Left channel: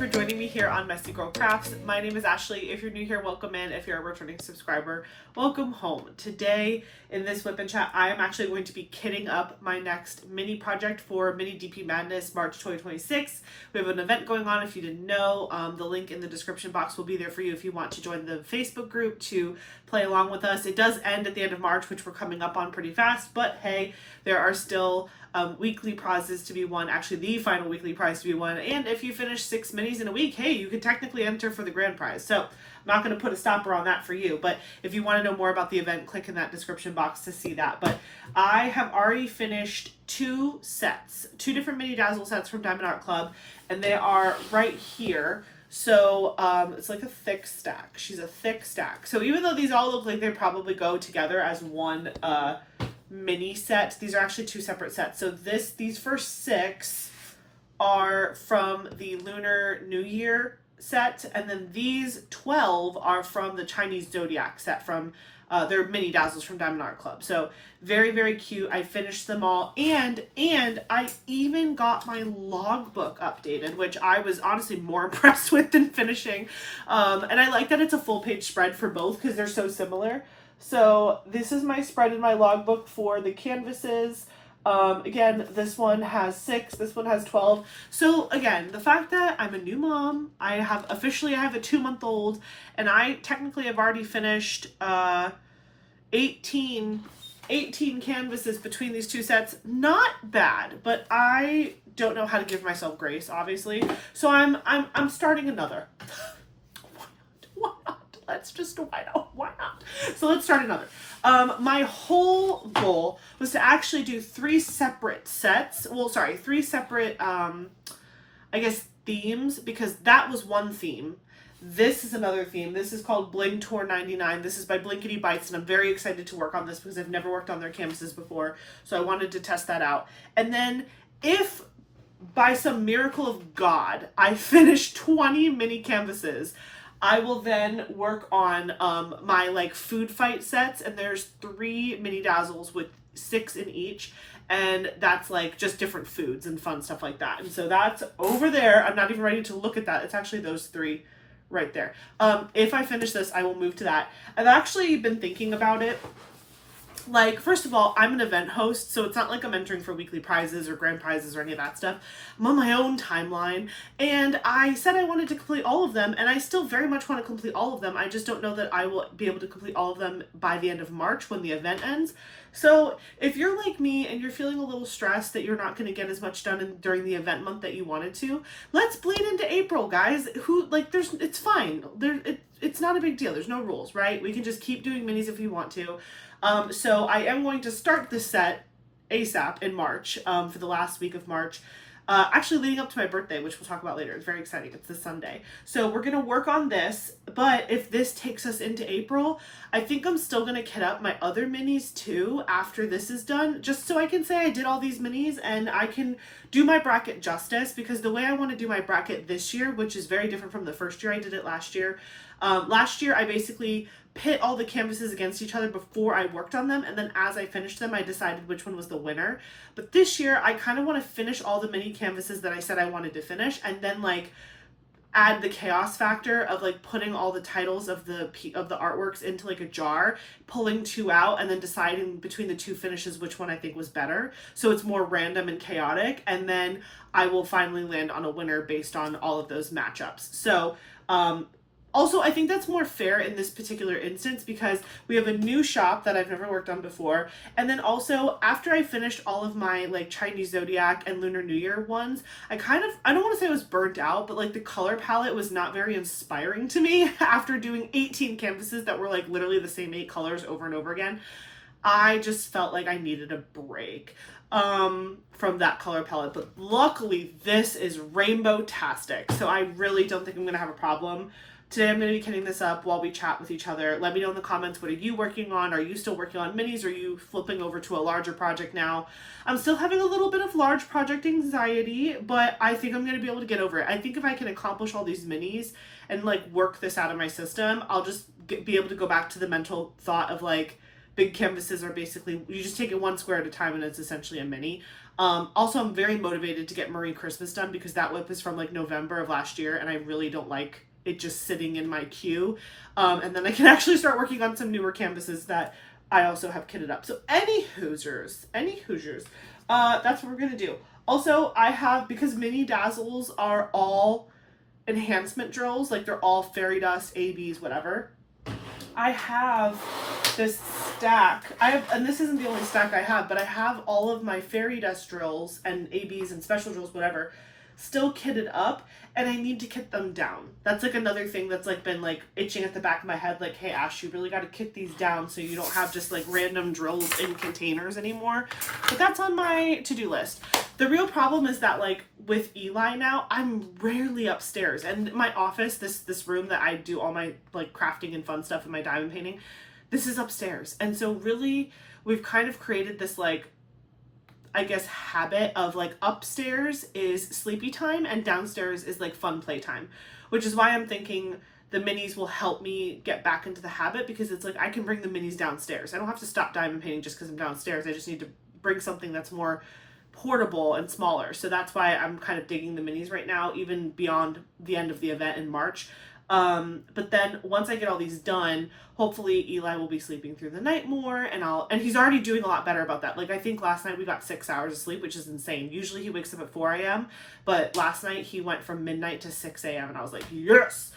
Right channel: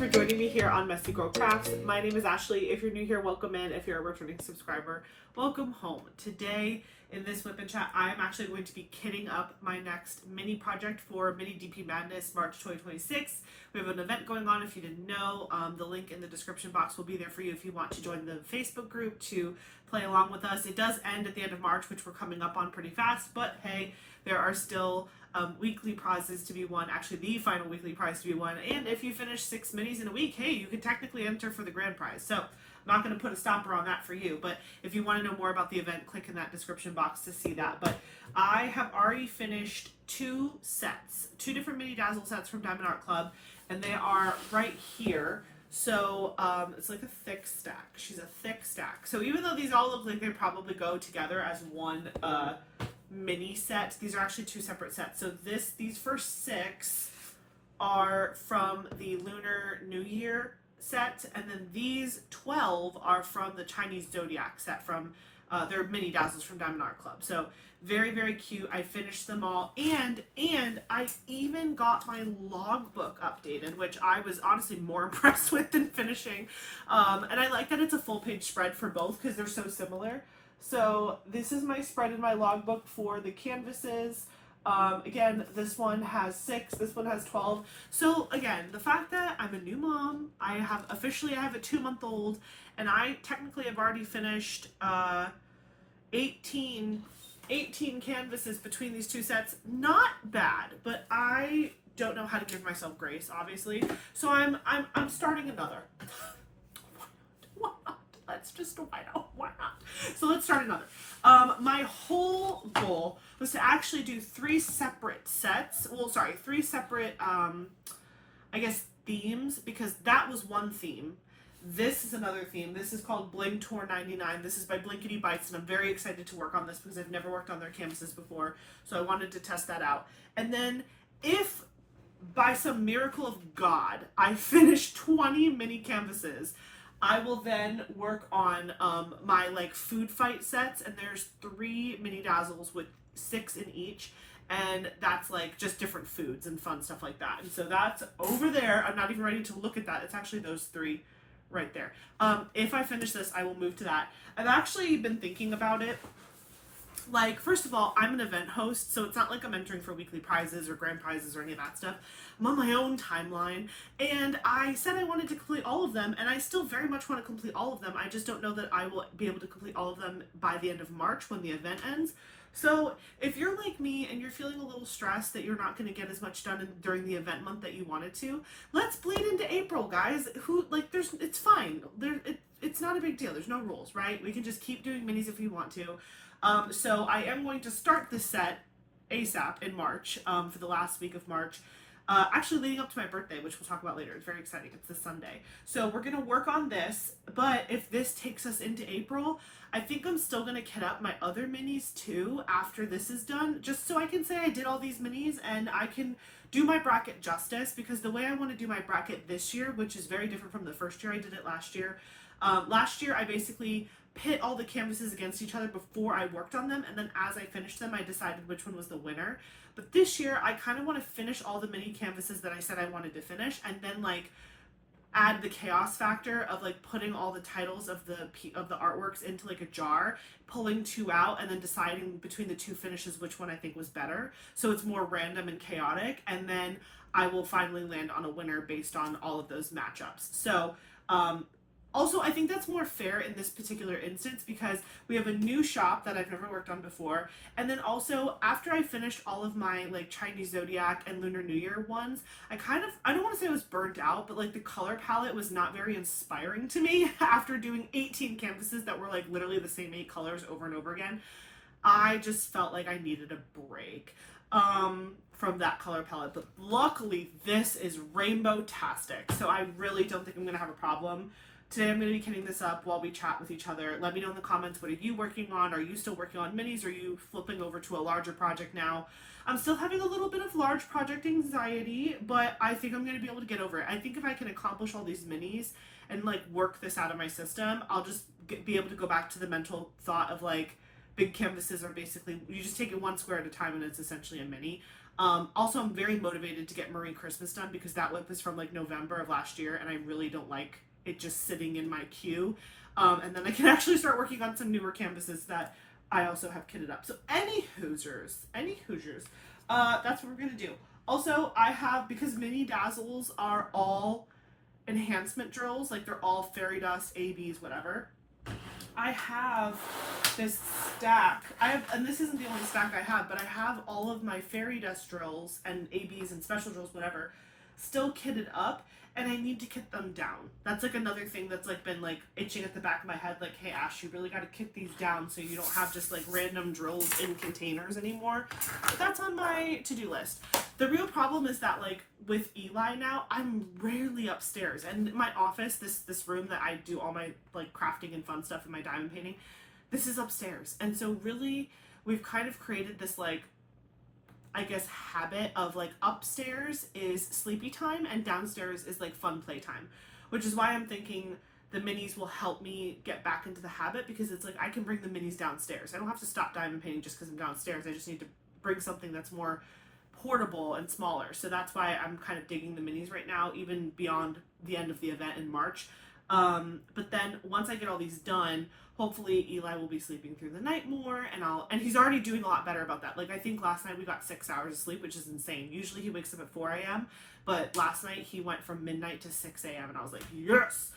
for joining me here on Messy Girl Crafts. My name is Ashley. If you're new here, welcome in. If you're a returning subscriber, welcome home. Today in this Whip and Chat, I am actually going to be kitting up my next mini project for Mini DP Madness March 2026. We have an event going on if you didn't know. The link in the description box will be there for you if you want to join the Facebook group to play along with us. It does end at the end of March, which we're coming up on pretty fast, but hey, there are still weekly prizes to be won, actually the final weekly prize to be won, and if you finish 6 minis in a week, hey, you could technically enter for the grand prize. So I'm not going to put a stopper on that for you, but if you want to know more about the event, click in that description box to see that. But I have already finished 2 sets, 2 different mini dazzle sets from Diamond Art Club, and they are right here. So it's like a thick stack. She's a thick stack. So even though these all look like they probably go together as one mini set, these are actually 2 separate sets. So these first 6 are from the Lunar New Year set, and then these 12 are from the Chinese Zodiac set from their mini dazzles from Diamond Art Club. So very, very cute. I finished them all, and I even got my logbook updated, which I was honestly more impressed with than finishing. And I like that it's a full page spread for both because they're so similar. So this is my spread in my logbook for the canvases. Again, this one has 6, this one has 12. So again, the fact that I'm a new mom, I have a 2-month-old, and I technically have already finished 18 canvases between these 2 sets. Not bad, but I don't know how to give myself grace, obviously. So I'm starting another. Why not? Why not? So let's start another. My whole goal was to actually do 3 separate sets. Well, sorry, 3 separate, I guess, themes, because that was one theme. This is another theme. This is called Bling Tour 99. This is by Blinkety Bites, and I'm very excited to work on this because I've never worked on their canvases before, so I wanted to test that out. And then if by some miracle of God I finish 20 mini canvases, I will then work on my like food fight sets, and there's 3 mini dazzles with 6 in each, and that's like just different foods and fun stuff like that. And so that's over there. I'm not even ready to look at that. It's actually those 3 right there. If I finish this, I will move to that. I've actually been thinking about it. Like, first of all, I'm an event host, so it's not like I'm entering for weekly prizes or grand prizes or any of that stuff. I'm on my own timeline, and I said I wanted to complete all of them, and I still very much want to complete all of them. I just don't know that I will be able to complete all of them by the end of March when the event ends. So if you're like me and you're feeling a little stressed that you're not going to get as much done during the event month that you wanted to, let's bleed into April, guys. It's fine. It's not a big deal. There's no rules, right? We can just keep doing minis if we want to. So I am going to start this set ASAP in March, for the last week of March, actually leading up to my birthday, which we'll talk about later. It's very exciting. It's this Sunday. So we're going to work on this, but if this takes us into April, I think I'm still going to kit up my other minis too after this is done, just so I can say I did all these minis and I can do my bracket justice, because the way I want to do my bracket this year, which is very different from the first year I did it last year. Last year I basically pit all the canvases against each other before I worked on them, and then as I finished them I decided which one was the winner. But this year I kind of want to finish all the mini canvases that I said I wanted to finish, and then like add the chaos factor of like putting all the titles of the artworks into like a jar, pulling 2 out, and then deciding between the 2 finishes which one I think was better, so it's more random and chaotic, and then I will finally land on a winner based on all of those matchups. So also, I think that's more fair in this particular instance because we have a new shop that I've never worked on before. And then also, after I finished all of my like Chinese Zodiac and Lunar New Year ones, I don't want to say I was burnt out, but like the color palette was not very inspiring to me after doing 18 canvases that were like literally the same 8 colors over and over again. I just felt like I needed a break from that color palette. But luckily, this is rainbow-tastic, so I really don't think I'm going to have a problem. Today I'm going to be kitting this up while we chat with each other. Let me know in the comments, what are you working on? Are you still working on minis? Are you flipping over to a larger project now? I'm still having a little bit of large project anxiety, but I think I'm going to be able to get over it. I think if I can accomplish all these minis and like work this out of my system, I'll just be able to go back to the mental thought of like big canvases are basically, you just take it one square at a time and it's essentially a mini. Also, I'm very motivated to get Marie Christmas done because that WIP is from like November of last year and I really don't like it just sitting in my queue. And then I can actually start working on some newer canvases that I also have kitted up. So any Hoosiers, that's what we're going to do. Also, I have, because mini dazzles are all enhancement drills, like they're all fairy dust, ABs, whatever. I have this stack. And this isn't the only stack I have, but I have all of my fairy dust drills and ABs and special drills, whatever, still kitted up, and I need to kit them down. That's like another thing that's like been like itching at the back of my head, like, hey Ash, you really got to kit these down so you don't have just like random drills in containers anymore. But that's on my to-do list. The real problem is that like with Eli now, I'm rarely upstairs, and my office, this room that I do all my like crafting and fun stuff and my diamond painting, this is upstairs. And so really we've kind of created this like, I guess, habit of like upstairs is sleepy time and downstairs is like fun playtime, which is why I'm thinking the minis will help me get back into the habit, because it's like I can bring the minis downstairs. I don't have to stop diamond painting just because I'm downstairs. I just need to bring something that's more portable and smaller. So that's why I'm kind of digging the minis right now, even beyond the end of the event in March. But then once I get all these done, hopefully Eli will be sleeping through the night more, and he's already doing a lot better about that. Like I think last night we got 6 hours of sleep, which is insane. Usually he wakes up at 4 a.m., but last night he went from midnight to 6 a.m. and I was like, yes.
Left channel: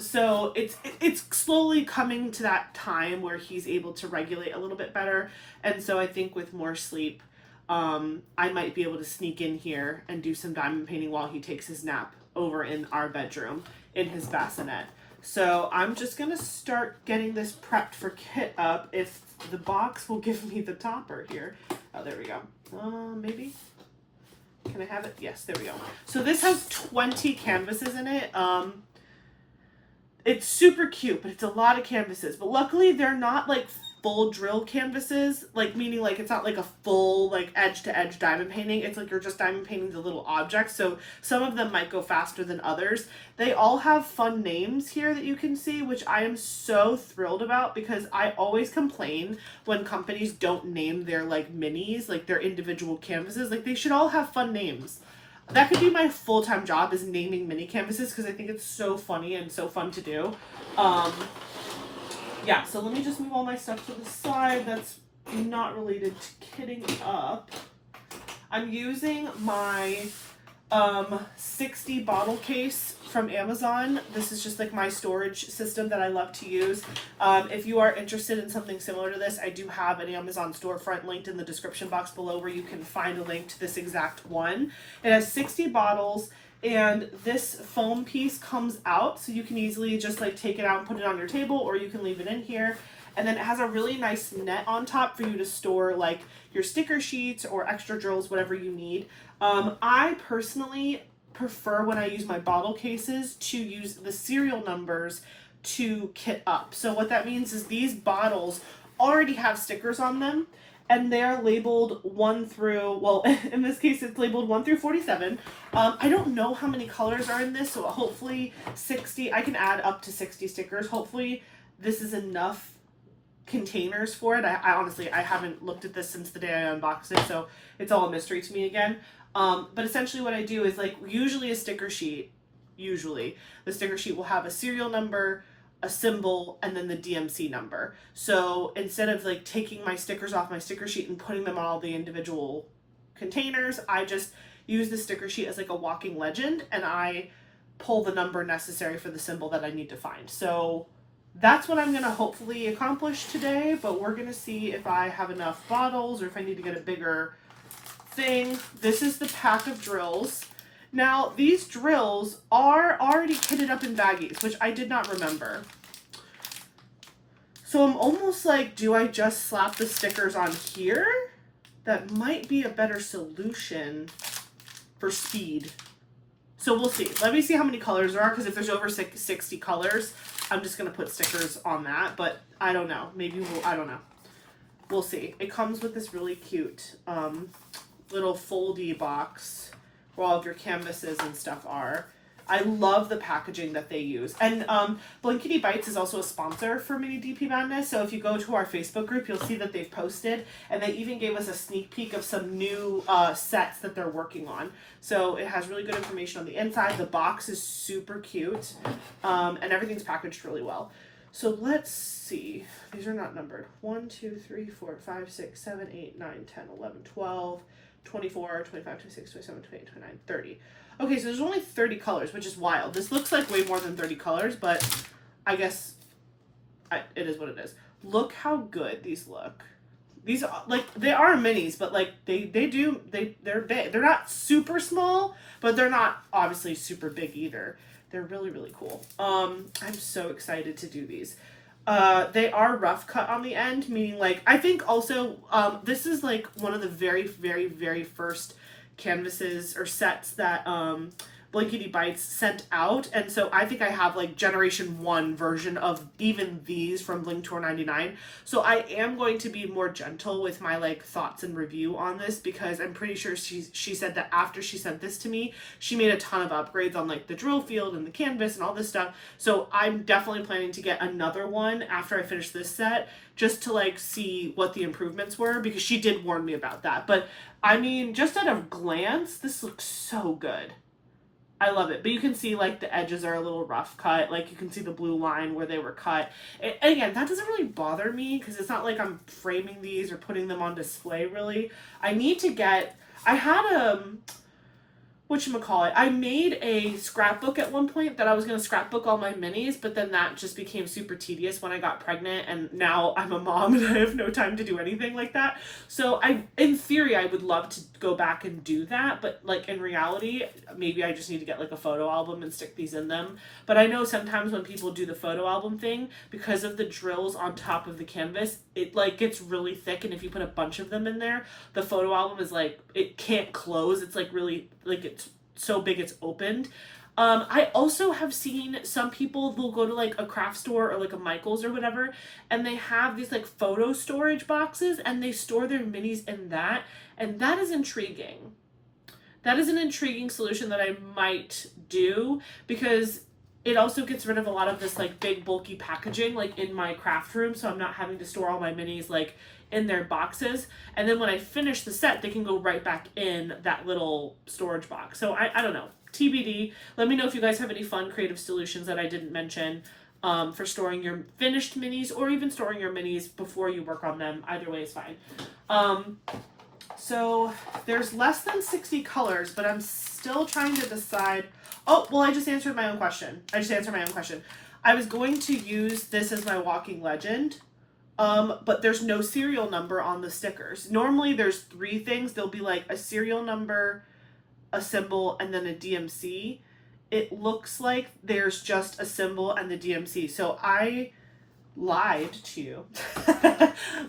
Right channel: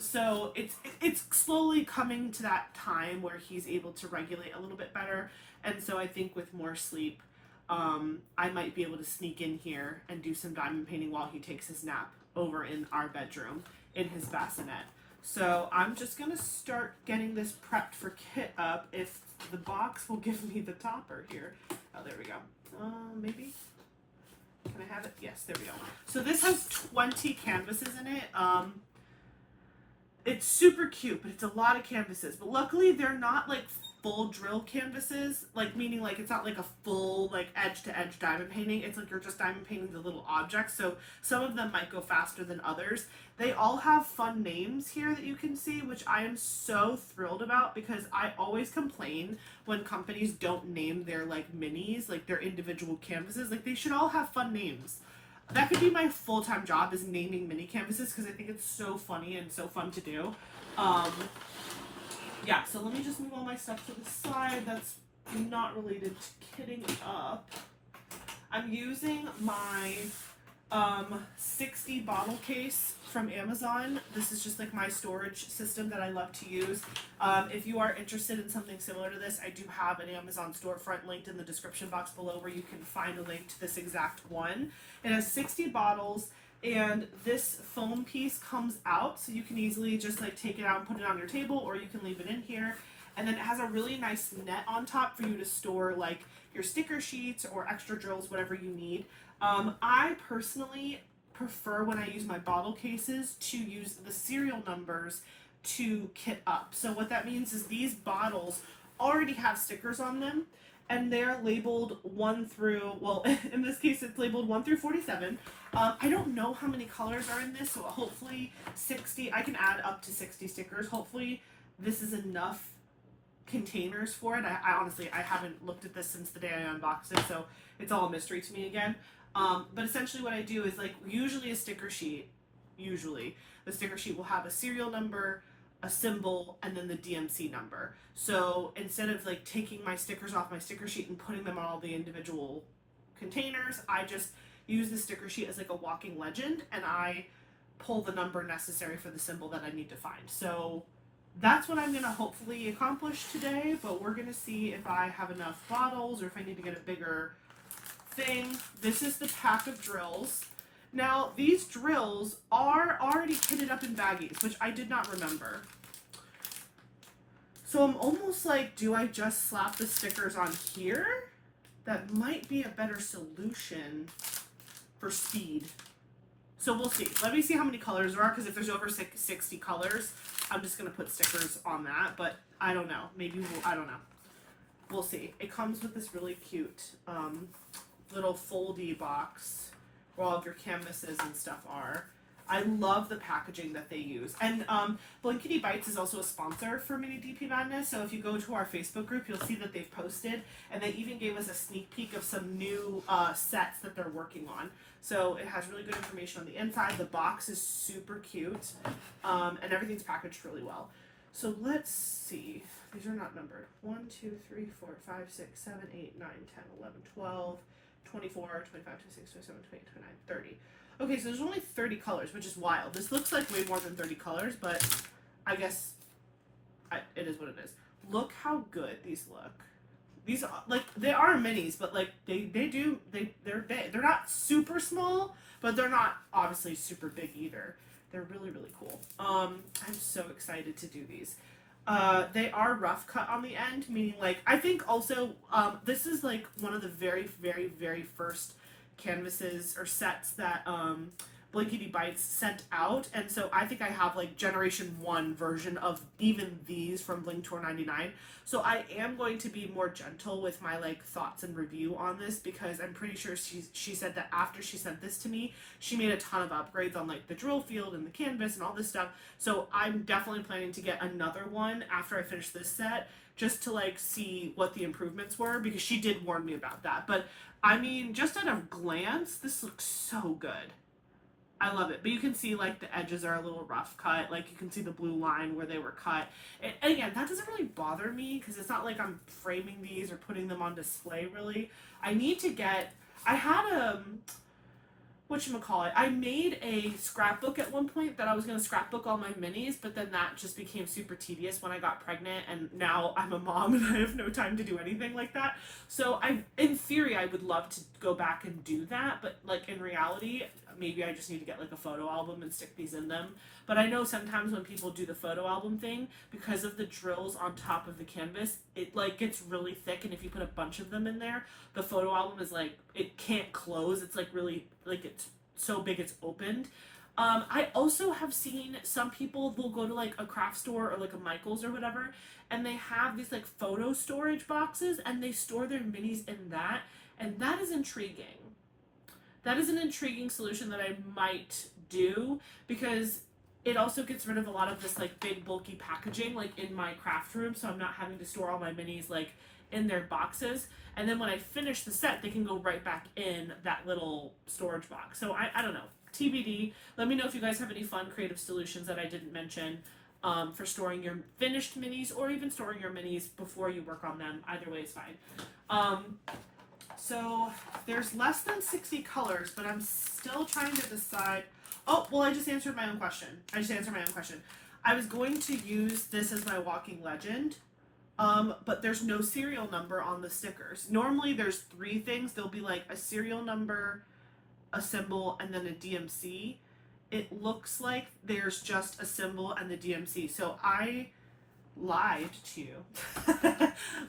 So it's slowly coming to that time where he's able to regulate a little bit better. And so I think with more sleep, I might be able to sneak in here and do some diamond painting while he takes his nap over in our bedroom in his bassinet. So I'm just going to start getting this prepped for kit up, if the box will give me the topper here. Oh, there we go. Maybe. Can I have it? Yes, there we go. So this has 20 canvases in it. It's super cute, but it's a lot of canvases. But luckily they're not like full drill canvases, like meaning like it's not like a full like edge to edge diamond painting. It's like you're just diamond painting the little objects. So some of them might go faster than others. They all have fun names here that you can see, which I am so thrilled about, because I always complain when companies don't name their like minis, like their individual canvases. Like they should all have fun names. That could be my full-time job, is naming mini canvases, because I think it's so funny and so fun to do. Yeah, so let me just move all my stuff to the side that's not related to kitting up. I'm using my 60 bottle case from Amazon. This is just like my storage system that I love to use. If you are interested in something similar to this, I do have an Amazon storefront linked in the description box below where you can find a link to this exact one. It has 60 bottles. And this foam piece comes out, so you can easily just like take it out and put it on your table, or you can leave it in here. And then it has a really nice net on top for you to store like your sticker sheets or extra drills, whatever you need. I personally prefer, when I use my bottle cases, to use the serial numbers to kit up. So what that means is these bottles already have stickers on them, and they're labeled 1 through, well, in this case, it's labeled 1 through 47. I don't know how many colors are in this, so hopefully 60, I can add up to 60 stickers. Hopefully this is enough containers for it. I honestly, I haven't looked at this since the day I unboxed it, so it's all a mystery to me again. But essentially what I do is like, usually the sticker sheet will have a serial number, a symbol, and then the DMC number. So instead of like taking my stickers off my sticker sheet and putting them on all the individual containers, I just use the sticker sheet as like a walking legend, and I pull the number necessary for the symbol that I need to find. So that's what I'm going to hopefully accomplish today, but we're going to see if I have enough bottles or if I need to get a bigger thing. This is the pack of drills. Now, these drills are already kitted up in baggies, which I did not remember. So I'm almost like, do I just slap the stickers on here? That might be a better solution for speed. So we'll see. Let me see how many colors there are, because if there's over 60 colors, I'm just going to put stickers on that. But I don't know. Maybe I don't know. We'll see. It comes with this really cute little foldy box where all of your canvases and stuff are. I love the packaging that they use. And Blankety Bites is also a sponsor for Mini DP Madness. So if you go to our Facebook group, you'll see that they've posted, and they even gave us a sneak peek of some new sets that they're working on. So it has really good information on the inside. The box is super cute, and everything's packaged really well. So let's see. These are not numbered. 1, 2, 3, 4, 5, 6, 7, 8, 9, 10, 11, 12, 24, 25, 26, 27, 28, 29, 30. Okay, so there's only 30 colors, which is wild. This looks like way more than 30 colors, but I guess it is what it is. Look how good these look. These are, like, they are minis, but like they're big. They're not super small, but they're not obviously super big either. They're really, really cool. I'm so excited to do these. They are rough cut on the end, meaning like, I think also, this is like one of the very, very, very first canvases or sets that, Blankety Bites sent out, and so I think I have like generation 1 version of even these from Bling Tour 99. So I am going to be more gentle with my like thoughts and review on this, because I'm pretty sure she said that after she sent this to me, she made a ton of upgrades on like the drill field and the canvas and all this stuff. So I'm definitely planning to get another one after I finish this set, just to like see what the improvements were, because she did warn me about that. But I mean, just at a glance, this looks so good. I love it. But you can see like the edges are a little rough cut. Like you can see the blue line where they were cut. And again, that doesn't really bother me, because it's not like I'm framing these or putting them on display really. I need to get, I had whatchamacallit, I made a scrapbook at one point that I was going to scrapbook all my minis, but then that just became super tedious when I got pregnant, and now I'm a mom and I have no time to do anything like that. So in theory, I would love to go back and do that, but like in reality, maybe I just need to get like a photo album and stick these in them. But I know sometimes when people do the photo album thing, because of the drills on top of the canvas, it like gets really thick, and if you put a bunch of them in there, the photo album is like, it can't close. It's like really, like it's so big it's opened. I also have seen some people, they'll go to like a craft store or like a Michael's or whatever, and they have these like photo storage boxes, and they store their minis in that, and that is intriguing. That is an intriguing solution that I might do, because it also gets rid of a lot of this like big bulky packaging like in my craft room, so I'm not having to store all my minis like in their boxes, and then when I finish the set, they can go right back in that little storage box. So I don't know, TBD. Let me know if you guys have any fun creative solutions that I didn't mention for storing your finished minis, or even storing your minis before you work on them. Either way is fine. So there's less than 60 colors, but I'm still trying to decide. Oh, well, I just answered my own question. I was going to use this as my walking legend, but there's no serial number on the stickers. Normally there's 3 things. There'll be like a serial number, a symbol, and then a DMC. It looks like there's just a symbol and the DMC. So I lied to you.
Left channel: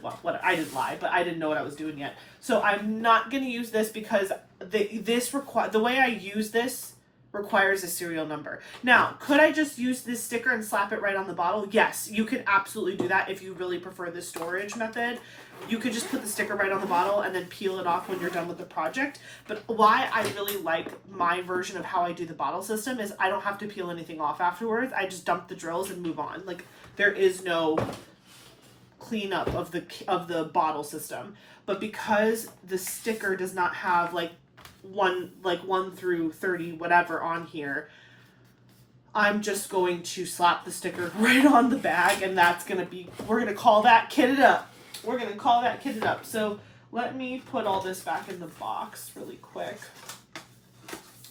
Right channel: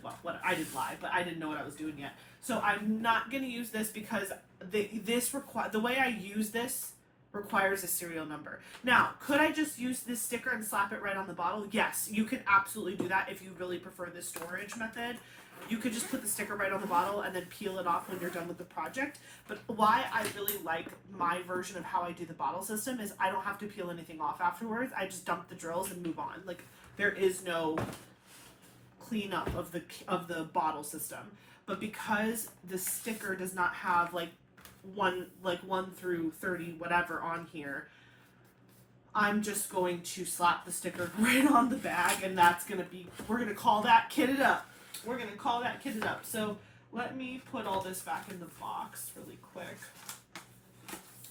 Well, I didn't lie, but I didn't know what I was doing yet. So I'm not going to use this, because the way I use this requires a serial number. Now, could I just use this sticker and slap it right on the bottle? Yes, you could absolutely do that if you really prefer the storage method. You could just put the sticker right on the bottle and then peel it off when you're done with the project. But why I really like my version of how I do the bottle system is I don't have to peel anything off afterwards. I just dump the drills and move on. Like, there is no cleanup of the bottle system. But because the sticker does not have like 1 through 30 whatever on here, I'm just going to slap the sticker right on the bag, and that's gonna be, we're gonna call that kitted up. So let me put all this back in the box really quick,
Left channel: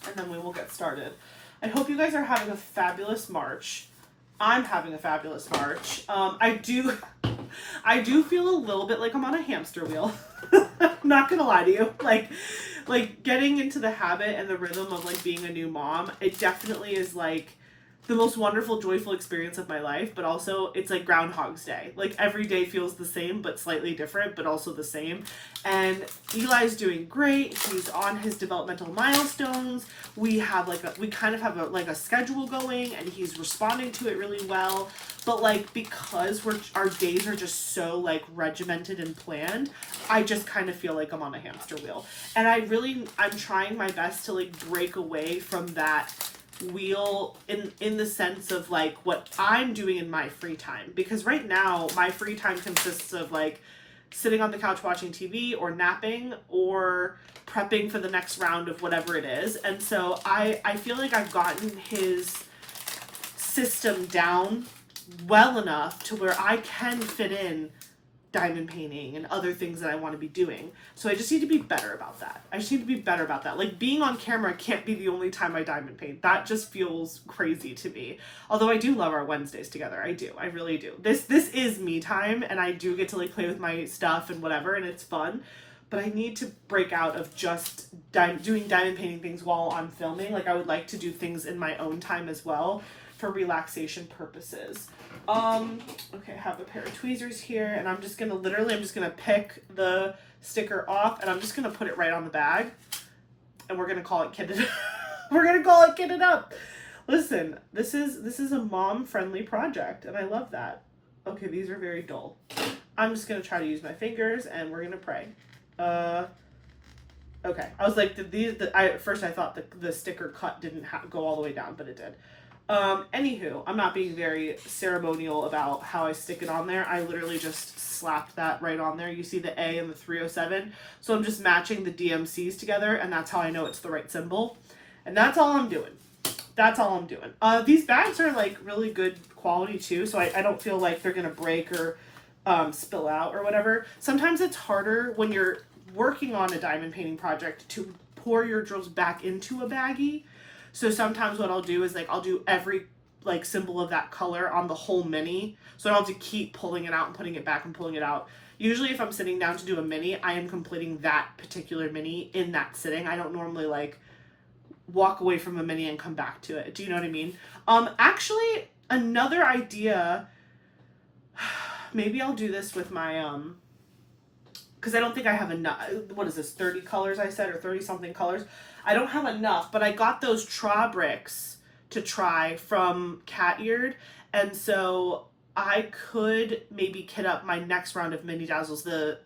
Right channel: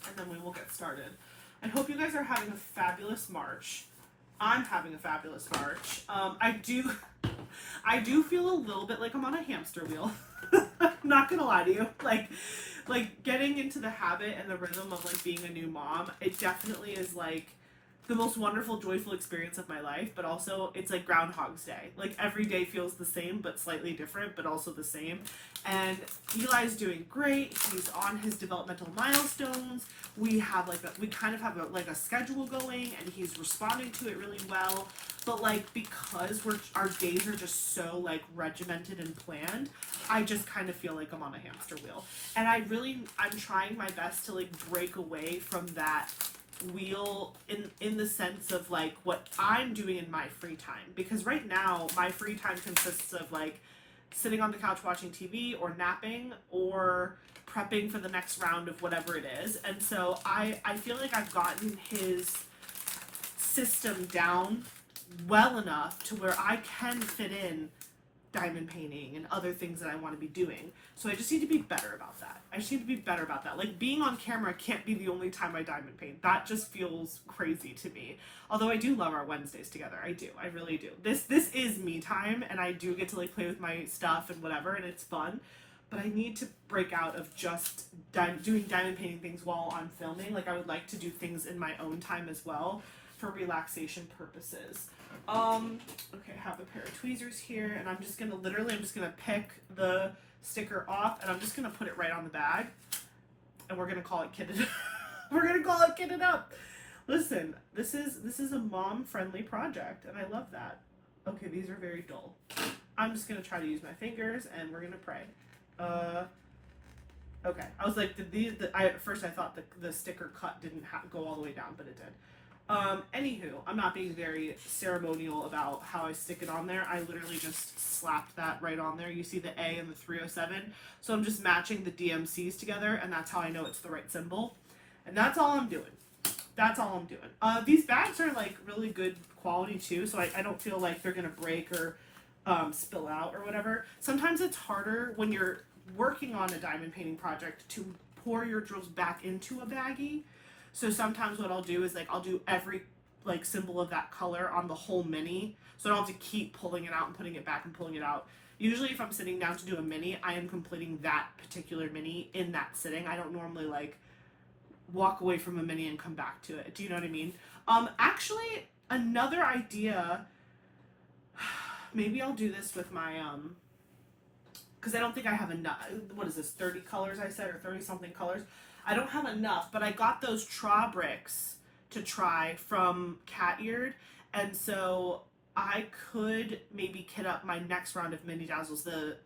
and then we will get started. I hope you guys are having a fabulous March. I'm having a fabulous March. I do feel a little bit like I'm on a hamster wheel. I'm not gonna lie to you. Like getting into the habit and the rhythm of like being a new mom, it definitely is like the most wonderful, joyful experience of my life, but also it's like Groundhog's Day. Like every day feels the same, but slightly different, but also the same. And Eli's doing great. He's on his developmental milestones. We kind of have a schedule going, and he's responding to it really well. But like, because our days are just so like regimented and planned, I just kind of feel like I'm on a hamster wheel. And I'm trying my best to like break away from that wheel in the sense of like what I'm doing in my free time, because right now my free time consists of like sitting on the couch watching TV or napping or prepping for the next round of whatever it is. And so I feel like I've gotten his system down well enough to where I can fit in diamond painting and other things that I want to be doing. So I just need to be better about that. Like being on camera can't be the only time I diamond paint. That just feels crazy to me. Although I do love our Wednesdays together. I really do. This is me time, and I do get to like play with my stuff and whatever, and it's fun. But I need to break out of just doing diamond painting things while I'm filming. Like I would like to do things in my own time as well for relaxation purposes. Okay, I have a pair of tweezers here, and I'm just gonna pick the sticker off, and I'm just gonna put it right on the bag, and we're gonna call it kitted. We're gonna call it kitted up. Listen, this is a mom-friendly project, and I love that. Okay, these are very dull. I'm just gonna try to use my fingers, and we're gonna pray. Okay, I was like, at first I thought the sticker cut didn't go all the way down, but it did. Anywho, I'm not being very ceremonial about how I stick it on there. I literally just slapped that right on there. You see the A and the 307. So I'm just matching the DMCs together, and that's how I know it's the right symbol. And that's all I'm doing. These bags are like really good quality too, so I don't feel like they're gonna break or spill out or whatever. Sometimes it's harder when you're working on a diamond painting project to pour your drills back into a baggie. So sometimes what I'll do is like I'll do every like symbol of that color on the whole mini, so I don't have to keep pulling it out and putting it back and pulling it out. Usually if I'm sitting down to do a mini, I am completing that particular mini in that sitting. I don't normally like walk away from a mini and come back to it. Do you know what I mean? Actually, another idea, maybe I'll do this with my because I don't think I have enough. What is this, 30 colors I said, or 30 something colors? I don't have enough, but I got those Tra bricks to try from Cat Eared, and so I could maybe kit up my next round of mini dazzles, the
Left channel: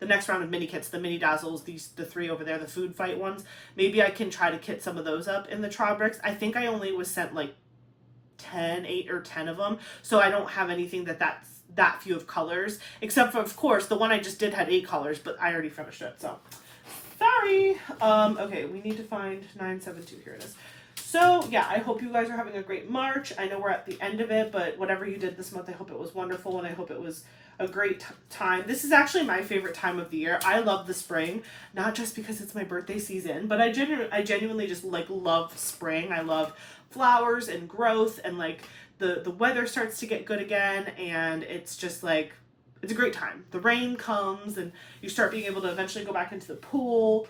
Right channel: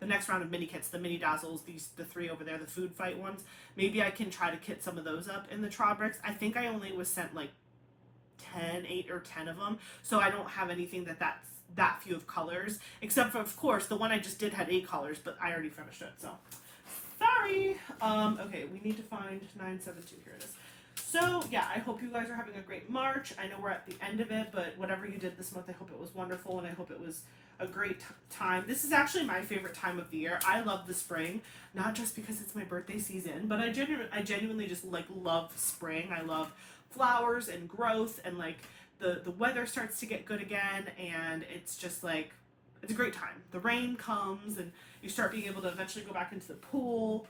next round of mini kits, the mini dazzles, the three over there, the food fight ones. Maybe I can try to kit some of those up in the Tra bricks. I think I only was sent like 8 or 10 of them, so I don't have anything that's that few of colors, except for, of course, the one I just did had 8 colors, but I already finished it, so sorry. Okay, we need to find 972. Here it is. So yeah, I hope you guys are having a great March. I know we're at the end of it, but whatever you did this month, I hope it was wonderful, and I hope it was a great time. This is actually my favorite time of the year. I love the spring, not just because it's my birthday season, but I genuinely just like love spring. I love flowers and growth, and like the weather starts to get good again, and it's just like, it's a great time. The rain comes and you start being able to eventually go back into the pool.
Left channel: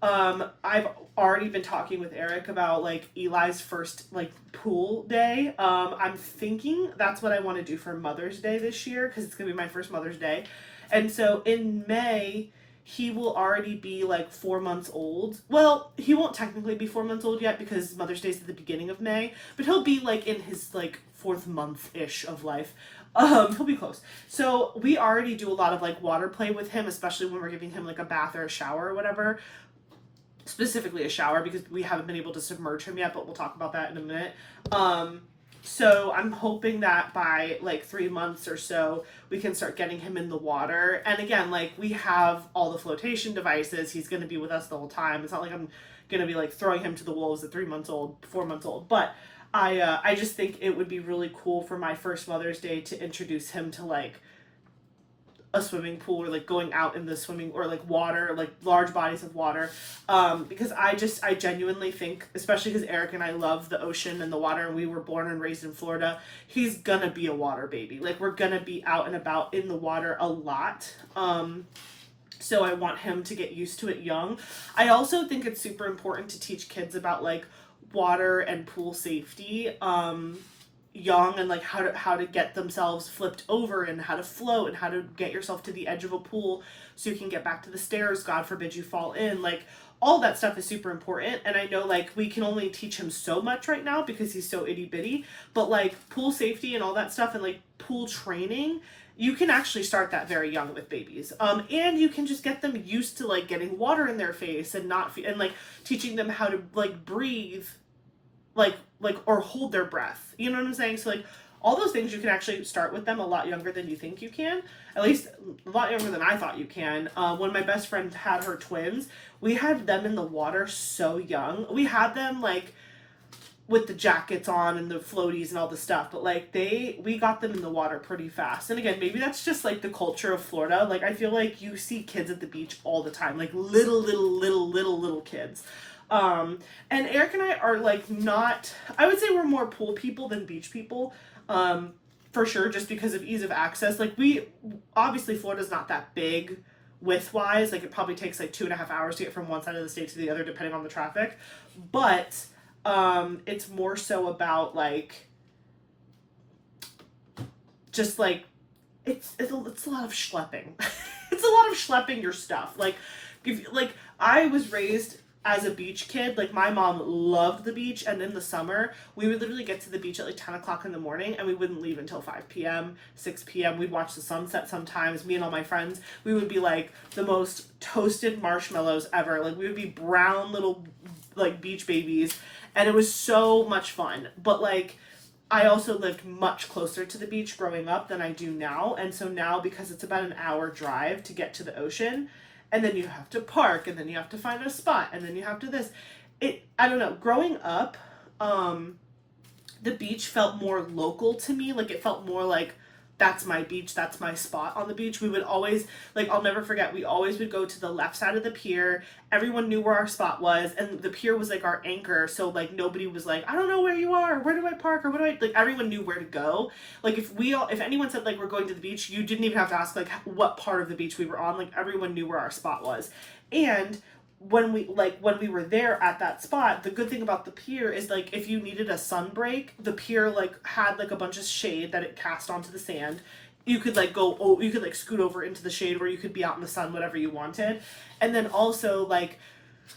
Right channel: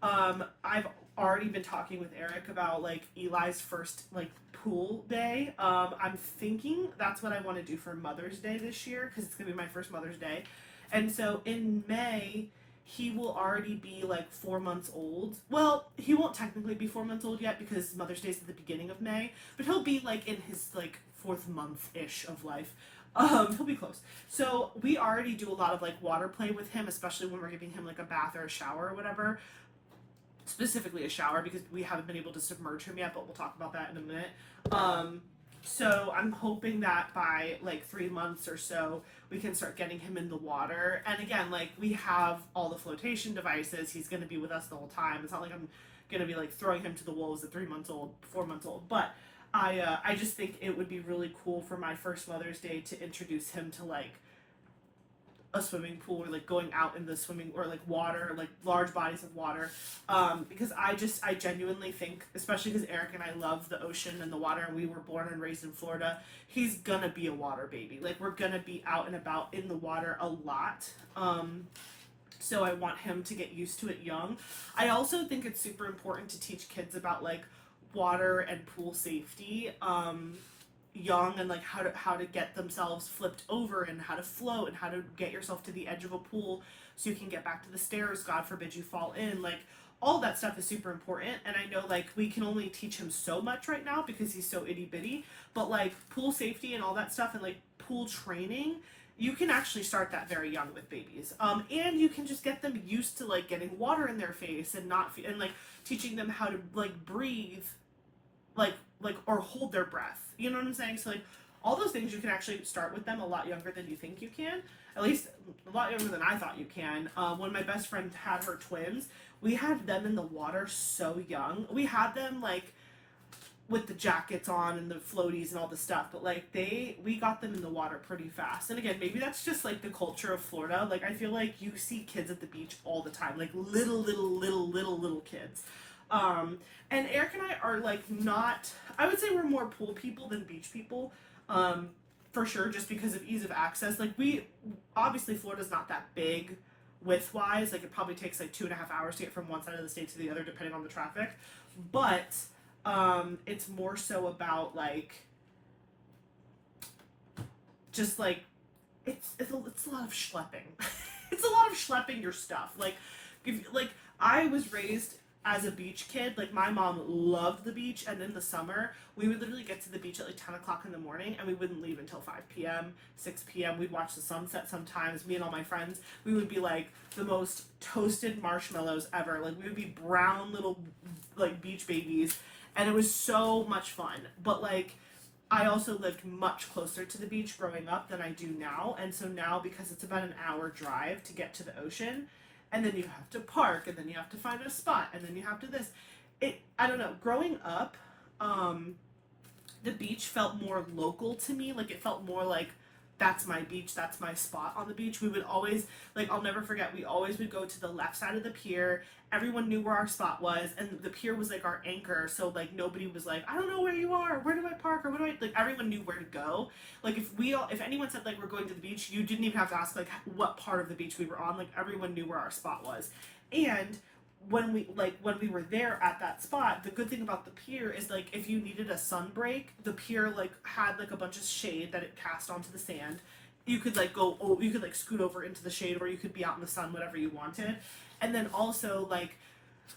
I've already been talking with Eric about like Eli's first like pool day. I'm thinking that's what I want to do for Mother's Day this year, because it's gonna be my first Mother's Day. And so in May, he will already be like 4 months old. Well, he won't technically be 4 months old yet because Mother's Day is at the beginning of May, but he'll be like in his like 4th month-ish of life. He'll be close. So we already do a lot of like water play with him, especially when we're giving him like a bath or a shower or whatever. Specifically a shower, because we haven't been able to submerge him yet, but we'll talk about that in a minute. So I'm hoping that by like 3 months or so, we can start getting him in the water. And again, like we have all the flotation devices. He's going to be with us the whole time. It's not like I'm going to be like throwing him to the wolves at 3 months old, 4 months old. But I just think it would be really cool for my first Mother's Day to introduce him to like a swimming pool, or like going out in the swimming, or like water, like large bodies of water, because I genuinely think, especially because Eric and I love the ocean and the water, and we were born and raised in Florida, he's gonna be a water baby. Like we're gonna be out and about in the water a lot, so I want him to get used to it young. I also think it's super important to teach kids about like water and pool safety young, and like how to get themselves flipped over, and how to float, and how to get yourself to the edge of a pool so you can get back to the stairs, God forbid you fall in. Like all that stuff is super important, and I know like we can only teach him so much right now because he's so itty bitty, but like pool safety and all that stuff, and like pool training, you can actually start that very young with babies. And you can just get them used to like getting water in their face and not and like teaching them how to like breathe or hold their breath. You know what I'm saying? So like all those things you can actually start with them a lot younger than you think you can. At least a lot younger than I thought you can. When my best friend had her twins, we had them in the water so young. We had them like with the jackets on and the floaties and all the stuff, but like we got them in the water pretty fast. And again, maybe that's just like the culture of Florida. Like I feel like you see kids at the beach all the time, like little kids. And Eric and I are like not, I would say we're more pool people than beach people. For sure, just because of ease of access. Like obviously Florida's not that big width wise. Like it probably takes like 2.5 hours to get from one side of the state to the other, depending on the traffic. But it's more so about like, just like, it's a lot of schlepping. It's a lot of schlepping your stuff. Like, I was raised as a beach kid. Like my mom loved the beach, and in the summer we would literally get to the beach at like 10 o'clock in the morning, and we wouldn't leave until 5 p.m 6 p.m. We'd watch the sunset sometimes. Me and all my friends, we would be like the most toasted marshmallows ever. Like we would be brown little like beach babies, and it was so much fun. But like I also lived much closer to the beach growing up than I do now, and so now, because it's about an hour drive to get to the ocean, and then you have to park, and then you have to find a spot, and then you have to this. I don't know, growing up, the beach felt more local to me. Like it felt more like, that's my beach, that's my spot on the beach. We would always, like, I'll never forget, we always would go to the left side of the pier. Everyone knew where our spot was, and the pier was like our anchor, so like nobody was like, I don't know where you are, where do I park, or what do I, like everyone knew where to go. Like if anyone said like we're going to the beach, you didn't even have to ask like what part of the beach we were on. Like everyone knew where our spot was. And when we were there at that spot, the good thing about the pier is like if you needed a sun break, the pier like had like a bunch of shade that it cast onto the sand. You could like you could like scoot over into the shade, or you could be out in the sun, whatever you wanted. And then also like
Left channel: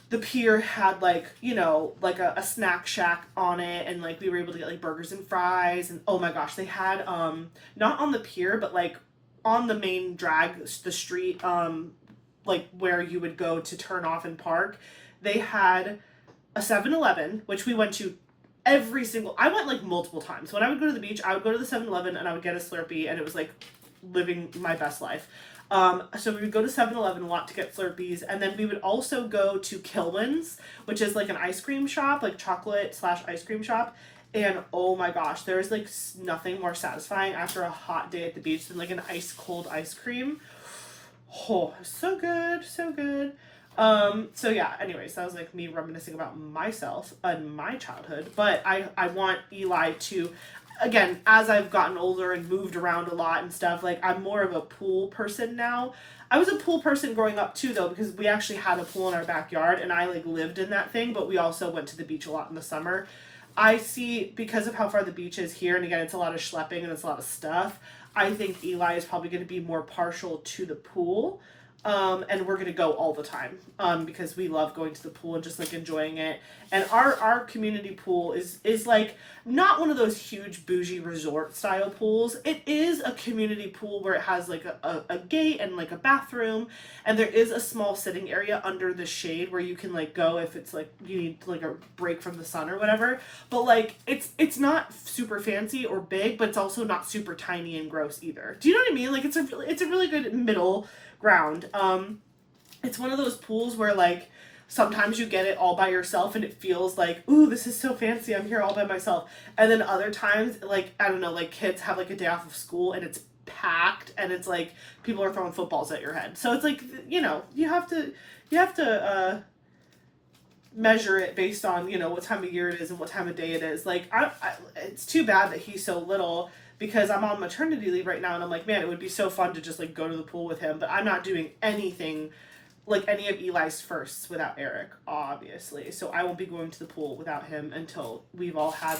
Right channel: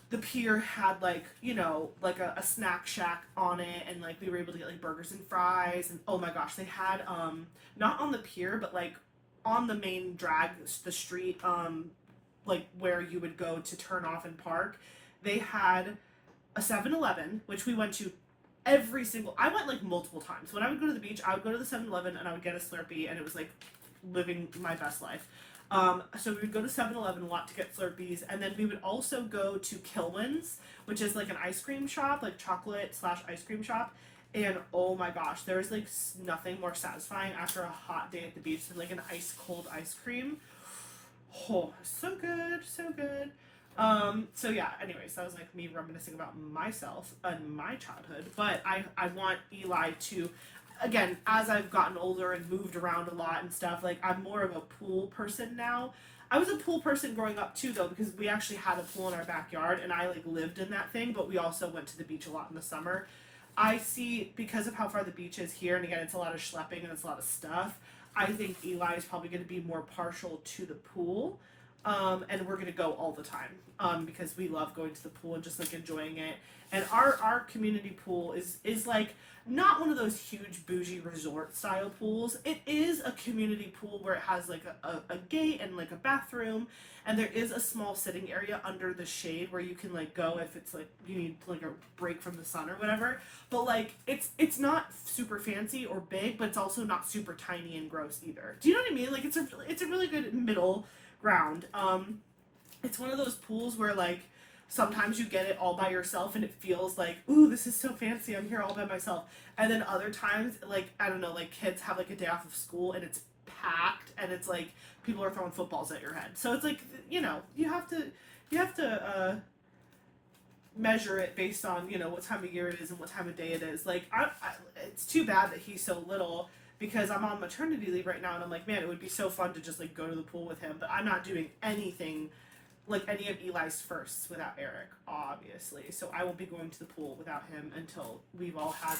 the pier had like, you know, like a snack shack on it, and like we were able to get like burgers and fries. And oh my gosh, they had not on the pier, but like on the main drag, the street, like where you would go to turn off and park, they had a 7-Eleven, which we went to I went like multiple times. When I would go to the beach, I would go to the 7-Eleven and I would get a Slurpee, and it was like living my best life. So we would go to 7-Eleven a lot to get Slurpees, and then we would also go to Kilwin's, which is like an ice cream shop, like chocolate/ice cream shop. And oh my gosh, there's like nothing more satisfying after a hot day at the beach than like an ice cold ice cream. Oh, so good, so good. So yeah, anyways, that was like me reminiscing about myself and my childhood. But I want Eli to, again, as I've gotten older and moved around a lot and stuff, like I'm more of a pool person now. I was a pool person growing up too, though, because we actually had a pool in our backyard, and I like lived in that thing, but we also went to the beach a lot in the summer. I see, because of how far the beach is here, and again, it's a lot of schlepping and it's a lot of stuff, I think Eli is probably going to be more partial to the pool. And we're going to go all the time, because we love going to the pool and just like enjoying it. And our community pool is like not one of those huge bougie resort style pools. It is a community pool where it has like a gate and like a bathroom, and there is a small sitting area under the shade where you can like go if it's like you need like a break from the sun or whatever. But like it's not super fancy or big, but it's also not super tiny and gross either. Do you know what I mean? Like it's a really good middle ground. It's one of those pools where like sometimes you get it all by yourself and it feels like, ooh, this is so fancy, I'm here all by myself. And then other times, like, I don't know, like kids have like a day off of school and it's packed, and it's like people are throwing footballs at your head. So it's like, you know, you have to measure it based on, you know, what time of year it is and what time of day it is. Like it's too bad that he's so little, because I'm on maternity leave right now, and I'm like, man, it would be so fun to just like go to the pool with him. But I'm not doing anything like any of Eli's firsts without Eric, obviously. So I won't be going to the pool without him until we've all had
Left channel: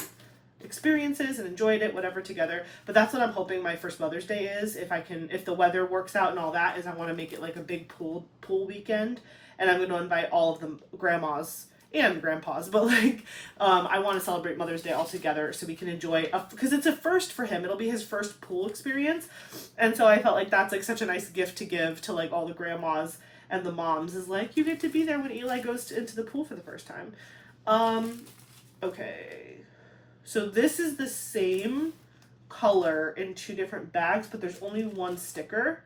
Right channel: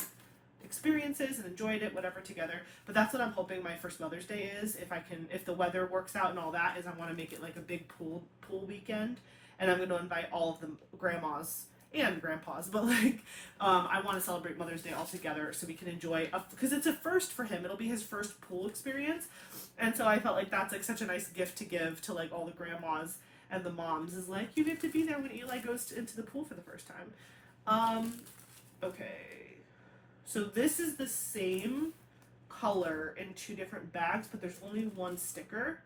experiences and enjoyed it, whatever, together. But that's what I'm hoping my first Mother's Day is, if the weather works out and all that, is I want to make it like a big pool weekend, and I'm going to invite all of the grandmas and grandpas, but like I want to celebrate Mother's Day all together so we can enjoy, because it's a first for him. It'll be his first pool experience, and so I felt like that's like such a nice gift to give to like all the grandmas and the moms, is like, you get to be there when Eli goes into the pool for the first time. Okay. So this is the same color in 2 different bags, but there's only 1 sticker.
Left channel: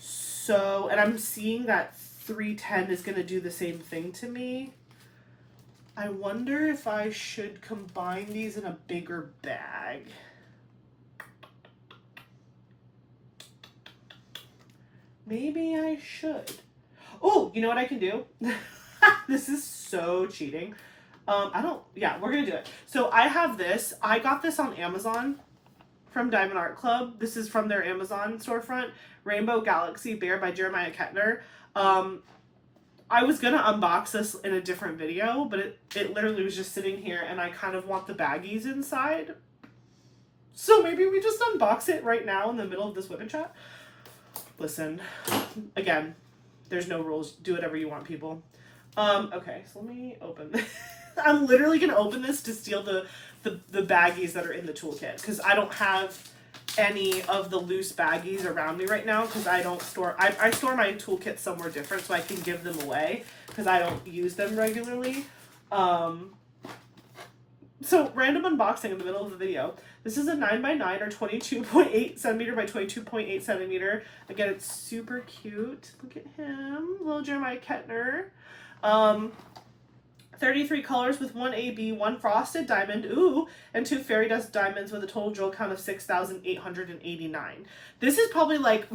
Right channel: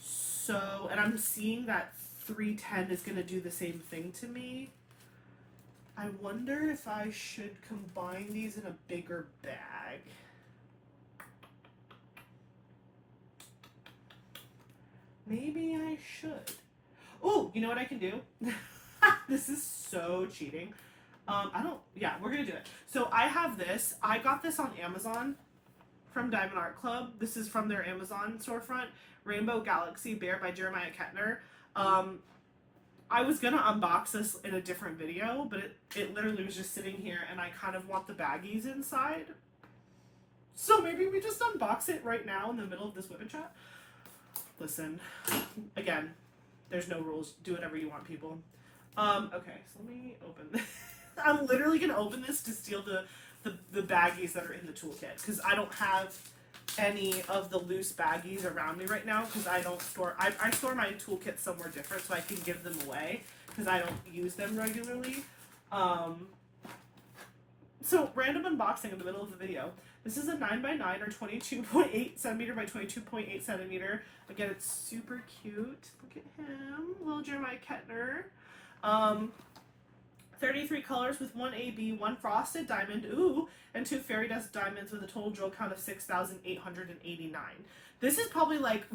So, and I'm seeing that 310 is going to do the same thing to me. I wonder if I should combine these in a bigger bag. Maybe I should. Oh, you know what I can do? This is so cheating. Yeah, we're gonna do it. So I have this. I got this on Amazon from Diamond Art Club. This is from their Amazon storefront. Rainbow Galaxy Bear by Jeremiah Kettner. I was gonna unbox this in a different video, but it literally was just sitting here, and I kind of want the baggies inside. So maybe we just unbox it right now in the middle of this WIP chat. Listen, again, there's no rules. Do whatever you want, people. Okay, so let me open this. I'm literally gonna open this to steal the baggies that are in the toolkit, because I don't have any of the loose baggies around me right now, because I don't store, I store my toolkit somewhere different so I can give them away, because I don't use them regularly. So random unboxing in the middle of the video. This is a 9x9 or 22.8 centimeter by 22.8 centimeter. Again, it's super cute. Look at him, little Jeremiah Kettner. 33 colors with 1 AB, 1 frosted diamond, ooh, and 2 fairy dust diamonds with a total drill count of 6,889. This is probably like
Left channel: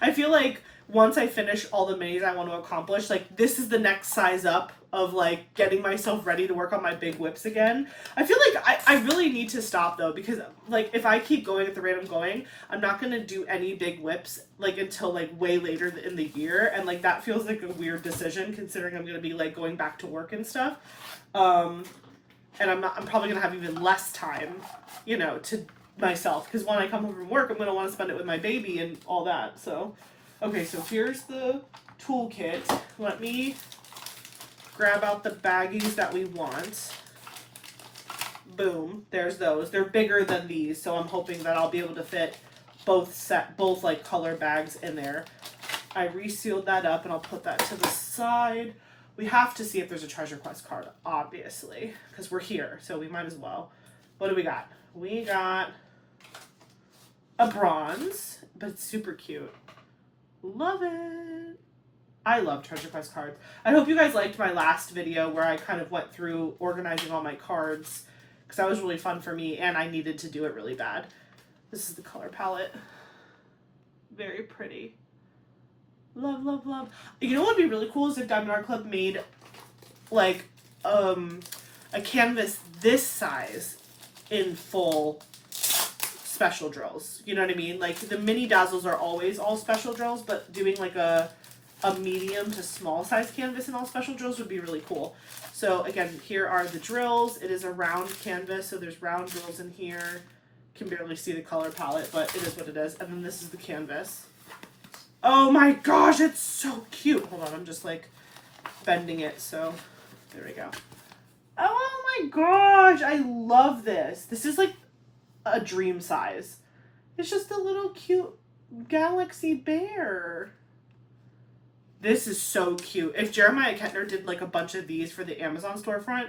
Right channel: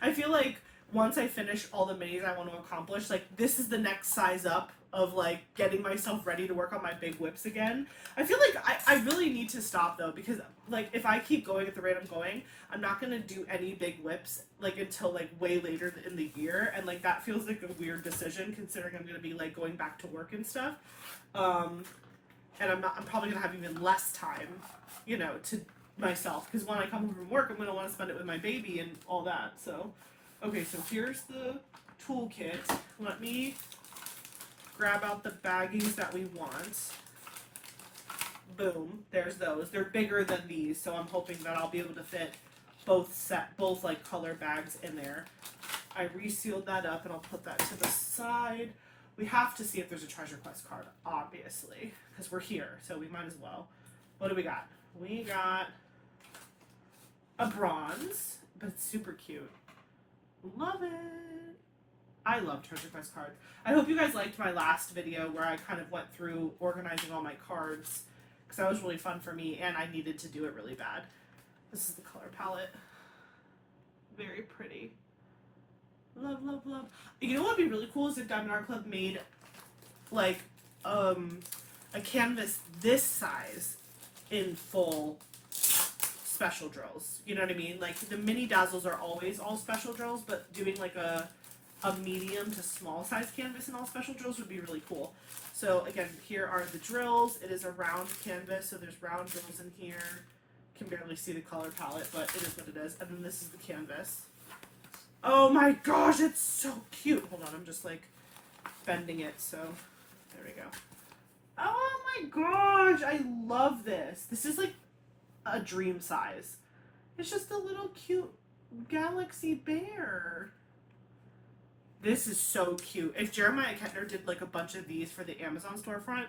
I feel like once I finish all the minis I want to accomplish, like this is the next size up of like getting myself ready to work on my big WIPs again. I feel like I really need to stop though, because like if I keep going at the rate I'm going, I'm not gonna do any big WIPs like until like way later in the year, and like that feels like a weird decision considering I'm gonna be like going back to work and stuff. And I'm probably gonna have even less time, you know, to myself, because when I come home from work I'm gonna want to spend it with my baby and all that. So okay, so here's the toolkit. Let me grab out the baggies that we want. Boom, there's those. They're bigger than these, so I'm hoping that I'll be able to fit both like color bags in there. I resealed that up and I'll put that to the side. We have to see if there's a treasure quest card, obviously, because we're here, so we might as well. What do we got? We got a bronze, but it's super cute. Love it. I love treasure quest cards. I hope you guys liked my last video where I kind of went through organizing all my cards, because that was really fun for me and I needed to do it really bad. This is the color palette. Very pretty. Love, love, love. You know what would be really cool is if Diamond Art Club made like a canvas this size in full special drills. You know what I mean? Like the mini dazzles are always all special drills, but doing like a medium to small size canvas and all special drills would be really cool. So again, here are the drills. It is a round canvas, so there's round drills in here. Can barely see the color palette, but it is what it is. And then this is the canvas. Oh my gosh, it's so cute. Hold on, I'm just like bending it, so there we go. Oh my gosh, I love this. This is like a dream size. It's just a little cute galaxy bear. This is so cute. If Jeremiah Kettner did like a bunch of these for the Amazon storefront,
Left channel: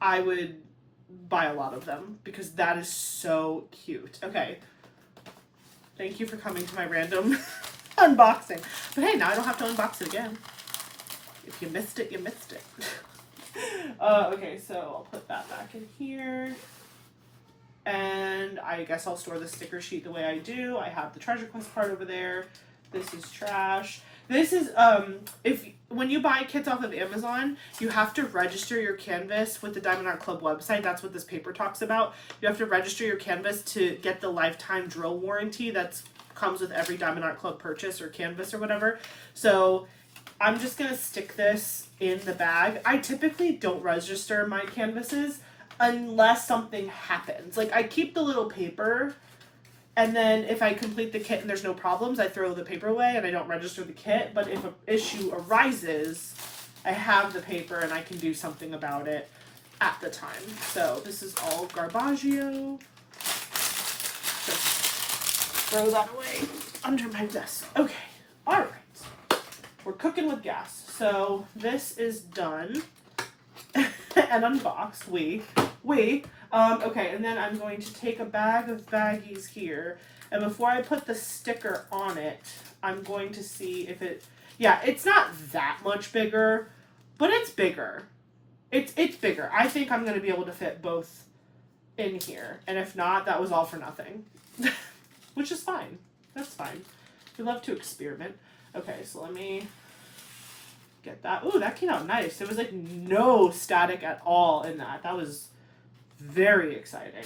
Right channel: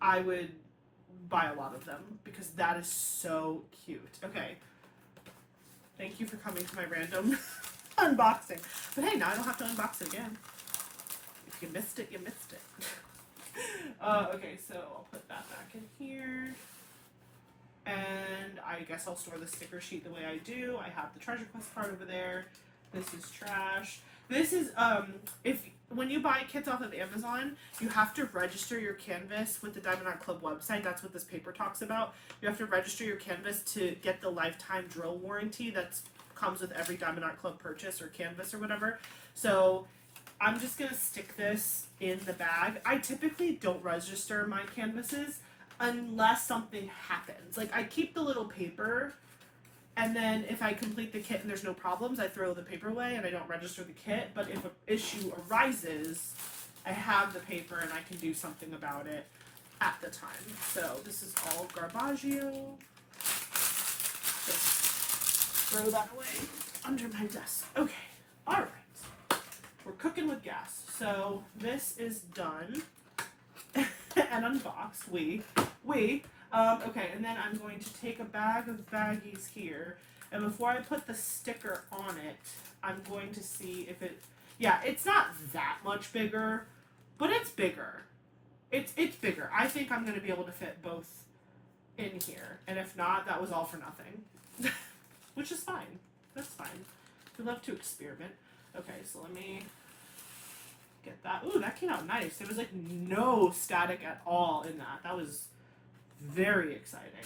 I would buy a lot of them because that is so cute. Okay. Thank you for coming to my random unboxing. But hey, now I don't have to unbox it again. If you missed it, you missed it. Okay, so I'll put that back in here. And I guess I'll store the sticker sheet the way I do. I have the treasure quest card over there. This is trash. This is, when you buy kits off of Amazon, you have to register your canvas with the Diamond Art Club website. That's what this paper talks about. You have to register your canvas to get the lifetime drill warranty that comes with every Diamond Art Club purchase or canvas or whatever. So I'm just going to stick this in the bag. I typically don't register my canvases unless something happens. Like I keep the little paper, and then if I complete the kit and there's no problems, I throw the paper away and I don't register the kit. But if an issue arises, I have the paper and I can do something about it at the time. So this is all Garbaggio. Just throw that away under my desk. Okay, all right. We're cooking with gas. So this is done. and unboxed. Okay, and then I'm going to take a bag of baggies here, and before I put the sticker on it, I'm going to see if it, yeah, it's not that much bigger, but it's bigger. It's bigger. I think I'm going to be able to fit both in here, and if not, that was all for nothing. Which is fine. That's fine. We love to experiment. Okay, so let me get that. Ooh, that came out nice. There was like no static at all in that. That was very exciting.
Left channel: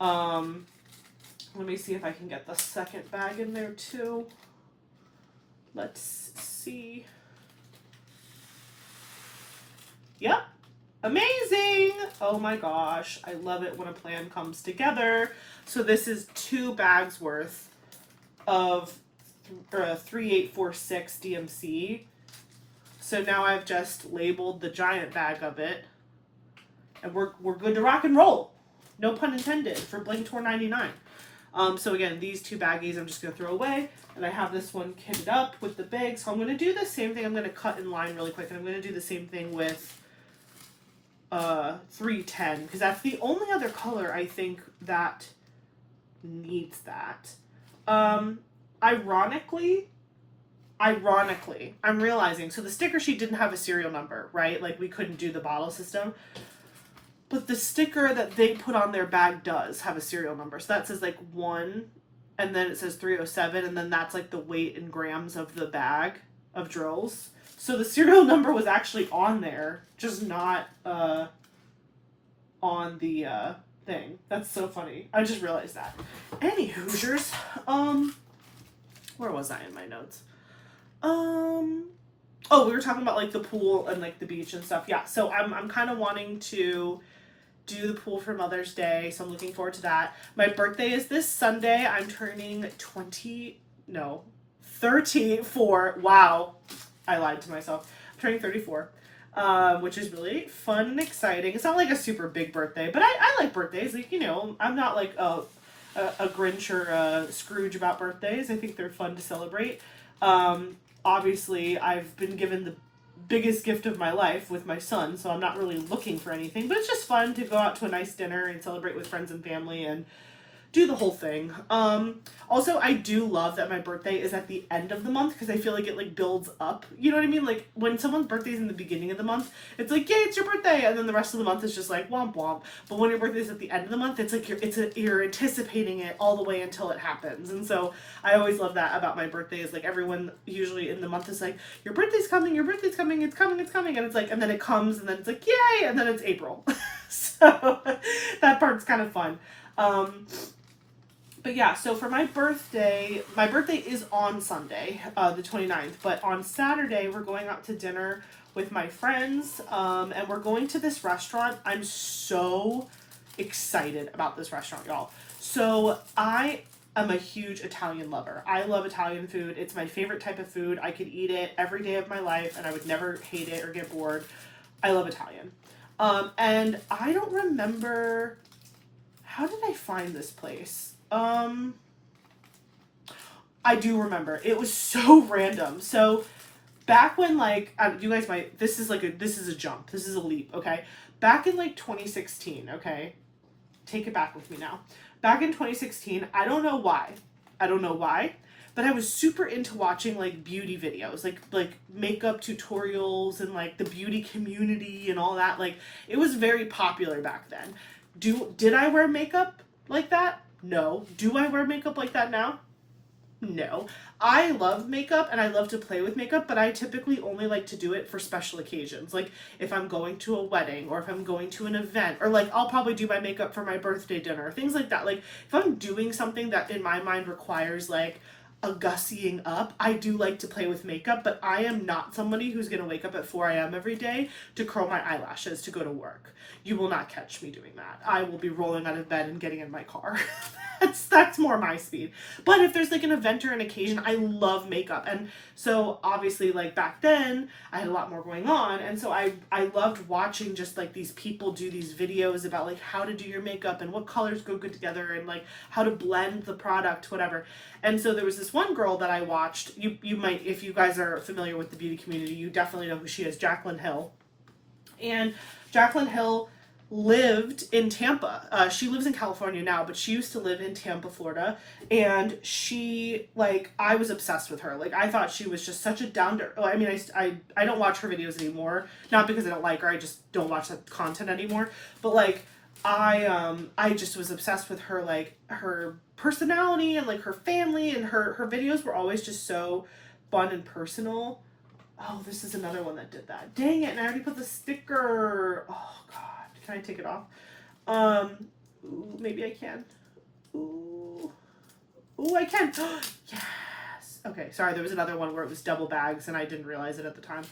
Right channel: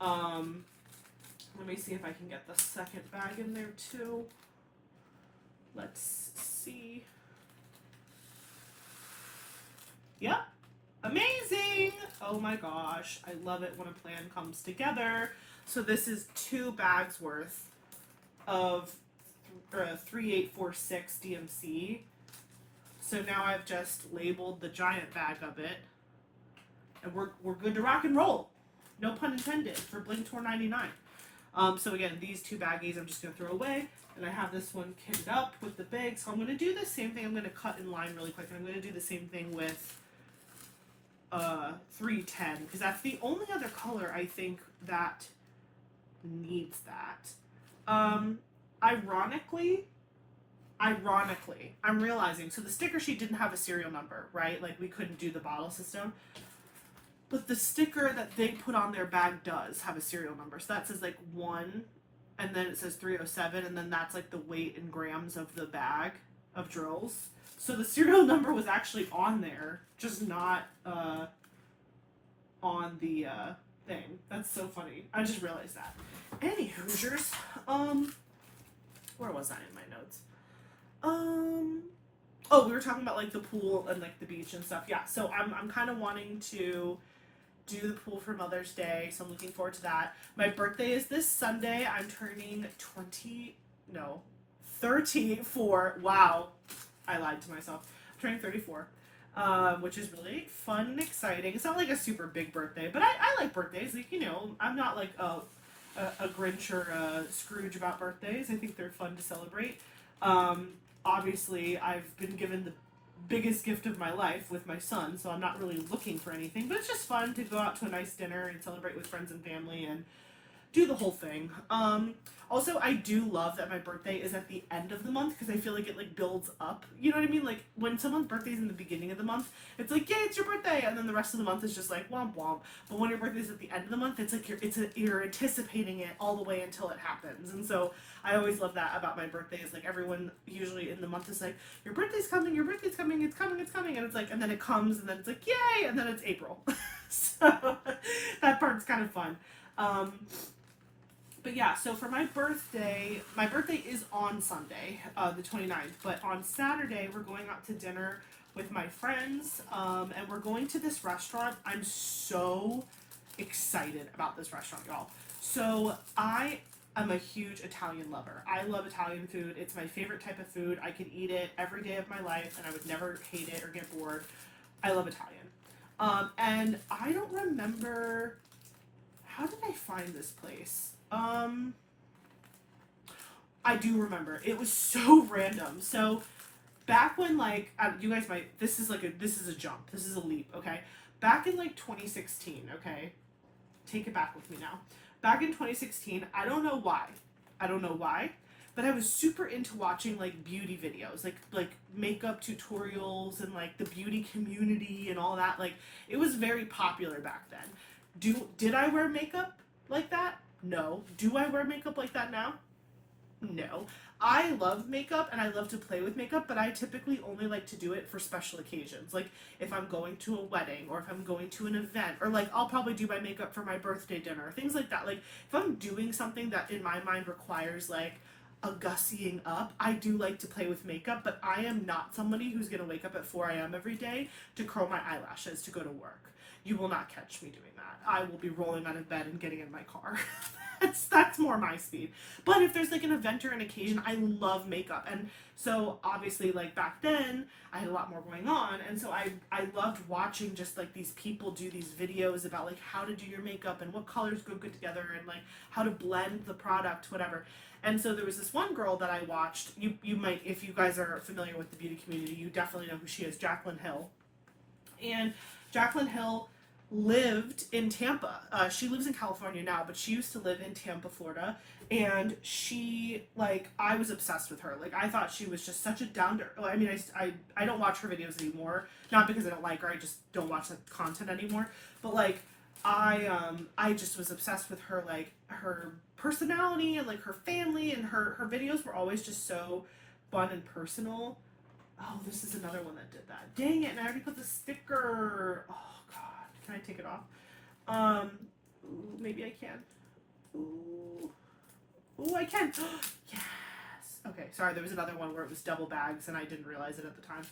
Let me see if I can get the second bag in there too. Let's see. Yep. Amazing! Oh my gosh. I love it when a plan comes together. So this is 2 bags worth of 3846 DMC. So now I've just labeled the giant bag of it. And we're good to rock and roll. No pun intended for Blink Tour 99. So again, these 2 baggies I'm just going to throw away. And I have this one kitted up with the bag. So I'm going to do the same thing. I'm going to cut in line really quick. And I'm going to do the same thing with 310. Because that's the only other color I think that needs that. Ironically, I'm realizing, so the sticker sheet didn't have a serial number, right? Like we couldn't do the bottle system. But the sticker that they put on their bag does have a serial number. So that says like 1, and then it says 307, and then that's like the weight in grams of the bag of drills. So the serial number was actually on there, just not on the thing. That's so funny. I just realized that. Any Hoosiers. Where was I in my notes? Oh, we were talking about like the pool and like the beach and stuff. Yeah, so I'm kind of wanting to do the pool for Mother's Day, so I'm looking forward to that. My birthday is this Sunday. I'm turning 34. Wow, I lied to myself. I'm turning 34, which is really fun and exciting. It's not like a super big birthday, but I like birthdays. Like, you know, I'm not like a Grinch or a Scrooge about birthdays. I think they're fun to celebrate. Obviously, I've been given the biggest gift of my life with my son, so I'm not really looking for anything, but it's just fun to go out to a nice dinner and celebrate with friends and family and do the whole thing. Also, I do love that my birthday is at the end of the month because I feel like it like builds up. You know what I mean? Like when someone's birthday is in the beginning of the month, it's like, yay, it's your birthday, and then the rest of the month is just like womp womp. But when your birthday is at the end of the month, it's like you're anticipating it all the way until it happens. And so I always love that about my birthday is like everyone usually in the month is like, your birthday's coming, it's coming, and it's like, and then it comes, and then it's like, yay, and then it's April. So that part's kind of fun. But yeah, so for my birthday is on Sunday, the 29th, but on Saturday we're going out to dinner with my friends, and we're going to this restaurant. I'm so excited about this restaurant, y'all. So I am a huge Italian lover. I love Italian food. It's my favorite type of food. I could eat it every day of my life, and I would never hate it or get bored. I love Italian. And I don't remember, how did I find this place? I do remember. It was so random. So back when like, you guys might, this is a jump. This is a leap, okay? Back in like 2016, okay? Take it back with me now. Back in 2016, I don't know why, but I was super into watching like beauty videos, like makeup tutorials and like the beauty community and all that. Like it was very popular back then. Did I wear makeup like that? No. Do I wear makeup like that now? No. I love makeup and I love to play with makeup, but I typically only like to do it for special occasions. Like if I'm going to a wedding or if I'm going to an event, or like I'll probably do my makeup for my birthday dinner, things like that. Like if I'm doing something that in my mind requires like a gussying up, I do like to play with makeup, but I am not somebody who's going to wake up at 4 a.m. every day to curl my eyelashes to go to work. You will not catch me doing that. I will be rolling out of bed and getting in my car. That's more my speed. But if there's like an event or an occasion, I love makeup. And so obviously like back then I had a lot more going on. And so I loved watching just like these people do these videos about like how to do your makeup and what colors go good together and like how to blend the product, whatever. And so there was this one girl that I watched. You might, if you guys are familiar with the beauty community, you definitely know who she is, Jaclyn Hill. And Jaclyn Hill lived in Tampa. She lives in California now, but she used to live in Tampa, Florida. And she, like, I was obsessed with her. Like, I thought she was just such a I mean, I don't watch her videos anymore. Not because I don't like her, I just don't watch that content anymore. But, like, I just was obsessed with her, like, her personality and, like, her family. And her videos were always just so fun and personal. Oh, this is another one that did that. Dang it, and I already put the sticker. Oh, God. Can I take it off? Ooh, maybe I can. Ooh, I can. Yes. Okay, sorry, there was another one where it was double bags and I didn't realize it at the time.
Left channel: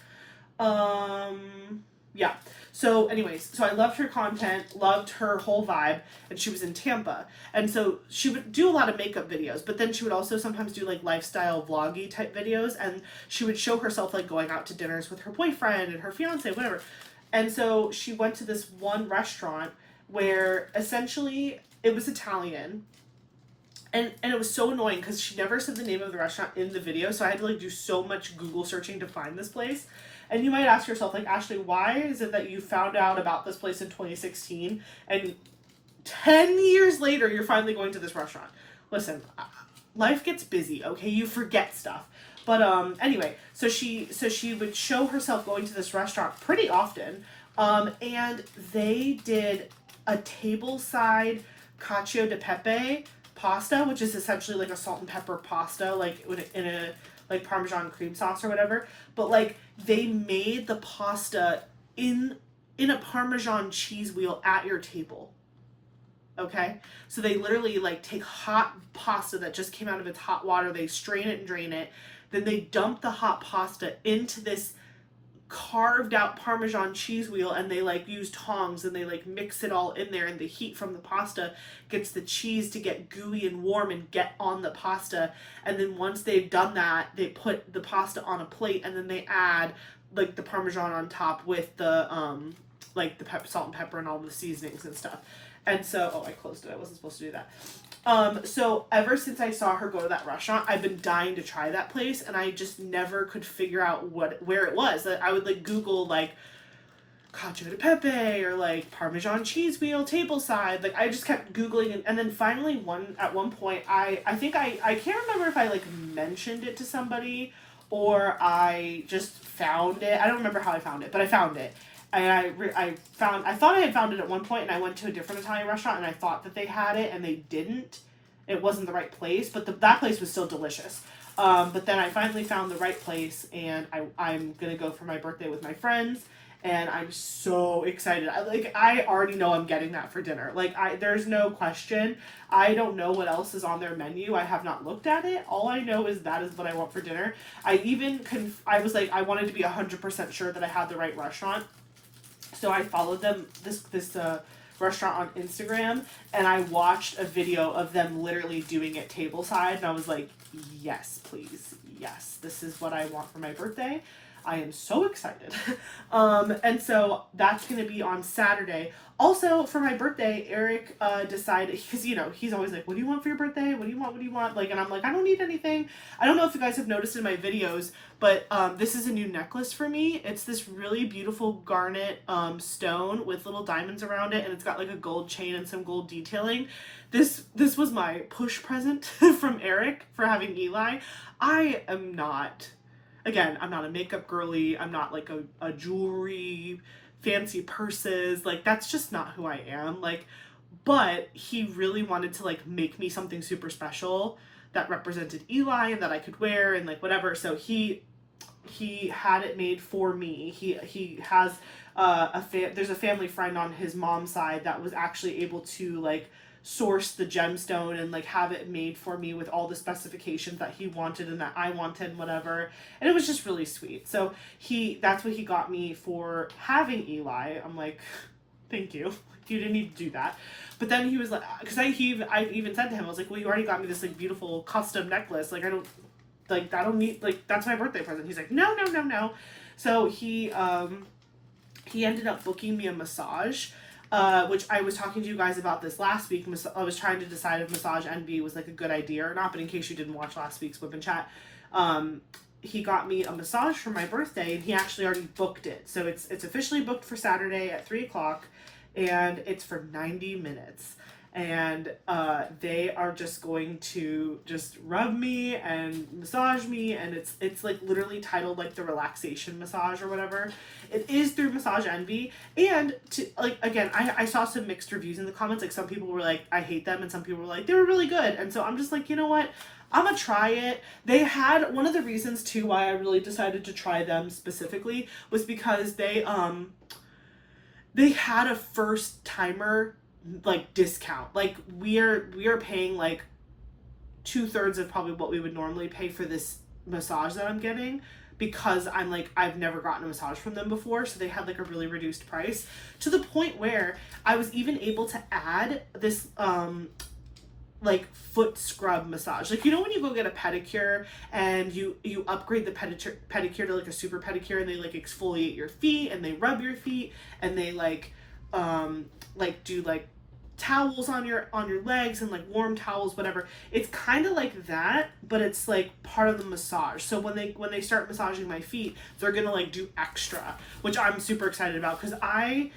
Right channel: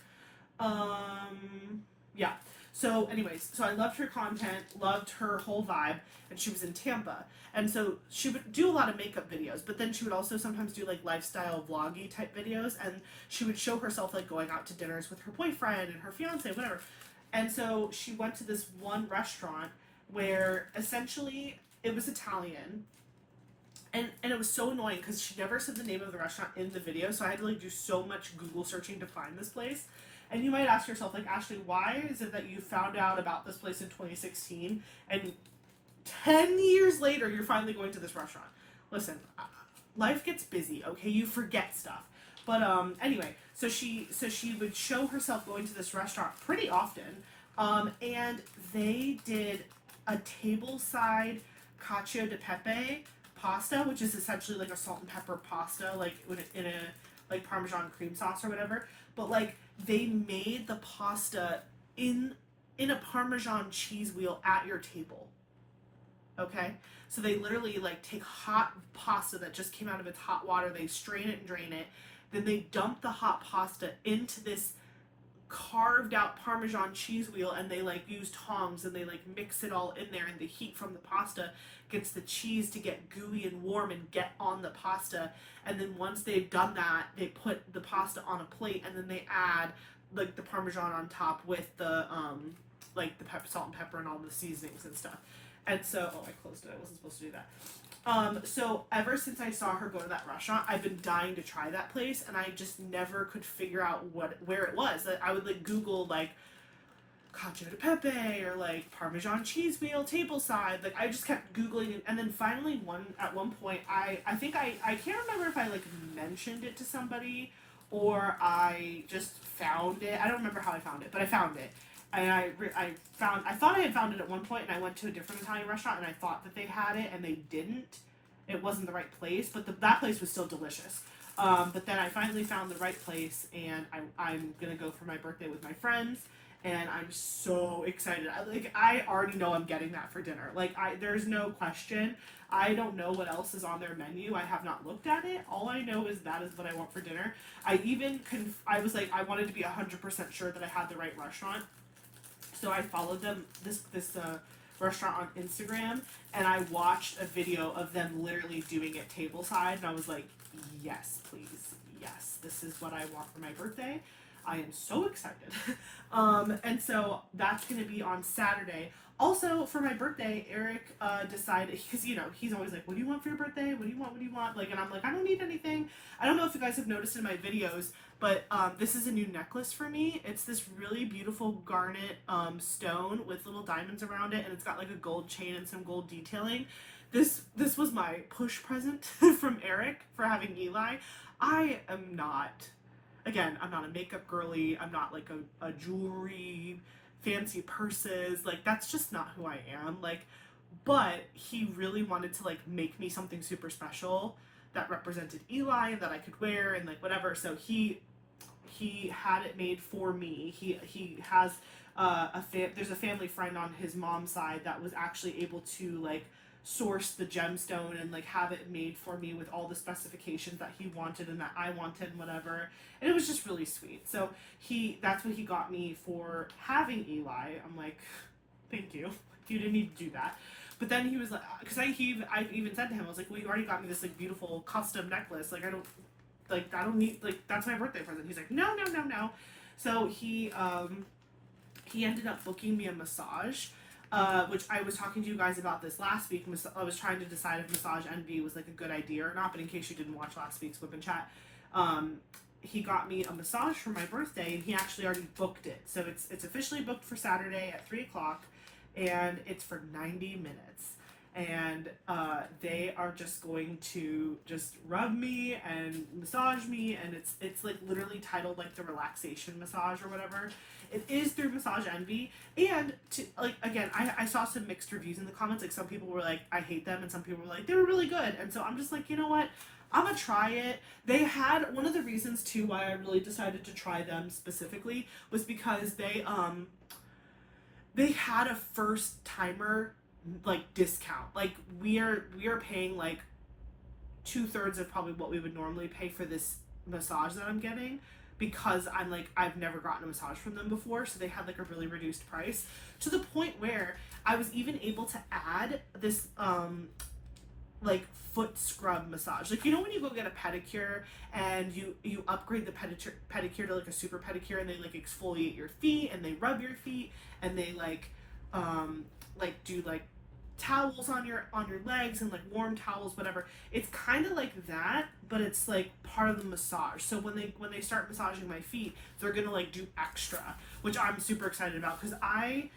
Yeah. So anyways, so I loved her content, loved her whole vibe, and she was in Tampa. And so she would do a lot of makeup videos, but then she would also sometimes do like lifestyle vloggy type videos, and she would show herself like going out to dinners with her boyfriend and her fiance, whatever. And so she went to this one restaurant where essentially it was Italian. And it was so annoying because she never said the name of the restaurant in the video, so I had to like do so much Google searching to find this place. And you might ask yourself, like, Ashley, why is it that you found out about this place in 2016 and 10 years later you're finally going to this restaurant? Listen, life gets busy, okay? You forget stuff. But anyway, so she would show herself going to this restaurant pretty often, and they did a tableside cacio de pepe pasta, which is essentially like a salt and pepper pasta, like in a like Parmesan cream sauce or whatever. But like they made the pasta in a Parmesan cheese wheel at your table. Okay, so they literally like take hot pasta that just came out of its hot water, they strain it and drain it. Then they dump the hot pasta into this carved out Parmesan cheese wheel, and they like use tongs and they like mix it all in there, and the heat from the pasta gets the cheese to get gooey and warm and get on the pasta. And then once they've done that, they put the pasta on a plate, and then they add like the Parmesan on top with the like the salt and pepper and all the seasonings and stuff. And so, oh, I closed it. I wasn't supposed to do that. So ever since I saw her go to that restaurant, I've been dying to try that place, and I just never could figure out where it was. I would like Google like cacio de pepe or like Parmesan cheese wheel tableside. Like I just kept Googling, and then finally at one point I think I can't remember if I like mentioned it to somebody or I just found it. I don't remember how I found it, but I found it. And I thought I had found it at one point, and I went to a different Italian restaurant, and I thought that they had it, and they didn't. It wasn't the right place, but that place was still delicious. But then I finally found the right place, and I'm gonna go for my birthday with my friends, and I'm so excited. I already know I'm getting that for dinner. Like there's no question. I don't know what else is on their menu. I have not looked at it. All I know is that is what I want for dinner. I was like, I wanted to be 100% sure that I had the right restaurant. So I followed them, this restaurant on Instagram, and I watched a video of them literally doing it tableside, and I was like, yes, please, yes, this is what I want for my birthday. I am so excited. And so that's going to be on Saturday. Also, for my birthday, Eric decided, because, you know, he's always like, what do you want for your birthday? What do you want? What do you want? Like, and I'm like, I don't need anything. I don't know if you guys have noticed in my videos, but this is a new necklace for me. It's this really beautiful garnet stone with little diamonds around it, and it's got like a gold chain and some gold detailing. This was my push present from Eric for having Eli. I am not... Again, I'm not a makeup girly. I'm not like a jewelry, fancy purses. Like, that's just not who I am. Like, but he really wanted to like make me something super special that represented Eli and that I could wear and like whatever. So he had it made for me. He has there's a family friend on his mom's side that was actually able to like source the gemstone and like have it made for me with all the specifications that he wanted and that I wanted and whatever, and it was just really sweet. So that's what he got me for having Eli. I'm like, thank you, you didn't need to do that. But then he was like, because I even said to him, I was like, well, you already got me this like beautiful custom necklace, like I don't need, like, that's my birthday present. He's like, no. So he ended up booking me a massage, which I was talking to you guys about this last week. I was trying to decide if Massage Envy was like a good idea or not, but in case you didn't watch last week's Whip and Chat, he got me a massage for my birthday, and he actually already booked it. So it's officially booked for Saturday at 3 o'clock, and it's for 90 minutes. And they are just going to just rub me and massage me, and it's like literally titled like the relaxation massage or whatever. It is through Massage Envy, and to like again, I saw some mixed reviews in the comments. Like some people were like, I hate them, and some people were like, they were really good. And so I'm just like, you know what? I'm gonna try it. They had one of the reasons too why I really decided to try them specifically was because they had a first timer like discount. Like we are paying like 2/3 of probably what we would normally pay for this massage that I'm getting, because I'm like, I've never gotten a massage from them before, so they had like a really reduced price, to the point where I was even able to add this like foot scrub massage. Like, you know when you go get a pedicure and you upgrade the pedicure to like a super pedicure, and they like exfoliate your feet and they rub your feet and they like do like towels on your legs and like warm towels, whatever. It's kind of like that, but it's like part of the massage. So when they start massaging my feet, they're gonna like do extra, which I'm super excited about, because I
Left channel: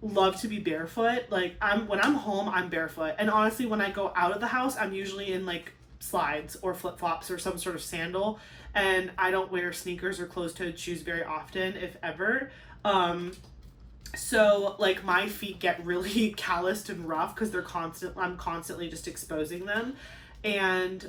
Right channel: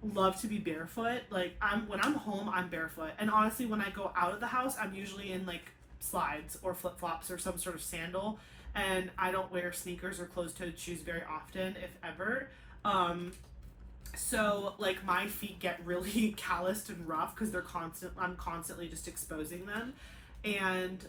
love to be barefoot. Like when I'm home, I'm barefoot, and honestly when I go out of the house, I'm usually in like slides or flip-flops or some sort of sandal, and I don't wear sneakers or closed-toed shoes very often, if ever. So like my feet get really calloused and rough because I'm constantly just exposing them. And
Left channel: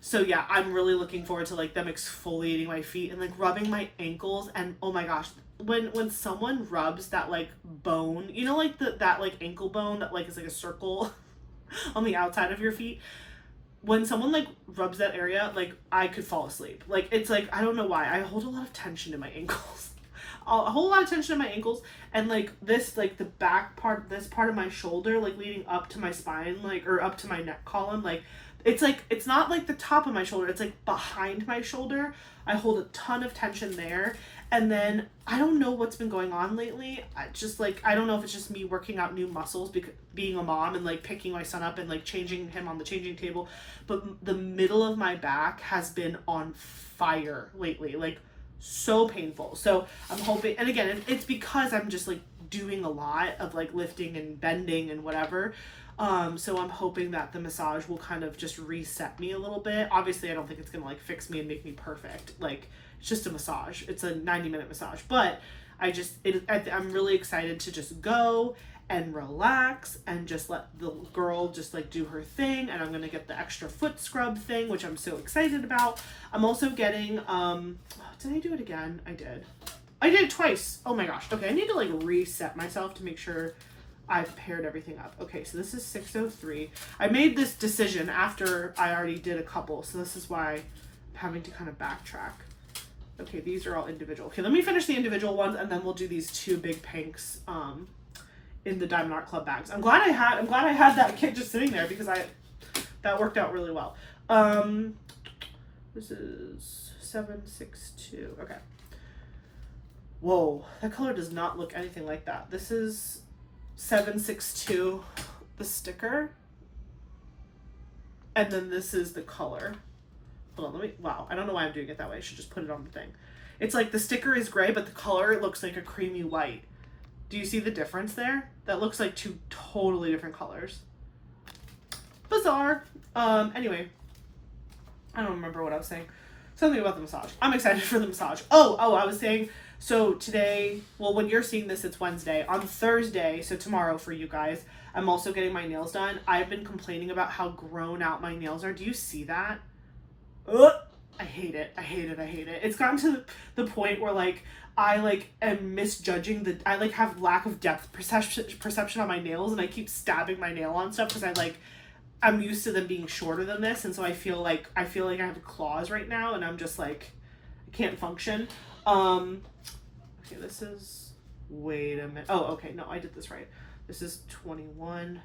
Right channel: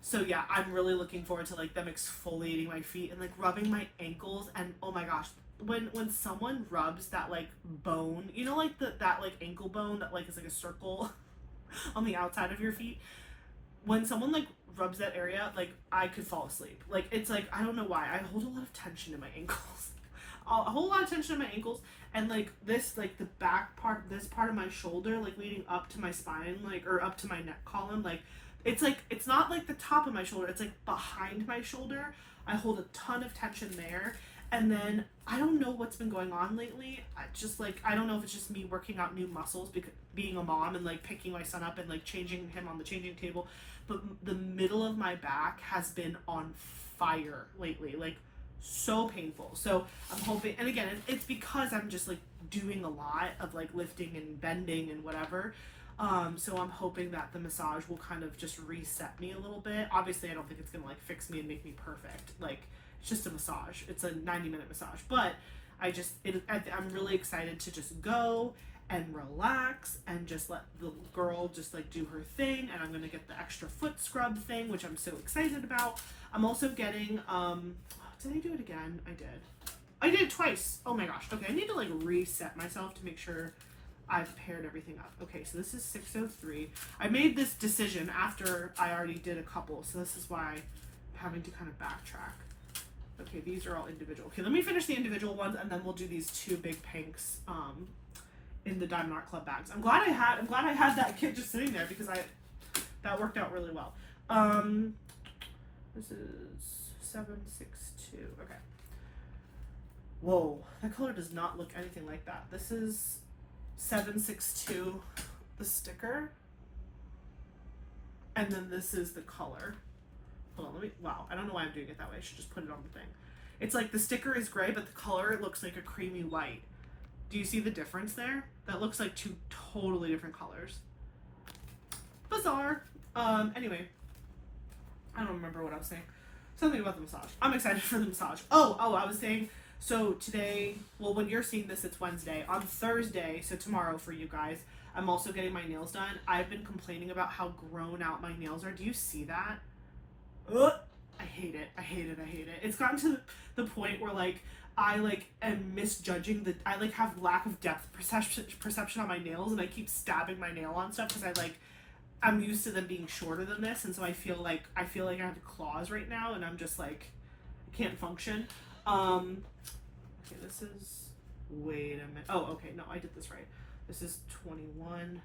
so yeah, I'm really looking forward to like them exfoliating my feet and like rubbing my ankles. And oh my gosh, when someone rubs that like bone, you know, like that like ankle bone that like is like a circle on the outside of your feet, when someone like rubs that area, like I could fall asleep. Like it's like, I don't know why, I hold a lot of tension in my ankles. A whole lot of tension in my ankles, and like this, like the back part, this part of my shoulder, like leading up to my spine, like, or up to my neck column, like it's not like the top of my shoulder, it's like behind my shoulder. I hold a ton of tension there. And then I don't know what's been going on lately. I don't know if it's just me working out new muscles, because being a mom and like picking my son up and like changing him on the changing table, but the middle of my back has been on fire lately, like so painful. So I'm hoping, and again, it's because I'm just like doing a lot of like lifting and bending and whatever. So I'm hoping that the massage will kind of just reset me a little bit. Obviously I don't think it's gonna like fix me and make me perfect. Like it's just a massage. It's a 90-minute massage, but I'm really excited to just go and relax and just let the girl just like do her thing. And I'm gonna get the extra foot scrub thing, which I'm so excited about. I'm also getting did I do it again? I did it twice. Oh my gosh. Okay, I need to like reset myself to make sure I've paired everything up. Okay, so this is 6:03. I made this decision after I already did a couple, so this is why I'm having to kind of backtrack. Okay, these are all individual. Okay, let me finish the individual ones, and then we'll do these two big pinks in the Diamond Art Club bags. I'm glad I had that kit just sitting there, because that worked out really well. This is 762. Okay. Whoa, that color does not look anything like that. This is 762, the sticker, and then this is the color. Hold on, wow, I don't know why I'm doing it that way. I should just put it on the thing. It's like the sticker is gray, but the color looks like a creamy white. Do you see the difference there? That looks like two totally different colors. Bizarre. Anyway, I don't remember what I was saying. Something about the massage. I'm excited for the massage. Oh, I was saying, so today, well, when you're seeing this, it's Wednesday. On Thursday, so tomorrow for you guys, I'm also getting my nails done. I've been complaining about how grown out my nails are. Do you see that? Ugh, I hate it. It's gotten to the point where like I like am misjudging I like have lack of depth perception on my nails, and I keep stabbing my nail on stuff because I'm used to them being shorter than this, and so I feel like I have claws right now, and I'm just like I can't function. Okay, this is, wait a minute. Oh, okay, no, I did this right. This is 21,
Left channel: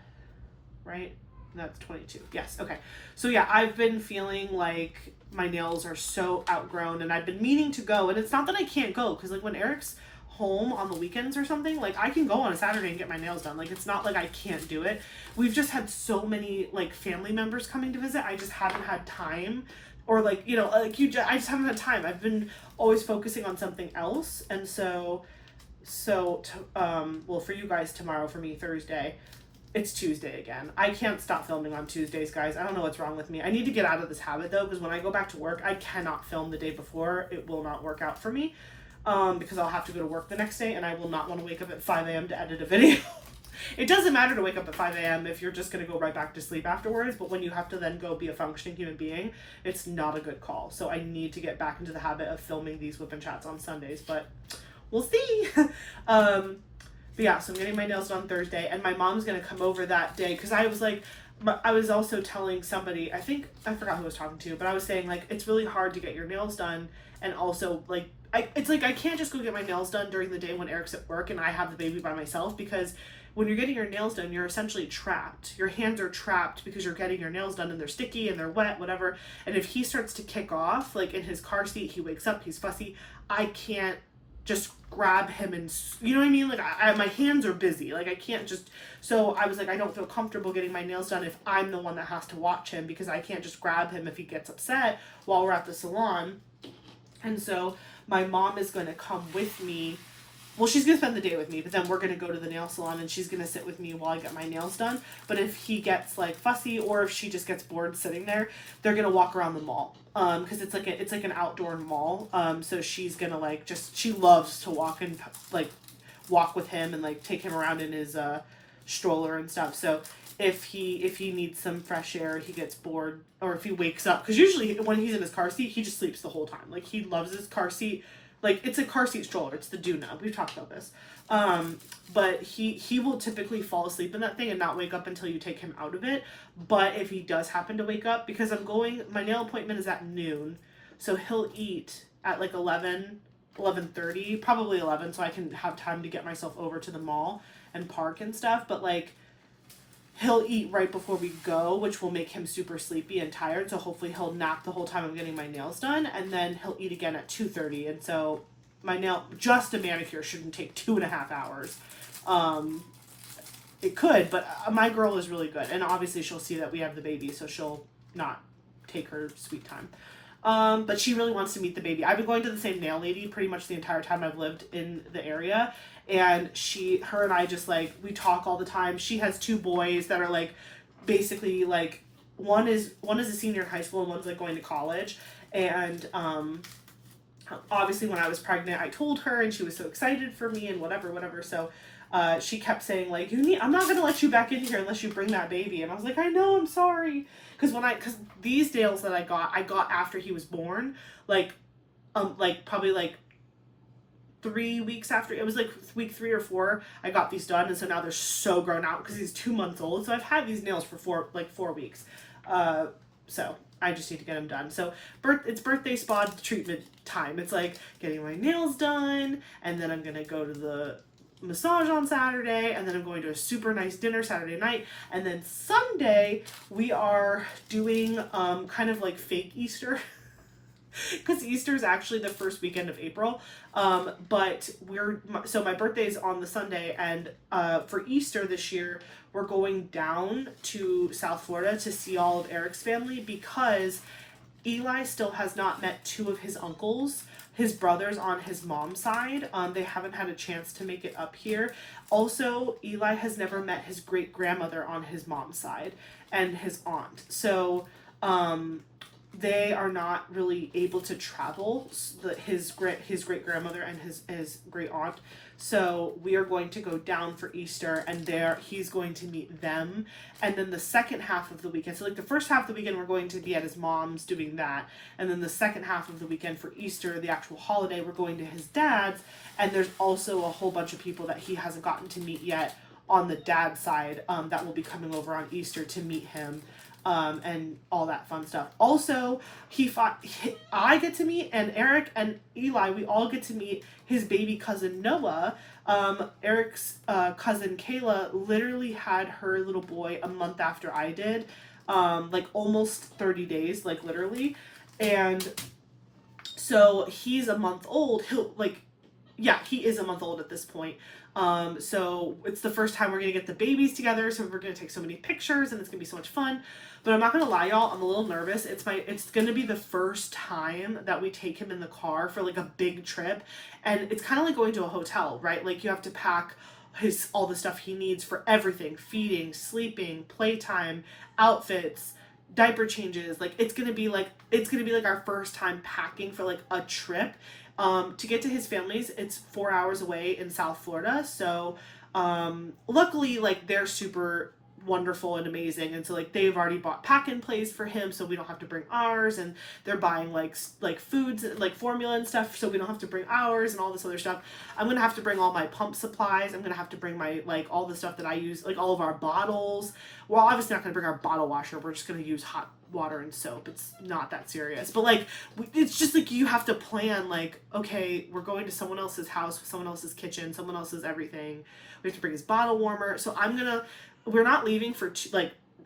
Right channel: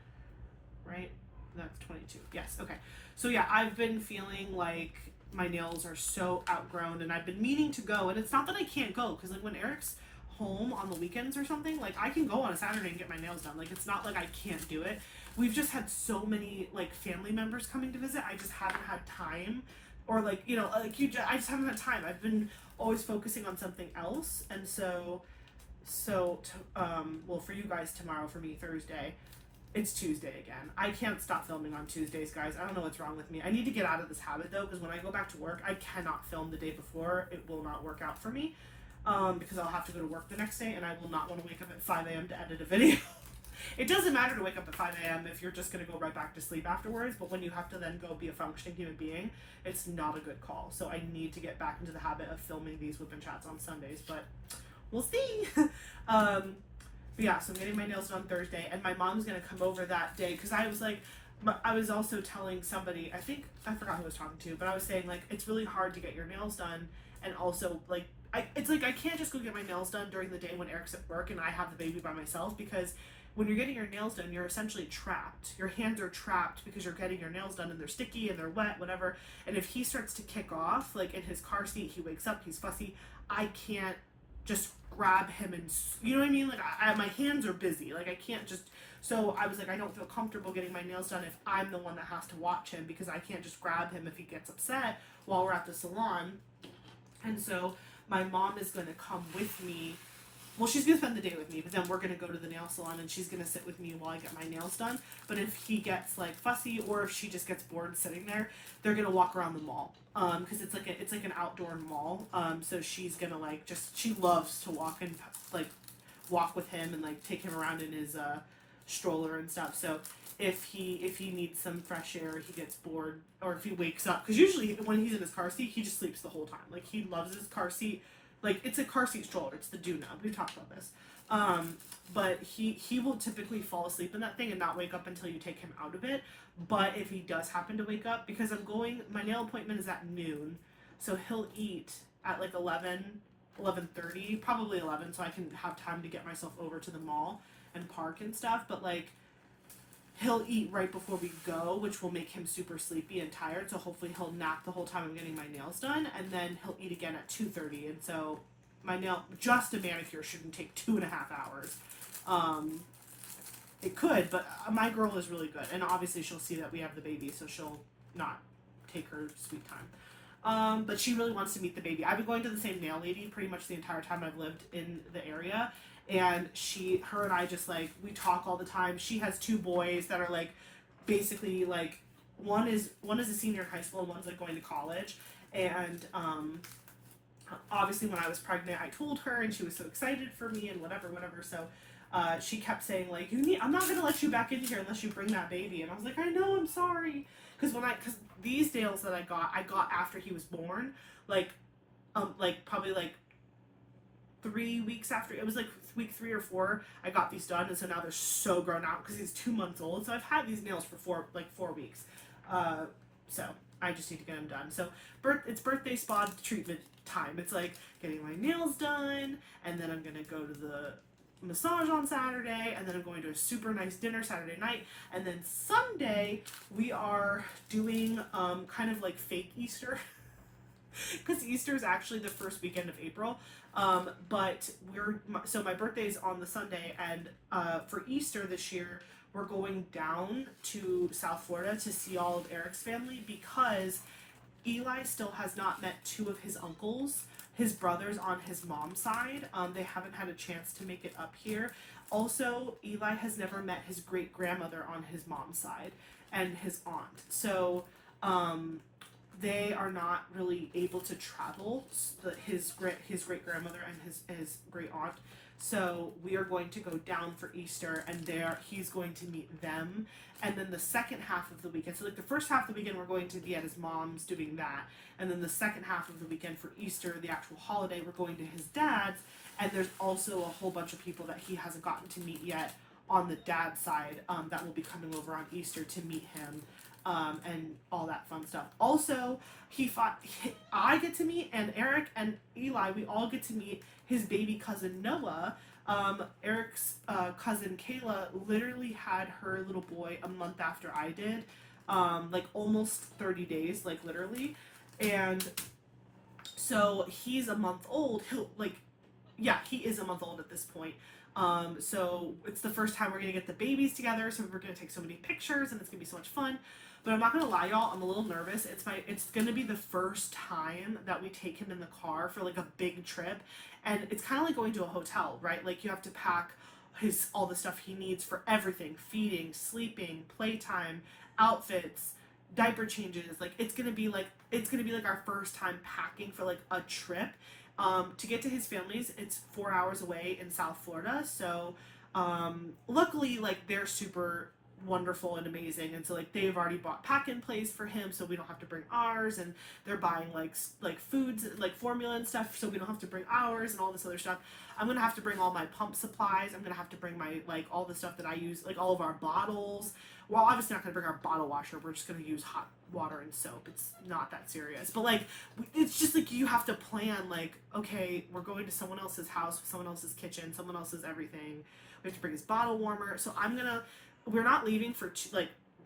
right? That's 22. Yes, okay. So yeah, I've been feeling like my nails are so outgrown, and I've been meaning to go, and it's not that I can't go, because like when Eric's home on the weekends or something, like I can go on a Saturday and get my nails done. Like it's not like I can't do it. We've just had so many like family members coming to visit. I just haven't had time or like, you know, like I just haven't had time. I've been always focusing on something else. And well, for you guys tomorrow, for me Thursday, it's Tuesday again. I can't stop filming on Tuesdays, guys. I don't know what's wrong with me. I need to get out of this habit though, because when I go back to work, I cannot film the day before. It will not work out for me, because I'll have to go to work the next day, and I will not want to wake up at 5 a.m. to edit a video. It doesn't matter to wake up at 5 a.m. if you're just going to go right back to sleep afterwards, but when you have to then go be a functioning human being, it's not a good call. So I need to get back into the habit of filming these whip and chats on Sundays, but we'll see. But yeah, so I'm getting my nails done Thursday, and my mom's going to come over that day, because I was like, I was also telling somebody, I forgot who I was talking to, but I was saying, like, it's really hard to get your nails done, and also, like, it's like I can't just go get my nails done during the day when Eric's at work and I have the baby by myself, because when you're getting your nails done, you're essentially trapped. Your hands are trapped because you're getting your nails done and they're sticky and they're wet, whatever. And if he starts to kick off, like in his car seat, he wakes up, he's fussy, I can't just grab him and, you know what I mean? Like, my hands are busy. Like, I can't just, so I was like, I don't feel comfortable getting my nails done if I'm the one that has to watch him, because I can't just grab him if he gets upset while we're at the salon. And so my mom is going to come with me. Well, she's going to spend the day with me, but then we're going to go to the nail salon and she's going to sit with me while I get my nails done. But if he gets like fussy, or if she just gets bored sitting there, they're going to walk around the mall. Cause it's like an outdoor mall. So she's going to like, she loves to walk with him and like take him around in his, stroller and stuff. So if he needs some fresh air, he gets bored, or if he wakes up, cause usually when he's in his car seat, he just sleeps the whole time. Like, he loves his car seat. Like, it's a car seat stroller. It's the Duna. We've talked about this. But he will typically fall asleep in that thing and not wake up until you take him out of it. But if he does happen to wake up, because my nail appointment is at noon, so he'll eat at like 11:30, probably 11, so I can have time to get myself over to the mall and park and stuff. But like, he'll eat right before we go, which will make him super sleepy and tired. So hopefully he'll nap the whole time I'm getting my nails done. And then he'll eat again at 2:30. And so just a manicure shouldn't take 2.5 hours. It could, but my girl is really good. And obviously she'll see that we have the baby, so she'll not take her sweet time. But she really wants to meet the baby. I've been going to the same nail lady pretty much the entire time I've lived in the area. And her and I just like, we talk all the time. She has 2 boys that are like, basically like, one is a senior in high school and one's like going to college. And obviously when I was pregnant, I told her, and she was so excited for me and whatever. So she kept saying like, I'm not gonna let you back in here unless you bring that baby. And I was like, I know, I'm sorry. Because these nails that I got after he was born, like probably like 3 weeks after, it was like week 3 or 4, I got these done, and so now they're so grown out because he's 2 months old. So I've had these nails for 4 weeks. So I just need to get them done. So it's birthday spa treatment time. It's like getting my nails done, and then I'm gonna go to the massage on Saturday, and then I'm going to a super nice dinner Saturday night, and then Sunday we are doing kind of like fake Easter. Because Easter is actually the first weekend of April, but my birthday is on the Sunday, and for Easter this year, we're going down to South Florida to see all of Eric's family, because Eli still has not met 2 of his uncles, his brothers on his mom's side. They haven't had a chance to make it up here. Also, Eli has never met his great-grandmother on his mom's side and his aunt. So, they are not really able to travel, his great grandmother and his great aunt. So we are going to go down for Easter, and he's going to meet them. And then the second half of the weekend, so like the first half of the weekend, we're going to be at his mom's doing that. And then the second half of the weekend for Easter, the actual holiday, we're going to his dad's. And there's also a whole bunch of people that he hasn't gotten to meet yet on the dad's side, that will be coming over on Easter to meet him. And all that fun stuff. Also, I get to meet, and Eric and Eli, we all get to meet his baby cousin Noah. Eric's cousin Kayla literally had her little boy a month after I did, like almost 30 days, like literally. And so he's a month old. yeah, he is a month old at this point. So it's the first time we're gonna get the babies together, so we're gonna take so many pictures and it's gonna be so much fun. But I'm not gonna lie, y'all, I'm a little nervous. It's gonna be the first time that we take him in the car for like a big trip, and it's kind of like going to a hotel, right? Like you have to pack all the stuff he needs for everything: feeding, sleeping, playtime, outfits, diaper changes. Like it's gonna be like our first time packing for like a trip. To get to his family's, it's 4 hours away in South Florida. So luckily, like they're super wonderful and amazing, and so like they've already bought pack and plays for him, so we don't have to bring ours, and they're buying like foods, like formula and stuff, so we don't have to bring ours and all this other stuff. I'm gonna have to bring all my pump supplies. I'm gonna have to bring my like all the stuff that I use, like all of our bottles. We're obviously not gonna bring our bottle washer. We're just gonna use hot water and soap. It's not that serious, but like it's just like you have to plan, like, okay, we're going to someone else's house, someone else's kitchen, someone else's everything. We have to bring his bottle warmer. So we're not leaving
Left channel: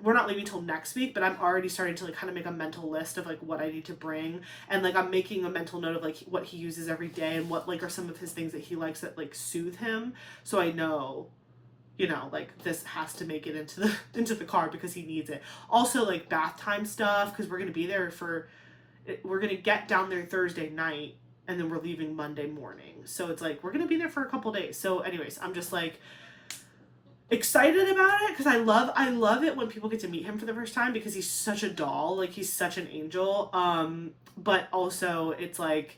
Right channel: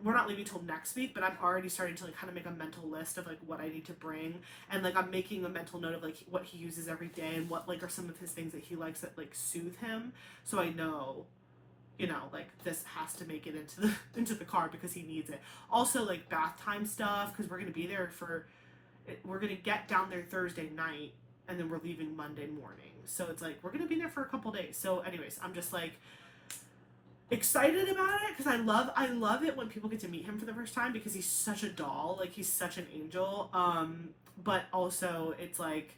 we're not leaving till next week, but I'm already starting to like kind of make a mental list of like what I need to bring, and like I'm making a mental note of like what he uses every day and what like are some of his things that he likes that like soothe him, so I know, you know, like this has to make it into the car because he needs it. Also like bath time stuff, because we're gonna get down there Thursday night and then we're leaving Monday morning, so it's like we're gonna be there for a couple days. So anyways, I'm just like excited about it because I love it when people get to meet him for the first time, because he's such a doll, like he's such an angel. But also it's like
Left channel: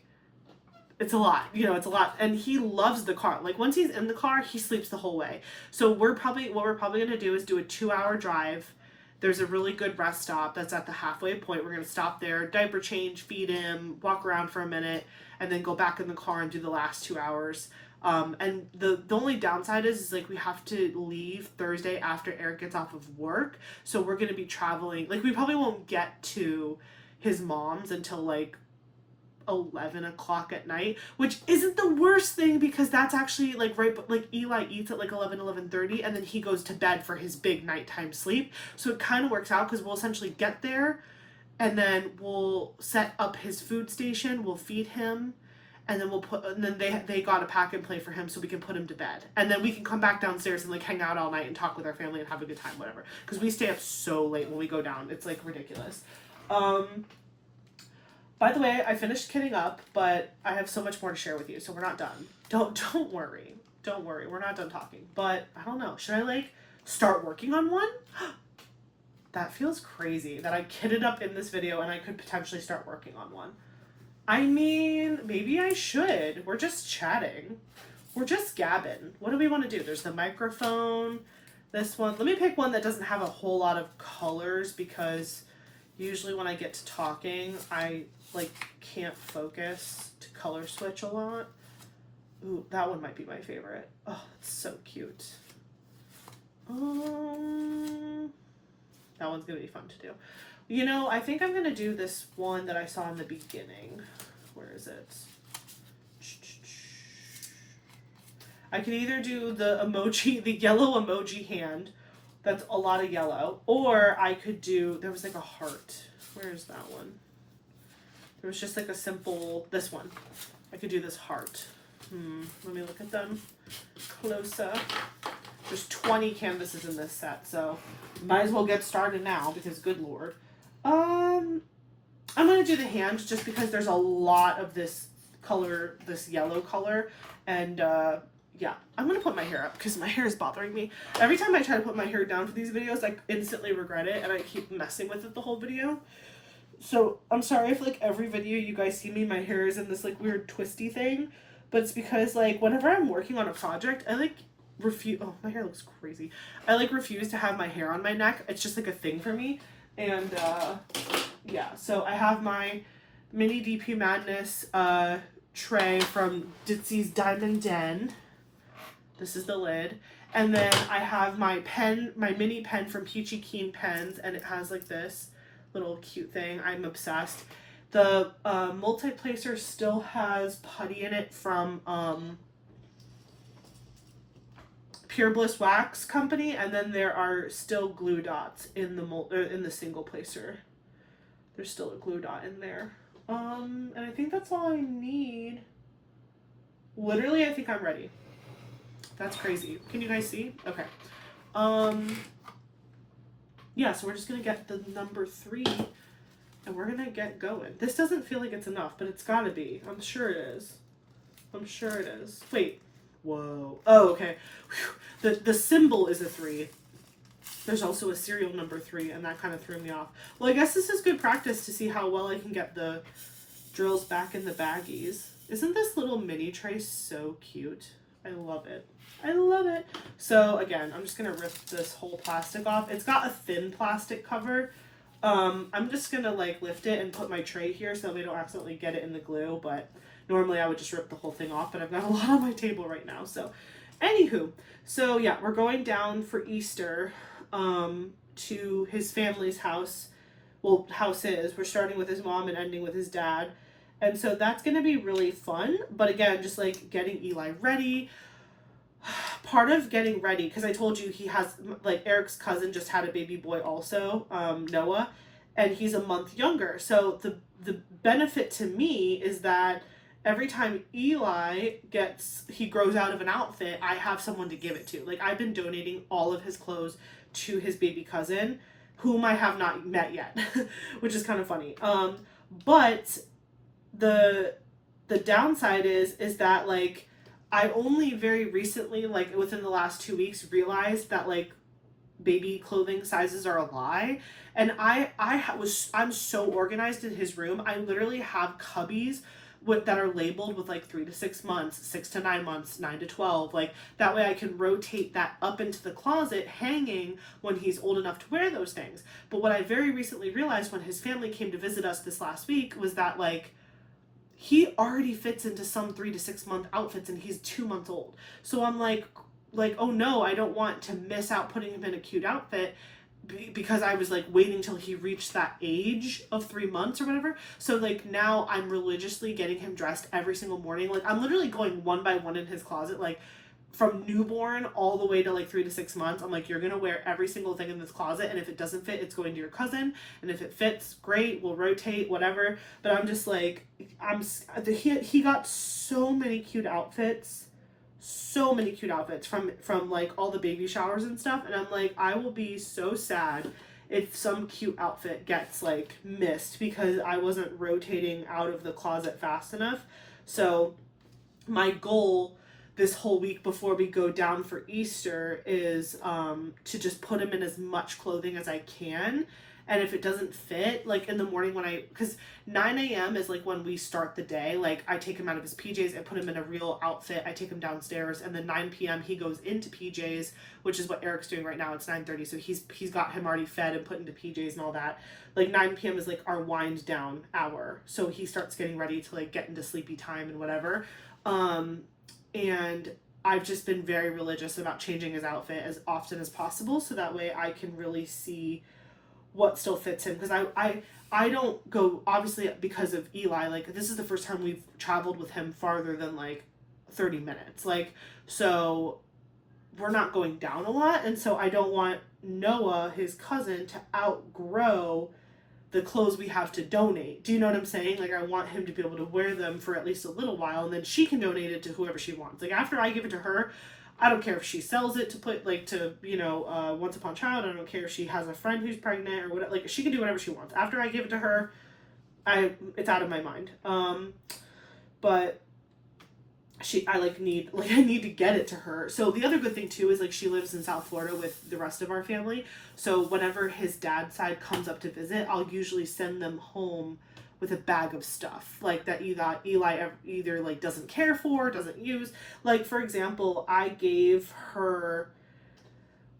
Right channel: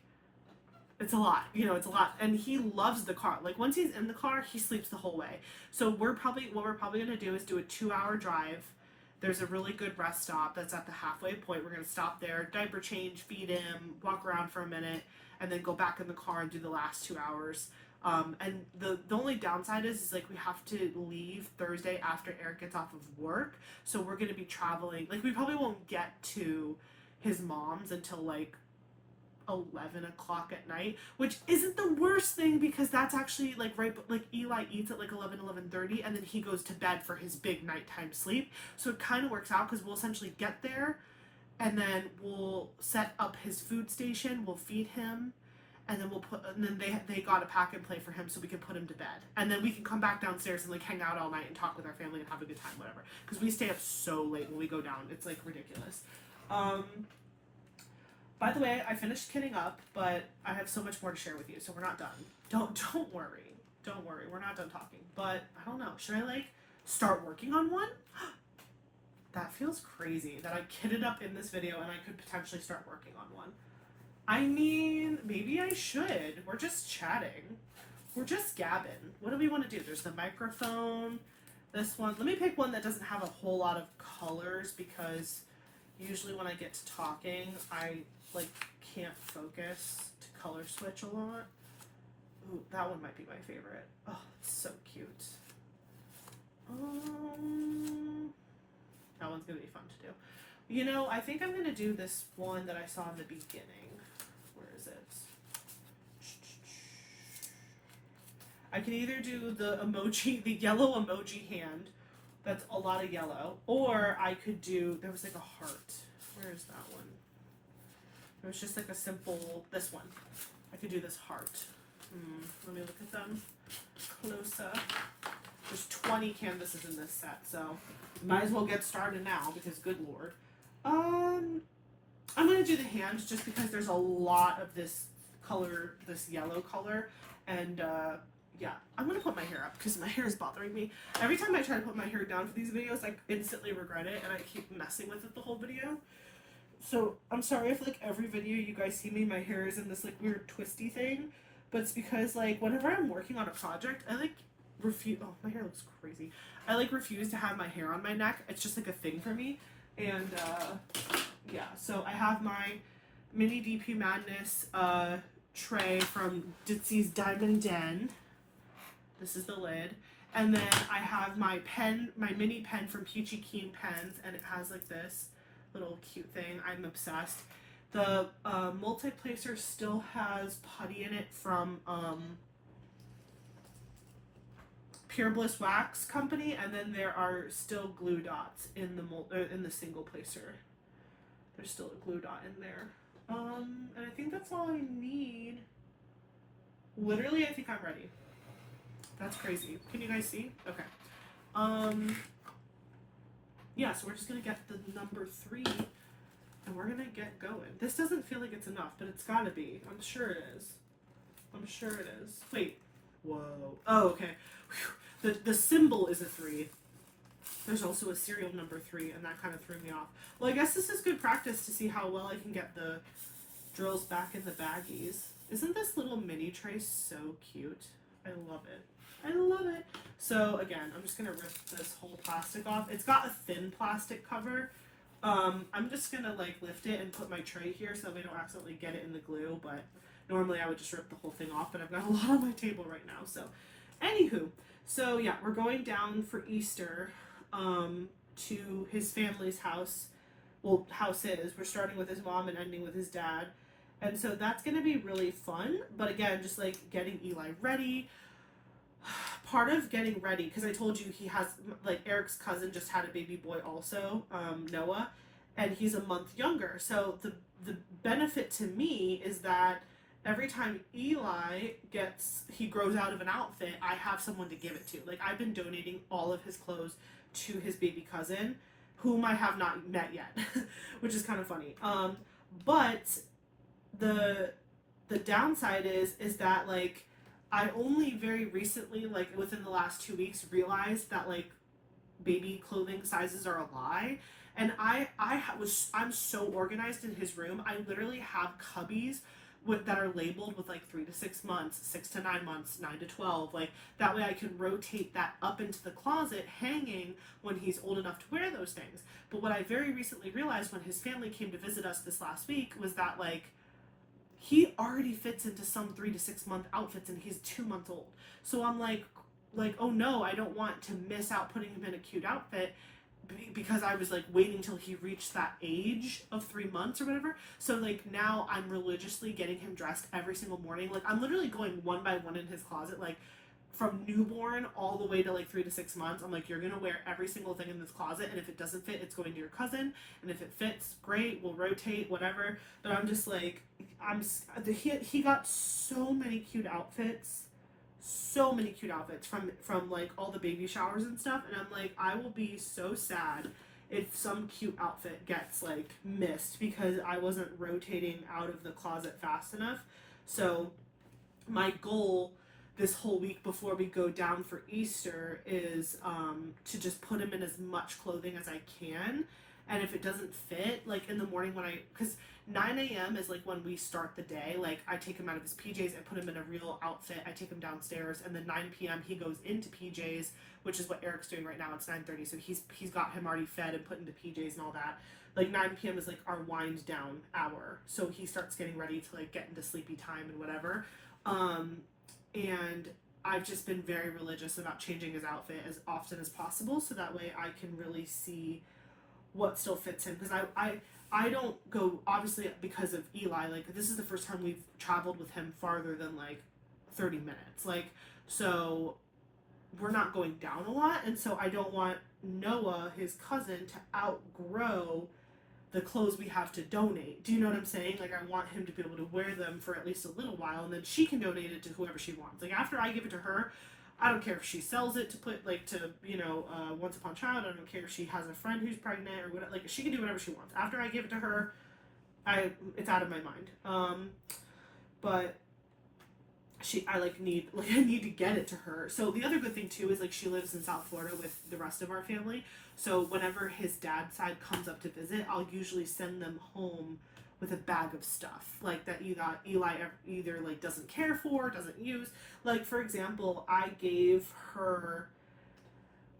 it's a lot, you know, it's a lot, and he loves the car. Like once he's in the car, he sleeps the whole way. So what we're probably gonna do is do a 2-hour drive. There's a really good rest stop that's at the halfway point. We're gonna stop there, diaper change, feed him, walk around for a minute, and then go back in the car and do the last 2 hours. And the only downside is like we have to leave Thursday after Eric gets off of work. So we're going to be traveling. Like we probably won't get to his mom's until like 11 o'clock at night, which isn't the worst thing because that's actually like right, but like Eli eats at like 11:30, and then he goes to bed for his big nighttime sleep. So it kind of works out because we'll essentially get there and then we'll set up his food station, we'll feed him, and then they got a pack and play for him so we can put him to bed, and then we can come back downstairs and like hang out all night and talk with our family and have a good time, whatever, because we stay up so late when we go down. It's like ridiculous. By the way, I finished kitting up, but I have so much more to share with you, so we're not done. Don't worry, we're not done talking. But I don't know, should I like start working on one? That feels crazy that I kitted up in this video and I could potentially start working on one. I mean, maybe I should. We're just chatting. We're just gabbing. What do we want to do? There's the microphone. This one. Let me pick one that doesn't have a whole lot of colors, because usually when I get to talking, I like can't focus to color switch a lot. Ooh, that one might be my favorite. Oh, it's so cute. That one's gonna be fun to do. You know, I think I'm going to do this one that I saw in the beginning. Where is it? I could either do the emoji, the yellow emoji hand. That's a lot of yellow. Or I could do, there was like a heart. Where is that one? There was just like a simple, this one. I could do this heart. Let me look at them close up. There's 20 canvases in this set, so might as well get started now because good lord. I'm going to do the hand just because there's a lot of this color, this yellow color, and yeah, I'm going to put my hair up because my hair is bothering me. Every time I try to put my hair down for these videos, I instantly regret it and I keep messing with it the whole video. So I'm sorry if like every video you guys see me, my hair is in this like weird twisty thing, but it's because like whenever I'm working on a project, I like refuse, oh my hair looks crazy. I like refuse to have my hair on my neck. It's just like a thing for me. And yeah, so I have my mini DP Madness tray from Ditsy's Diamond Den. This is the lid. And then I have my pen, my mini pen from Peachy Keen Pens, and it has like this little cute thing. I'm obsessed. The multi-placer still has putty in it from Pure Bliss Wax Company, and then there are still glue dots in the single placer. There's still a glue dot in there. And I think that's all I need. Literally, I think I'm ready. That's crazy. Can you guys see? Okay. Yeah, so we're just gonna get the number 3 and we're gonna get going. This doesn't feel like it's enough, but it's gotta be. I'm sure it is. I'm sure it is. Wait. Whoa. Oh, okay. Whew. The symbol is a 3. There's also a serial number 3, and that kind of threw me off. Well, I guess this is good practice to see how well I can get the drills back in the baggies. Isn't this little mini tray so cute? I love it. I love it. So again, I'm just gonna rip this whole plastic off. It's got a thin plastic cover. I'm just gonna like lift it and put my tray here so we don't accidentally get it in the glue, but normally I would just rip the whole thing off, but I've got a lot on my table right now. So anywho, so yeah, we're going down for Easter to his family's house. Well, houses. We're starting with his mom and ending with his dad. And so that's going to be really fun. But again, just like getting Eli ready. Part of getting ready, because I told you he has, like, Eric's cousin just had a baby boy also, Noah, and he's a month younger. So the benefit to me is that every time Eli he grows out of an outfit, I have someone to give it to. Like, I've been donating all of his clothes to his baby cousin, whom I have not met yet, which is kind of funny. But the downside is that, like, I only very recently, like within the last 2 weeks, realized that like baby clothing sizes are a lie. And I'm so organized in his room. I literally have cubbies that are labeled with like 3 to 6 months, 6 to 9 months, 9 to 12. Like that way I can rotate that up into the closet, hanging when he's old enough to wear those things. But what I very recently realized when his family came to visit us this last week was that like he already fits into some 3 to 6 month outfits and he's 2 months old. So I'm like, oh no, I don't want to miss out putting him in a cute outfit because I was like waiting till he reached that age of 3 months or whatever. So like now I'm religiously getting him dressed every single morning. Like I'm literally going one by one in his closet, like from newborn all the way to like 3 to 6 months. I'm like, you're gonna wear every single thing in this closet, and if it doesn't fit, it's going to your cousin, and if it fits, great, we'll rotate, whatever. But I'm just like, he got so many cute outfits, from like all the baby showers and stuff, and I'm like, I will be so sad if some cute outfit gets like missed because I wasn't rotating out of the closet fast enough. So my goal this whole week before we go down for Easter is to just put him in as much clothing as I can. And if it doesn't fit, like in the morning because 9 a.m. is like when we start the day, like I take him out of his PJs and put him in a real outfit. I take him downstairs, and then 9 p.m. he goes into PJs, which is what Eric's doing right now. It's 9:30, so he's got him already fed and put into PJs and all that. Like 9 p.m. is like our wind down hour, so he starts getting ready to like get into sleepy time and whatever. And I've just been very religious about changing his outfit as often as possible so that way I can really see what still fits him. Because I don't go, obviously because of Eli, like this is the first time we've traveled with him farther than like 30 minutes. Like, so we're not going down a lot. And so I don't want Noah, his cousin, to outgrow the clothes we have to donate. Do you know what I'm saying? Like I want him to be able to wear them for at least a little while, and then she can donate it to whoever she wants. Like after I give it to her, I don't care if she sells it to put like to Once Upon a Child. I don't care if she has a friend who's pregnant or whatever. Like she can do whatever she wants. After I give it to her, it's out of my mind. But I need to get it to her. So the other good thing too is like she lives in South Florida with the rest of our family. So whenever his dad's side comes up to visit, I'll usually send them home with a bag of stuff like that Eli either like doesn't care for, doesn't use. Like for example, I gave her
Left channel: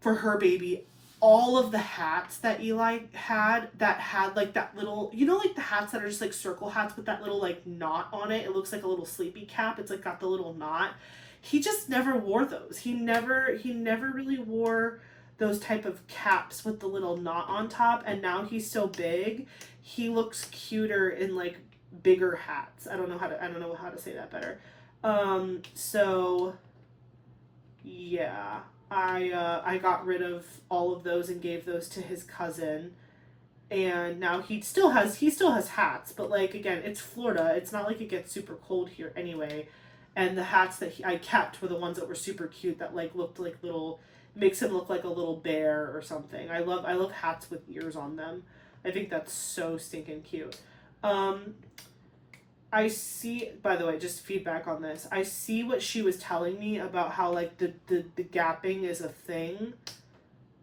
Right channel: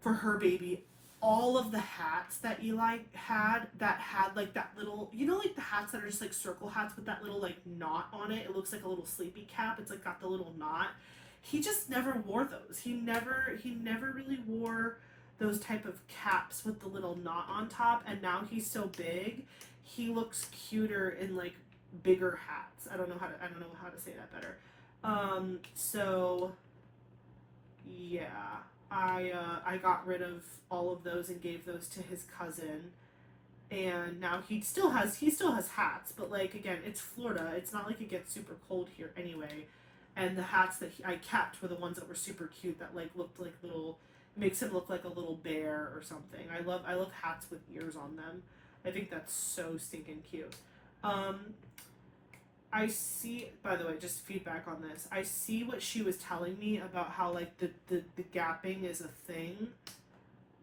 for her baby all of the hats that Eli had that had like that little, like the hats that are just like circle hats with that little like knot on it. It looks like a little sleepy cap. It's like got the little knot. He just never wore those. He never really wore those type of caps with the little knot on top. And now he's so big, he looks cuter in like bigger hats. I don't know how to say that better. So yeah. I got rid of all of those and gave those to his cousin, and now he still has hats, but like again, it's Florida. It's not like it gets super cold here anyway, And the hats that I kept were the ones that were super cute that like looked like little, makes him look like a little bear or something. I love hats with ears on them. I think that's so stinking cute. I see, by the way, just feedback on this. I see what she was telling me about how like the gapping is a thing,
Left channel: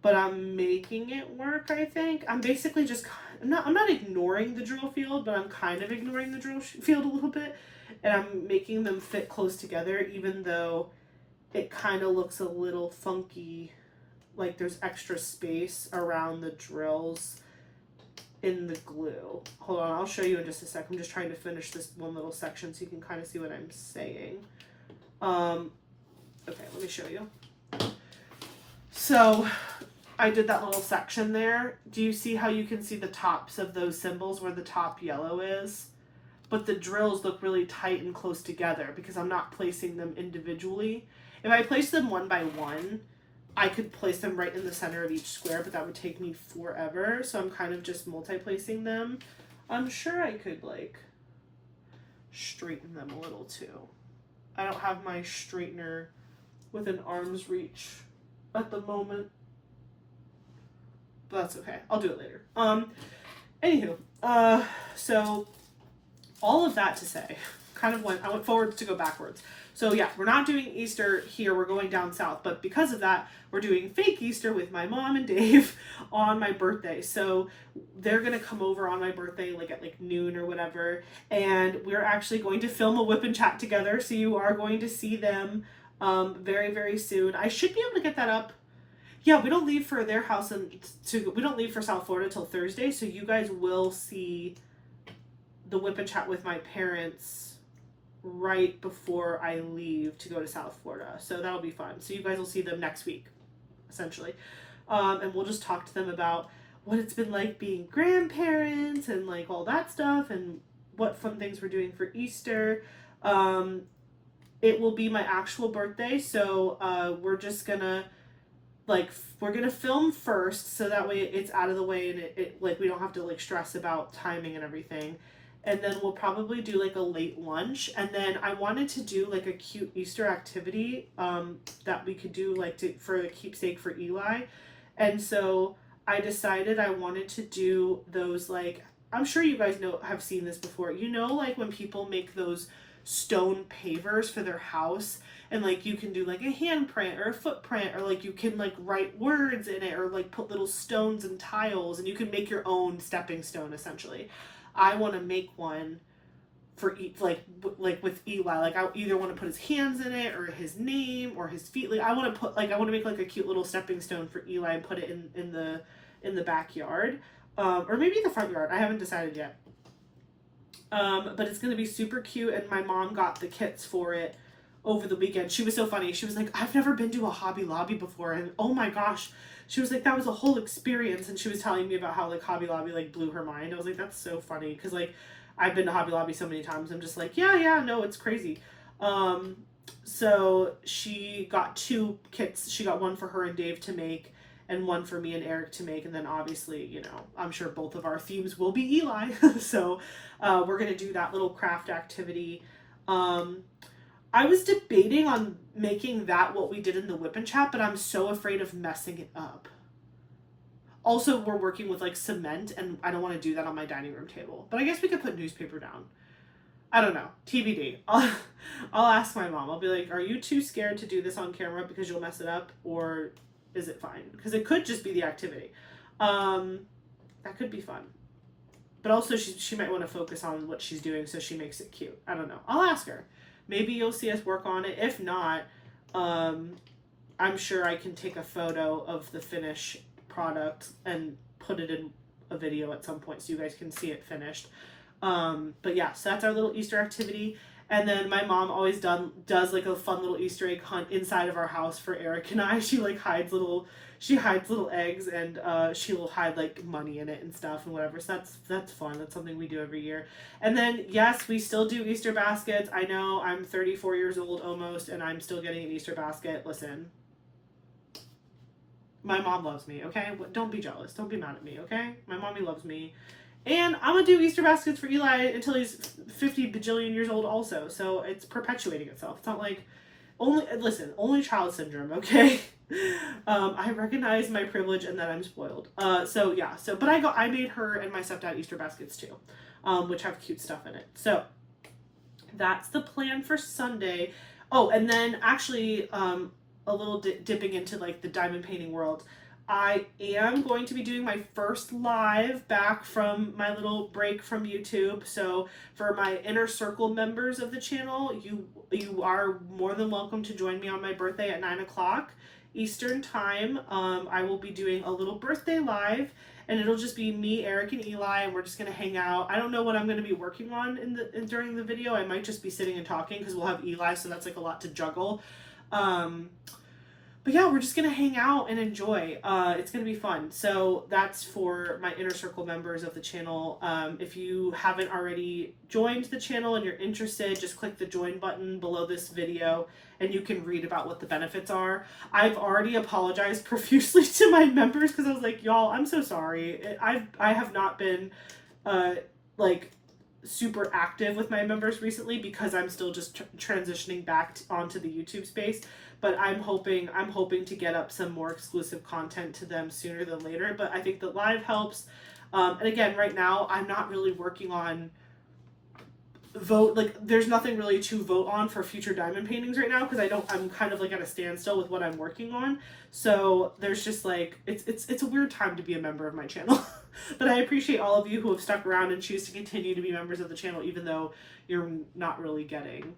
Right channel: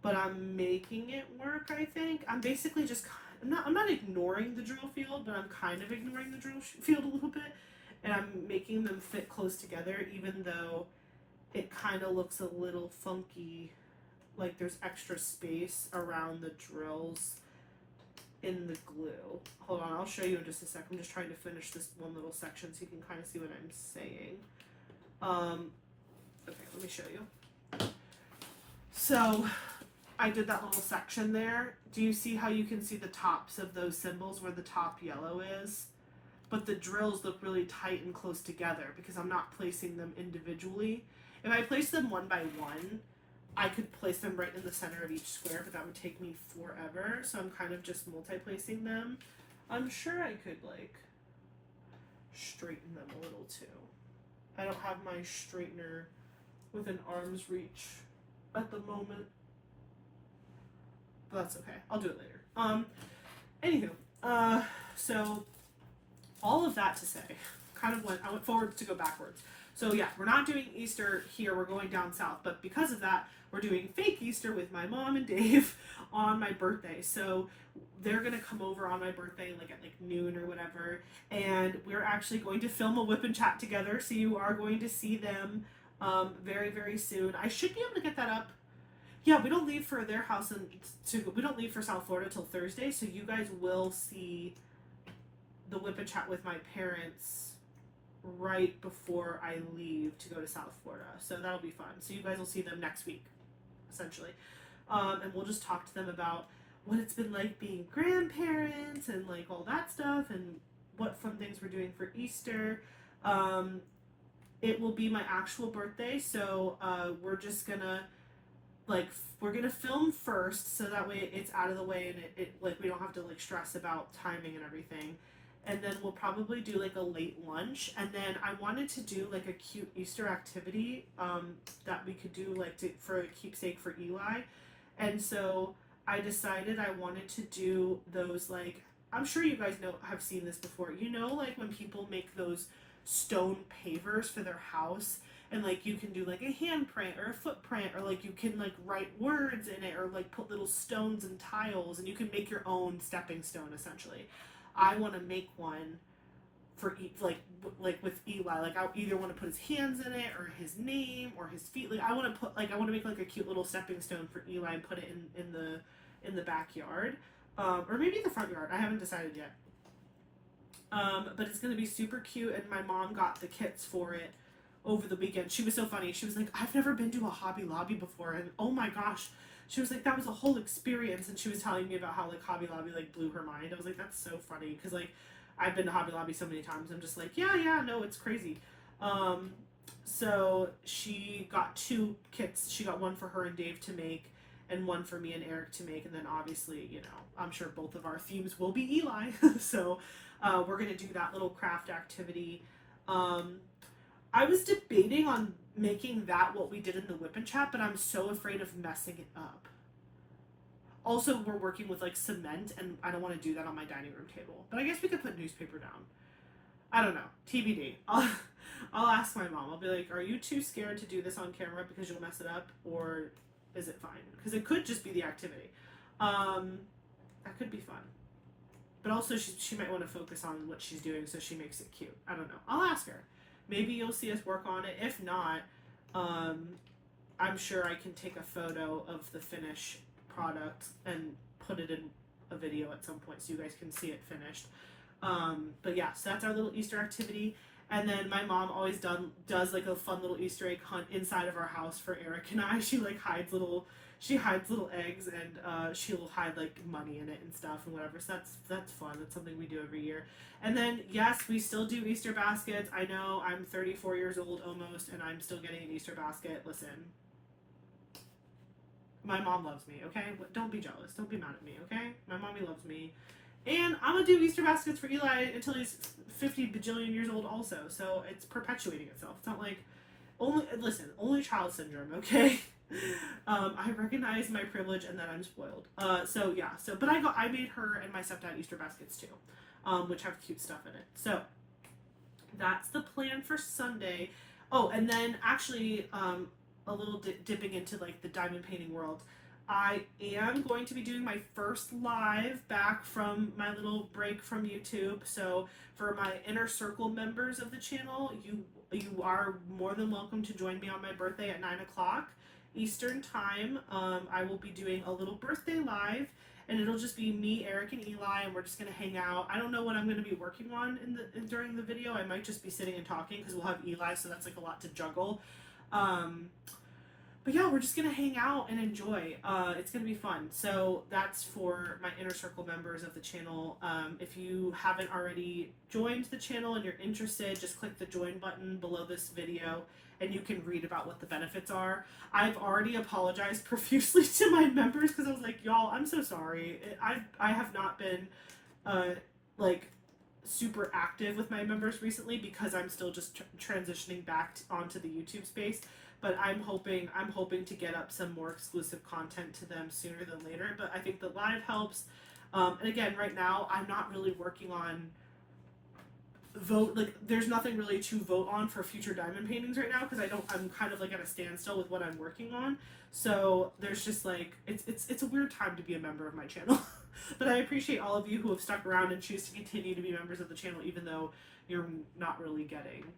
but I'm making it work, I think. I'm basically just, I'm not ignoring the drill field, but I'm kind of ignoring the drill field a little bit. And I'm making them fit close together, even though it kind of looks a little funky. Like there's extra space around the drills in the glue. Hold on, I'll show you in just a sec. I'm just trying to finish this one little section so you can kind of see what I'm saying. Okay, let me show you. So I did that little section there. Do you see how you can see the tops of those symbols where the top yellow is? But the drills look really tight and close together because I'm not placing them individually. If I place them one by one, I could place them right in the center of each square, but that would take me forever. So I'm kind of just multi-placing them. I'm sure I could like straighten them a little too. I don't have my straightener within arm's reach at the moment, but that's okay. I'll do it later. Anywho, so all of that to say, I went forwards to go backwards. So yeah, we're not doing Easter here, we're going down south, but because of that, we're doing fake Easter with my mom and Dave on my birthday. So they're gonna come over on my birthday like at like noon or whatever, and we're actually going to film a whip and chat together, so you are going to see them very, very soon. I should be able to get that up. Yeah, we don't leave for their house we don't leave for South Florida till Thursday, so you guys will see the whip and chat with my parents right before I leave to go to South Florida. So that'll be fun. So you guys will see them next week, essentially. And we'll just talk to them about what it's been like being grandparents and like all that stuff and what fun things we're doing for Easter. It will be my actual birthday, so we're just gonna we're gonna film first so that way it's out of the way and it like we don't have to like stress about timing and everything. And then we'll probably do like a late lunch. And then I wanted to do like a cute Easter activity that we could do like for a keepsake for Eli. And so I decided I wanted to do those like, I'm sure you guys have seen this before. You know, like when people make those stone pavers for their house and like you can do like a handprint or a footprint or like you can like write words in it or like put little stones and tiles and you can make your own stepping stone essentially. I want to make one for like with Eli. Like I either want to put his hands in it or his name or his feet. Like I want to make like a cute little stepping stone for Eli and put it in the backyard, or maybe the front yard. I haven't decided yet. But it's gonna be super cute. And my mom got the kits for it over the weekend. She was so funny. She was like, I've never been to a Hobby Lobby before, and oh my gosh. She was like, that was a whole experience, and she was telling me about how, like, Hobby Lobby, like, blew her mind. I was like, that's so funny, because, like, I've been to Hobby Lobby so many times, I'm just like, yeah, no, it's crazy. So she got 2 kits. She got one for her and Dave to make, and one for me and Eric to make, and then obviously, you know, I'm sure both of our themes will be Eli, so we're going to do that little craft activity. I was debating on making that what we did in the whip and chat, but I'm so afraid of messing it up. Also, we're working with like cement and I don't want to do that on my dining room table. But I guess we could put newspaper down. I don't know. TBD. I'll ask my mom. I'll be like, are you too scared to do this on camera because you'll mess it up? Or is it fine? Because it could just be the activity. That could be fun. But also she might want to focus on what she's doing so she makes it cute. I don't know. I'll ask her. Maybe you'll see us work on it. If not, I'm sure I can take a photo of the finished product and put it in a video at some point so you guys can see it finished. But yeah, so that's our little Easter activity. And then my mom always does like a fun little Easter egg hunt inside of our house for Eric and I. She hides little eggs and she'll hide like money in it and stuff and whatever. So that's fun. That's something we do every year. And then yes, we still do Easter baskets. I know I'm 34 years old almost and I'm still getting an Easter basket. Listen, my mom loves me, okay? Don't be jealous. Don't be mad at me, okay? My mommy loves me. And I'm gonna do Easter baskets for Eli until he's 50 bajillion years old also. So it's perpetuating itself. It's not like only child syndrome, okay? I recognize my privilege and that I'm spoiled. But I made her and my stepdad Easter baskets too, which have cute stuff in it. So that's the plan for Sunday. Oh, and then actually, a little dipping into like the diamond painting world. I am going to be doing my first live back from my little break from YouTube. So for my inner circle members of the channel, you are more than welcome to join me on my birthday at 9 o'clock Eastern time. I will be doing a little birthday live, and it'll just be me, Eric, and Eli, and we're just gonna hang out. I don't know what I'm gonna be working on during the video. I might just be sitting and talking because we'll have Eli, so that's like a lot to juggle. But yeah, we're just gonna hang out and enjoy. It's gonna be fun. So that's for my inner circle members of the channel. If you haven't already joined the channel and you're interested, just click the join button below this video and you can read about what the benefits are. I've already apologized profusely to my members because I was like, y'all, I'm so sorry. I have not been like super active with my members recently because I'm still just transitioning back onto the YouTube space. But I'm hoping to get up some more exclusive content to them sooner than later. But I think the live helps. And again, right now I'm not really working on there's nothing really to vote on for future diamond paintings right now because I'm kind of like at a standstill with what I'm working on. So there's just like it's a weird time to be a member of my channel. But I appreciate all of you who have stuck around and choose to continue to be members of the channel even though you're not really getting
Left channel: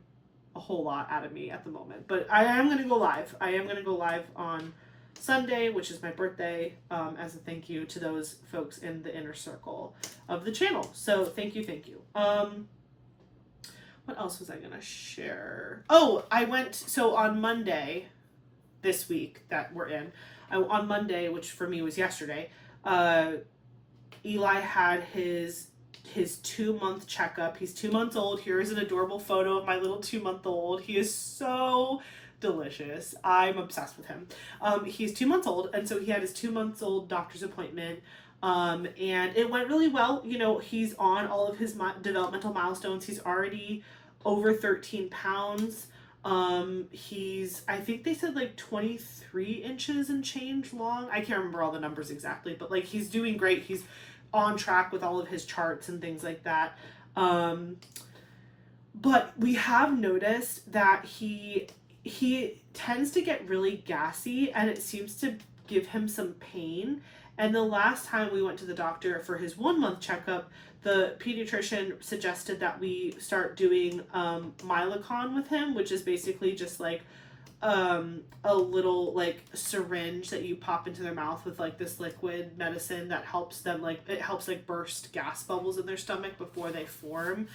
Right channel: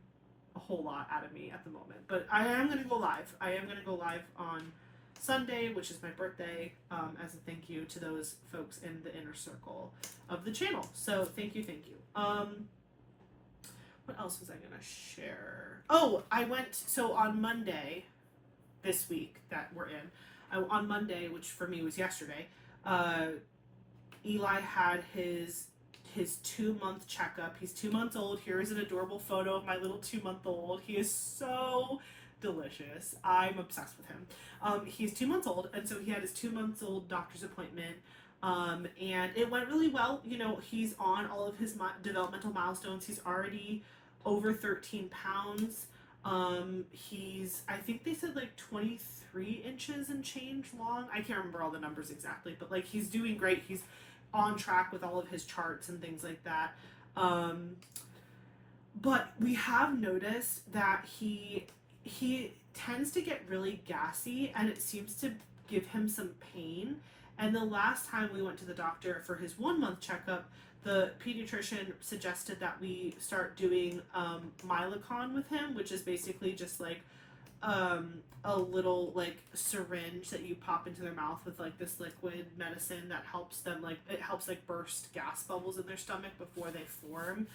a whole lot out of me at the moment. But I am going to go live. I am going to go live on Sunday, which is my birthday, as a thank you to those folks in the inner circle of the channel. So thank you. What else was I going to share? Oh, so on Monday this week that we're in, on Monday, which for me was yesterday, Eli had his 2-month checkup. He's 2 months old. Here is an adorable photo of my little 2-month-old. He is so delicious. I'm obsessed with him. He's 2 months old, and so he had his 2-month-old doctor's appointment. And it went really well. You know, he's on all of his developmental milestones. He's already over 13 pounds. I think they said like 23 inches and change long. I can't remember all the numbers exactly, but like he's doing great. He's on track with all of his charts and things like that. But we have noticed that he tends to get really gassy and it seems to give him some pain. And the last time we went to the doctor for his 1-month checkup, the pediatrician suggested that we start doing Mylicon with him, which is basically just like a little like syringe that you pop into their mouth with like this liquid medicine that helps them burst gas bubbles in their stomach before they form.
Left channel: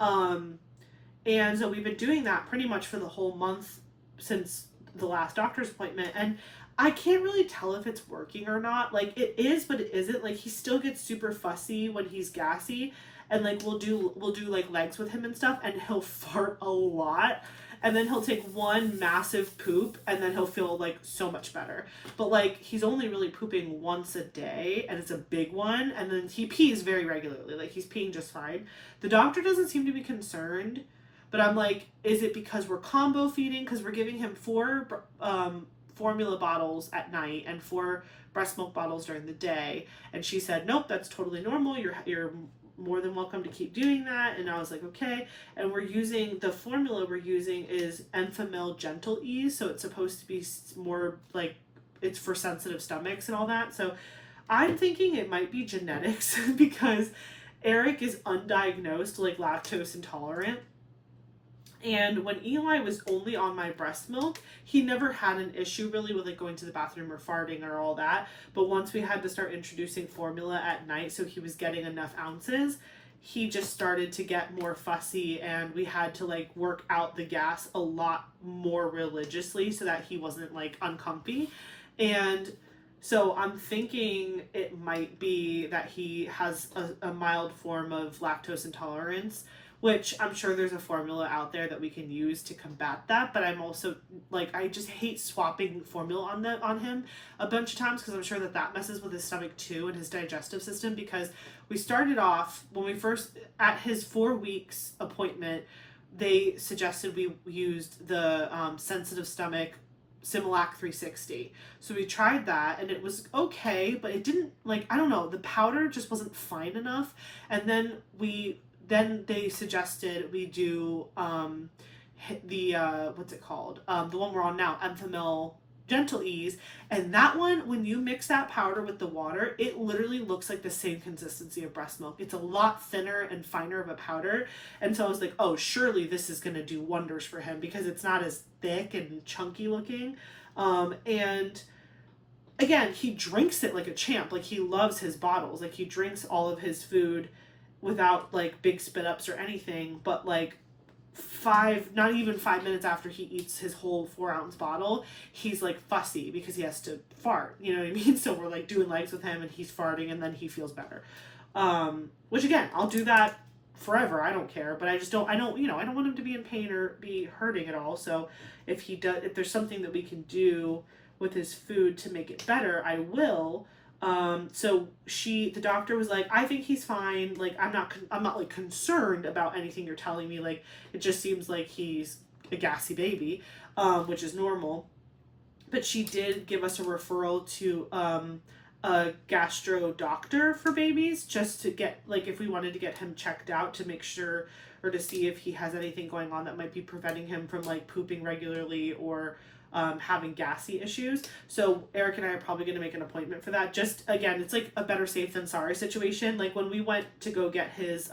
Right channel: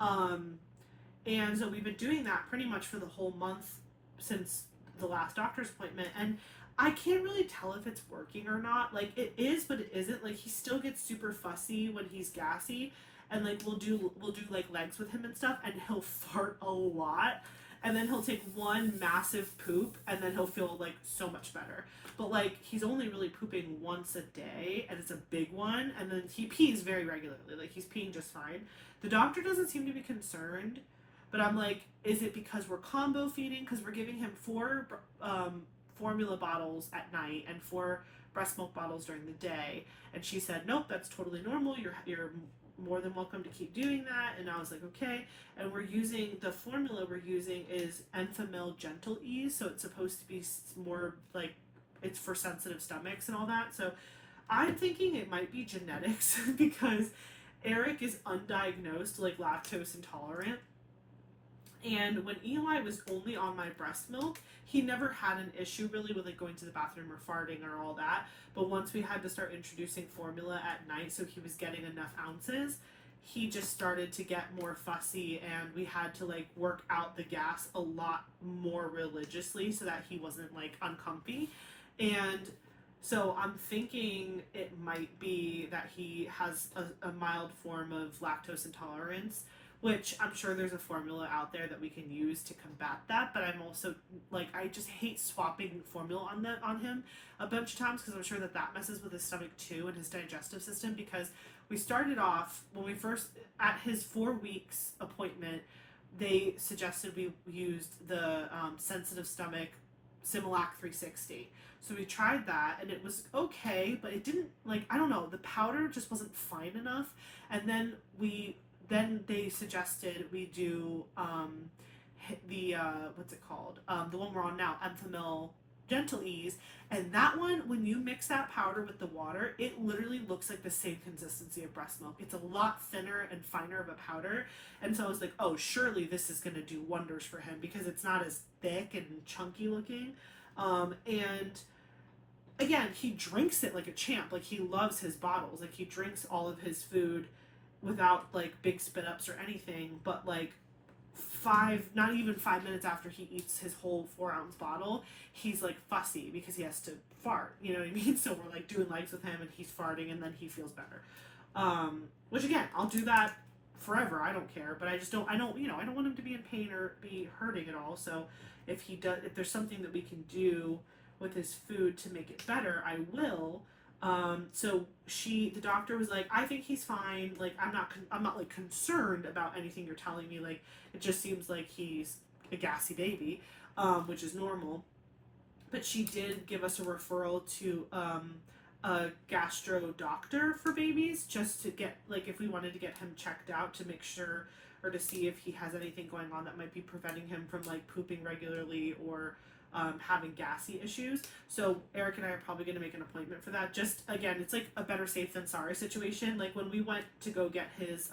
And so we've been doing that pretty much for the whole month since the last doctor's appointment, and I can't really tell if it's working or not. Like it is, but it isn't. Like he still gets super fussy when he's gassy, and like we'll do like legs with him and stuff, and he'll fart a lot, and then he'll take one massive poop, and then he'll feel like so much better. But like he's only really pooping once a day, and it's a big one, and then he pees very regularly. Like he's peeing just fine. The doctor doesn't seem to be concerned, but I'm like, is it because we're combo feeding? Because we're giving him 4 formula bottles at night and 4 breast milk bottles during the day. And she said, nope, that's totally normal. You're more than welcome to keep doing that. And I was like, okay. And the formula we're using is Enfamil Gentle Ease. So it's supposed to be more like, it's for sensitive stomachs and all that. So I'm thinking it might be genetics because Eric is undiagnosed, like lactose intolerant. And when Eli was only on my breast milk, he never had an issue really with like going to the bathroom or farting or all that. But once we had to start introducing formula at night so he was getting enough ounces, he just started to get more fussy, and we had to like work out the gas a lot more religiously so that he wasn't like uncomfy. And so I'm thinking it might be that he has a mild form of lactose intolerance, which I'm sure there's a formula out there that we can use to combat that. But I'm also like, I just hate swapping formula on him a bunch of times, because I'm sure that messes with his stomach too and his digestive system. Because we started off when we first at his 4 weeks appointment, they suggested we used the sensitive stomach Similac 360. So we tried that and it was okay, but it didn't, like, I don't know, the powder just wasn't fine enough. And then they suggested we do the what's it called? The one we're on now, Enfamil Gentle Ease. And that one, when you mix that powder with the water, it literally looks like the same consistency of breast milk. It's a lot thinner and finer of a powder. And so I was like, oh, surely this is going to do wonders for him, because it's not as thick and chunky looking. And again, he drinks it like a champ. Like, he loves his bottles. Like, he drinks all of his food without like big spit ups or anything, but like not even 5 minutes after he eats his whole 4-ounce bottle, he's like fussy because he has to fart, you know what I mean? So we're like doing legs with him and he's farting, and then he feels better. Which again, I'll do that forever. I don't care, but I don't want him to be in pain or be hurting at all. So if there's something that we can do with his food to make it better, I will. So the doctor was like, I think he's fine. Like, I'm not like concerned about anything you're telling me. Like, it just seems like he's a gassy baby, which is normal. But she did give us a referral to, a gastro doctor for babies, just to get, like, if we wanted to get him checked out to make sure, or to see if he has anything going on that might be preventing him from like pooping regularly or having gassy issues. So Eric and I are probably going to make an appointment for that. Just, again, it's like a better safe than sorry situation. Like, when we went to go get his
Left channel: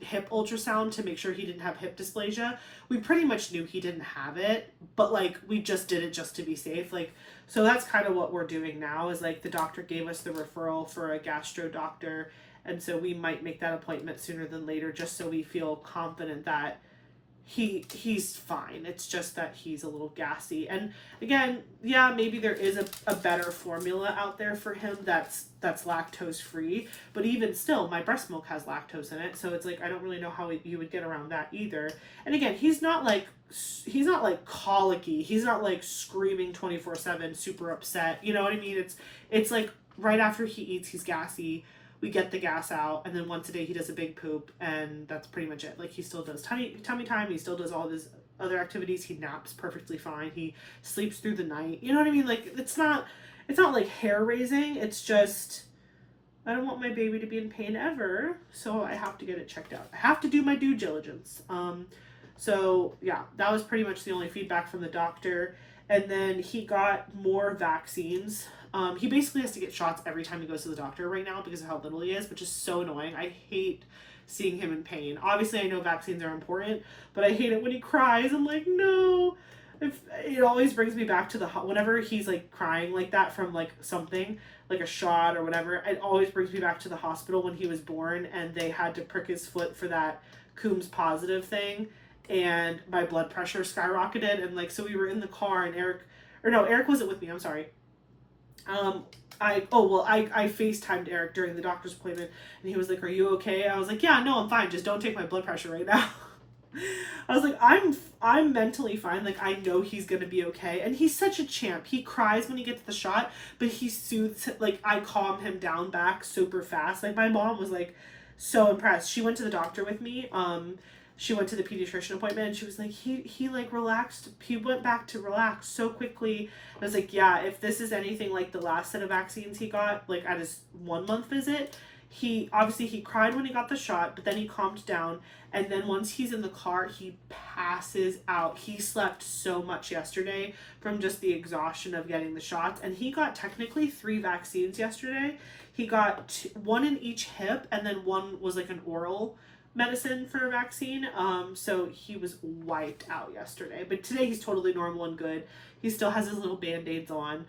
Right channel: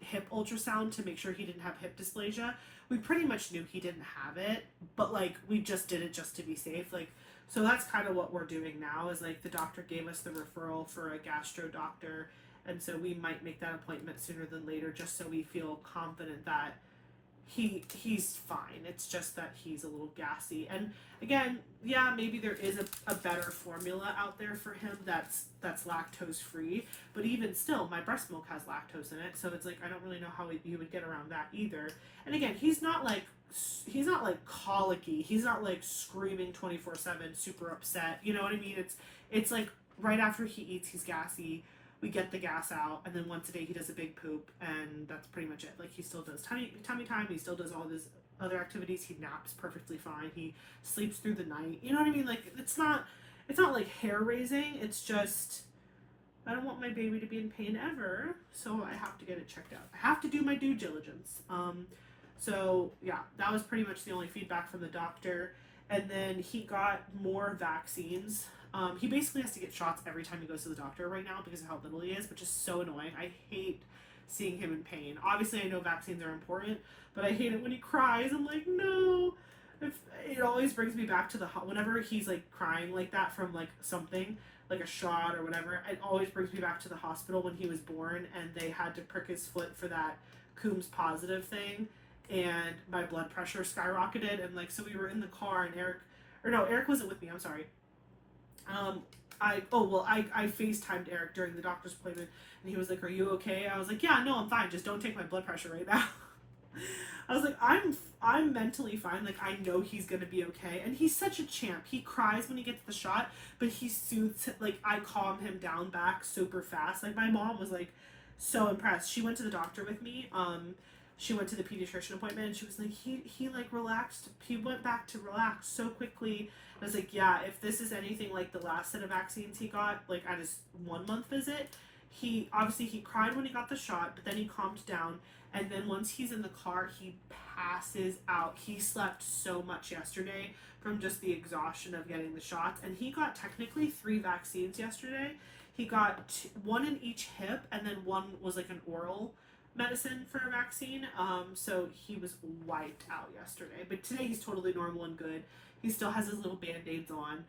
hip ultrasound to make sure he didn't have hip dysplasia, we pretty much knew he didn't have it, but like, we just did it just to be safe. Like, so that's kind of what we're doing now, is like, the doctor gave us the referral for a gastro doctor, and so we might make that appointment sooner than later, just so we feel confident that he's fine. It's just that he's a little gassy. And again, yeah, maybe there is a better formula out there for him that's lactose free, but even still, my breast milk has lactose in it, so it's like, I don't really know how you would get around that either. And again, he's not like colicky, he's not like screaming 24/7, super upset, you know what I mean? It's like right after he eats, he's gassy. We get the gas out, and then once a day he does a big poop, and that's pretty much it. Like, he still does tummy time, he still does all of his other activities, he naps perfectly fine, he sleeps through the night, you know what I mean? Like, it's not like hair raising, it's just, I don't want my baby to be in pain ever, so I have to get it checked out. I have to do my due diligence. So yeah, that was pretty much the only feedback from the doctor. And then he got more vaccines. He basically has to get shots every time he goes to the doctor right now because of how little he is, which is so annoying. I hate seeing him in pain. Obviously, I know vaccines are important, but I hate it when he cries. I'm like, no. It always brings me back to whenever he's like crying like that from like something, like a shot or whatever, it always brings me back to the hospital when he was born and they had to prick his foot for that Coombs positive thing, and my blood pressure skyrocketed. And like, so we were in the car, and Eric wasn't with me, I'm sorry. I FaceTimed Eric during the doctor's appointment, and he was like, are you okay? I was like, yeah, no, I'm fine, just don't take my blood pressure right now. I was like, I'm mentally fine, like, I know he's gonna be okay. And he's such a champ. He cries when he gets the shot, but he soothes, like, I calm him down back super fast. Like, my mom was like so impressed. She went to the doctor with me. She went to the pediatrician appointment, and she was like, he like relaxed. He went back to relax so quickly. And I was like, yeah, if this is anything like the last set of vaccines he got, like at his 1 month visit, he cried when he got the shot, but then he calmed down. And then once he's in the car, he passes out. He slept so much yesterday from just the exhaustion of getting the shots. And he got technically 3 vaccines yesterday. He got 1 in each hip, and then 1 was like an oral medicine for a vaccine. So he was wiped out yesterday, but today he's totally normal and good. He still has his little band-aids on.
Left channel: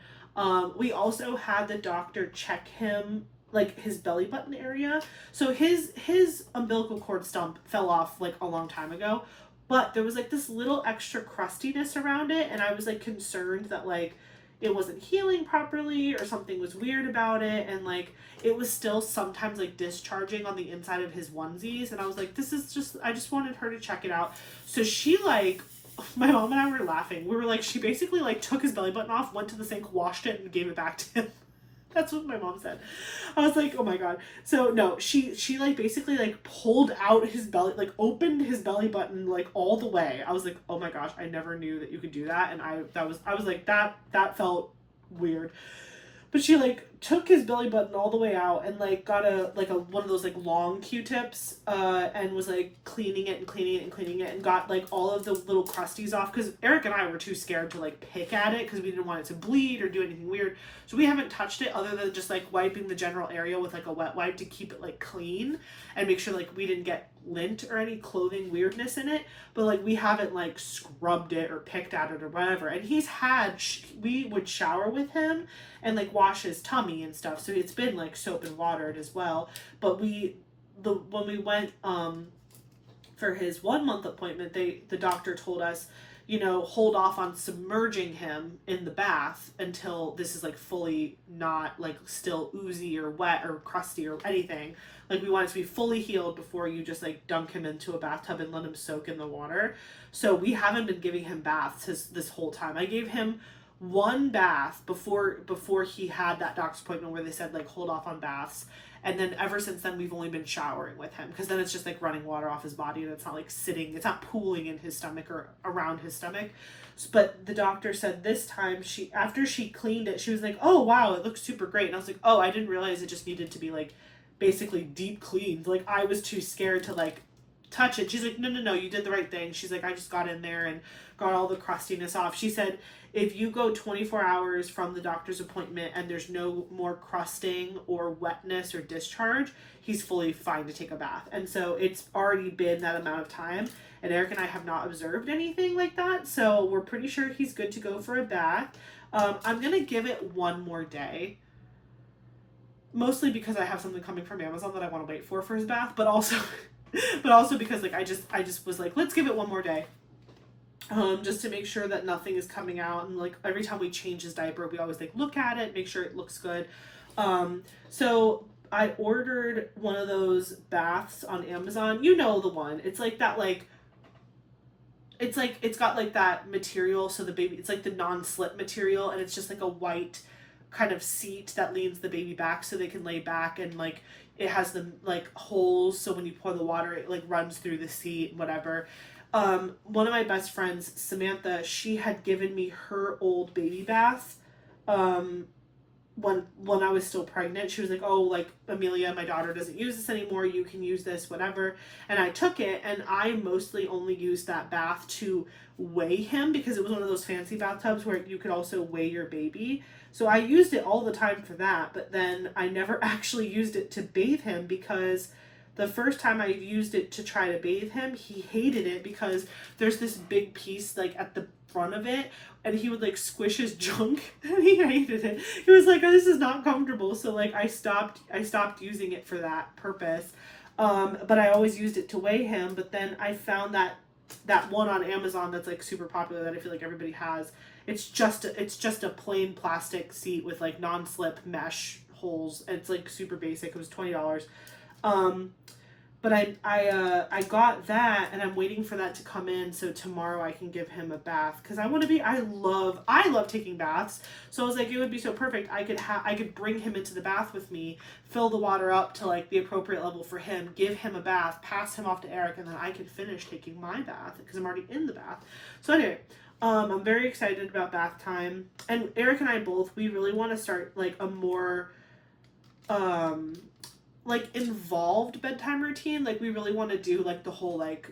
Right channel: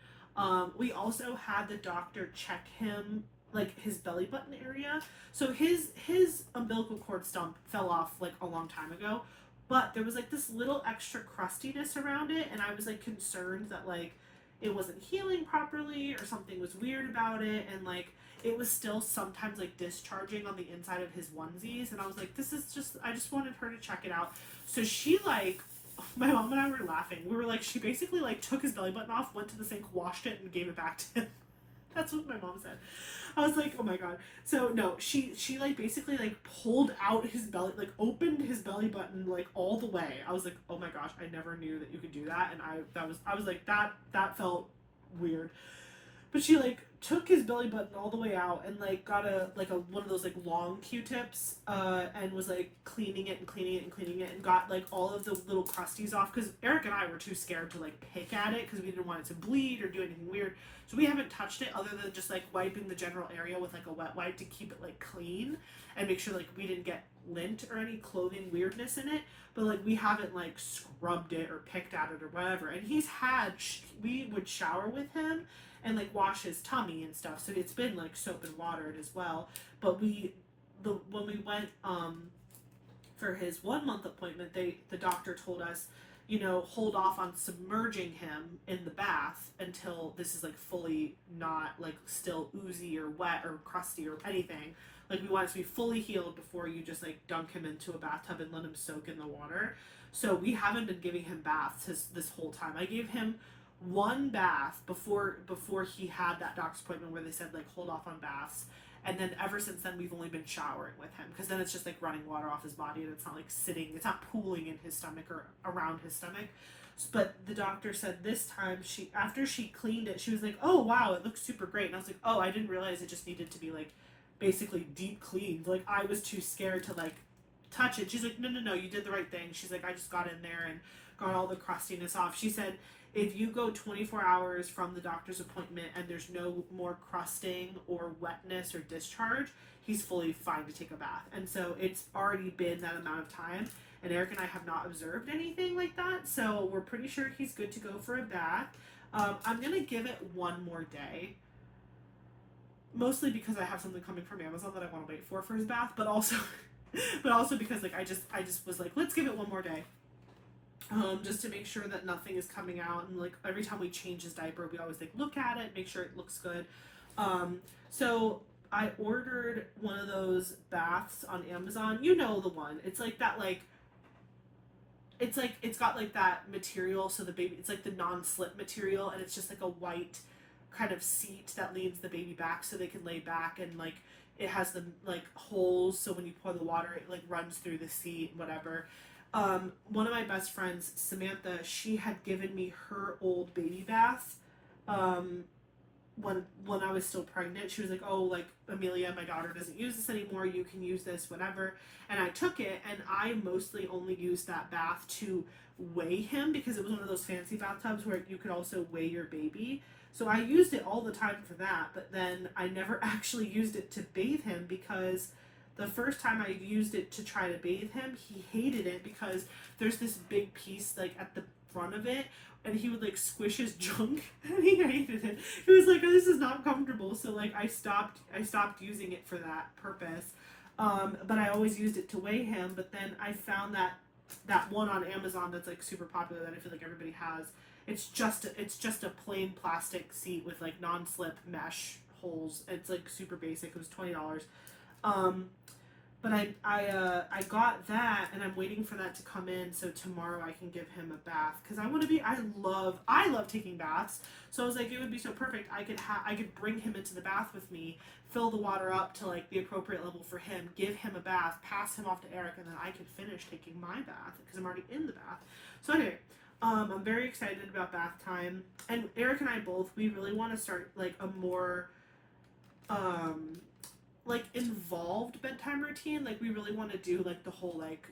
We also had the doctor check him, like his belly button area. So his umbilical cord stump fell off like a long time ago, but there was like this little extra crustiness around it, and I was like concerned that like it wasn't healing properly or something was weird about it, and like it was still sometimes like discharging on the inside of his onesies, and I was like, this is just, I just wanted her to check it out. So she like, my mom and I were laughing. We were like, she basically like took his belly button off, went to the sink, washed it, and gave it back to him. That's what my mom said. I was like, oh my god. So no, she like basically like pulled out his belly, like opened his belly button like all the way. I was like, oh my gosh, I never knew that you could do that. And I was like, that felt weird. But she like took his belly button all the way out and like got a one of those like long Q-tips and was like cleaning it and cleaning it and cleaning it, and got like all of the little crusties off, because Eric and I were too scared to like pick at it because we didn't want it to bleed or do anything weird. So we haven't touched it other than just like wiping the general area with like a wet wipe to keep it like clean and make sure like we didn't get lint or any clothing weirdness in it. But like we haven't like scrubbed it or picked at it or whatever. And he's had we would shower with him and like wash his tummy and stuff, so it's been like soap and watered as well. But when we went for his 1 month appointment, the doctor told us, you know, hold off on submerging him in the bath until this is like fully not like still oozy or wet or crusty or anything. Like we want it to be fully healed before you just like dunk him into a bathtub and let him soak in the water. So we haven't been giving him baths this whole time. I gave him one bath before he had that doctor's appointment where they said like hold off on baths, and then ever since then we've only been showering with him, because then it's just like running water off his body and it's not like it's not pooling in his stomach or around his stomach. But the doctor said this time, after she cleaned it, she was like, oh wow, it looks super great. And I was like, oh, I didn't realize it just needed to be like basically deep cleaned. Like I was too scared to like touch it. She's like, no, you did the right thing. She's like, I just got in there and got all the crustiness off. She said if you go 24 hours from the doctor's appointment and there's no more crusting or wetness or discharge, he's fully fine to take a bath. And so it's already been that amount of time, and Eric and I have not observed anything like that, so we're pretty sure he's good to go for a bath. I'm gonna give it one more day, mostly because I have something coming from Amazon that I want to wait for his bath, but also because like I just was like, let's give it one more day. Just to make sure that nothing is coming out, and like every time we change his diaper, we always like look at it, make sure it looks good. So I ordered one of those baths on Amazon. You know the one. It's like that it's got like that material, so the baby, it's like the non-slip material, and it's just like a white kind of seat that leans the baby back so they can lay back, and like it has the like holes so when you pour the water it like runs through the seat, whatever. One of my best friends, Samantha, she had given me her old baby bath when I was still pregnant. She was like, oh, like, Amelia, my daughter doesn't use this anymore, you can use this, whatever. And I took it, and I mostly only used that bath to weigh him, because it was one of those fancy bathtubs where you could also weigh your baby. So I used it all the time for that, but then I never actually used it to bathe him, because the first time I used it to try to bathe him, he hated it because there's this big piece like at the front of it, and he would like squish his junk and he hated it. He was like, oh, this is not comfortable. So like I stopped using it for that purpose. But I always used it to weigh him. But then I found that one on Amazon that's like super popular that I feel like everybody has. It's just a plain plastic seat with like non-slip mesh holes. It's like super basic. It was $20. But I got that, and I'm waiting for that to come in so tomorrow I can give him a bath, because I love taking baths. So I was like, it would be so perfect. I could bring him into the bath with me, fill the water up to like the appropriate level for him, give him a bath, pass him off to Eric, and then I could finish taking my bath because I'm already in the bath. So anyway, I'm very excited about bath time, and Eric and I both, we really want to start like a more like involved bedtime routine. Like we really want to do like the whole like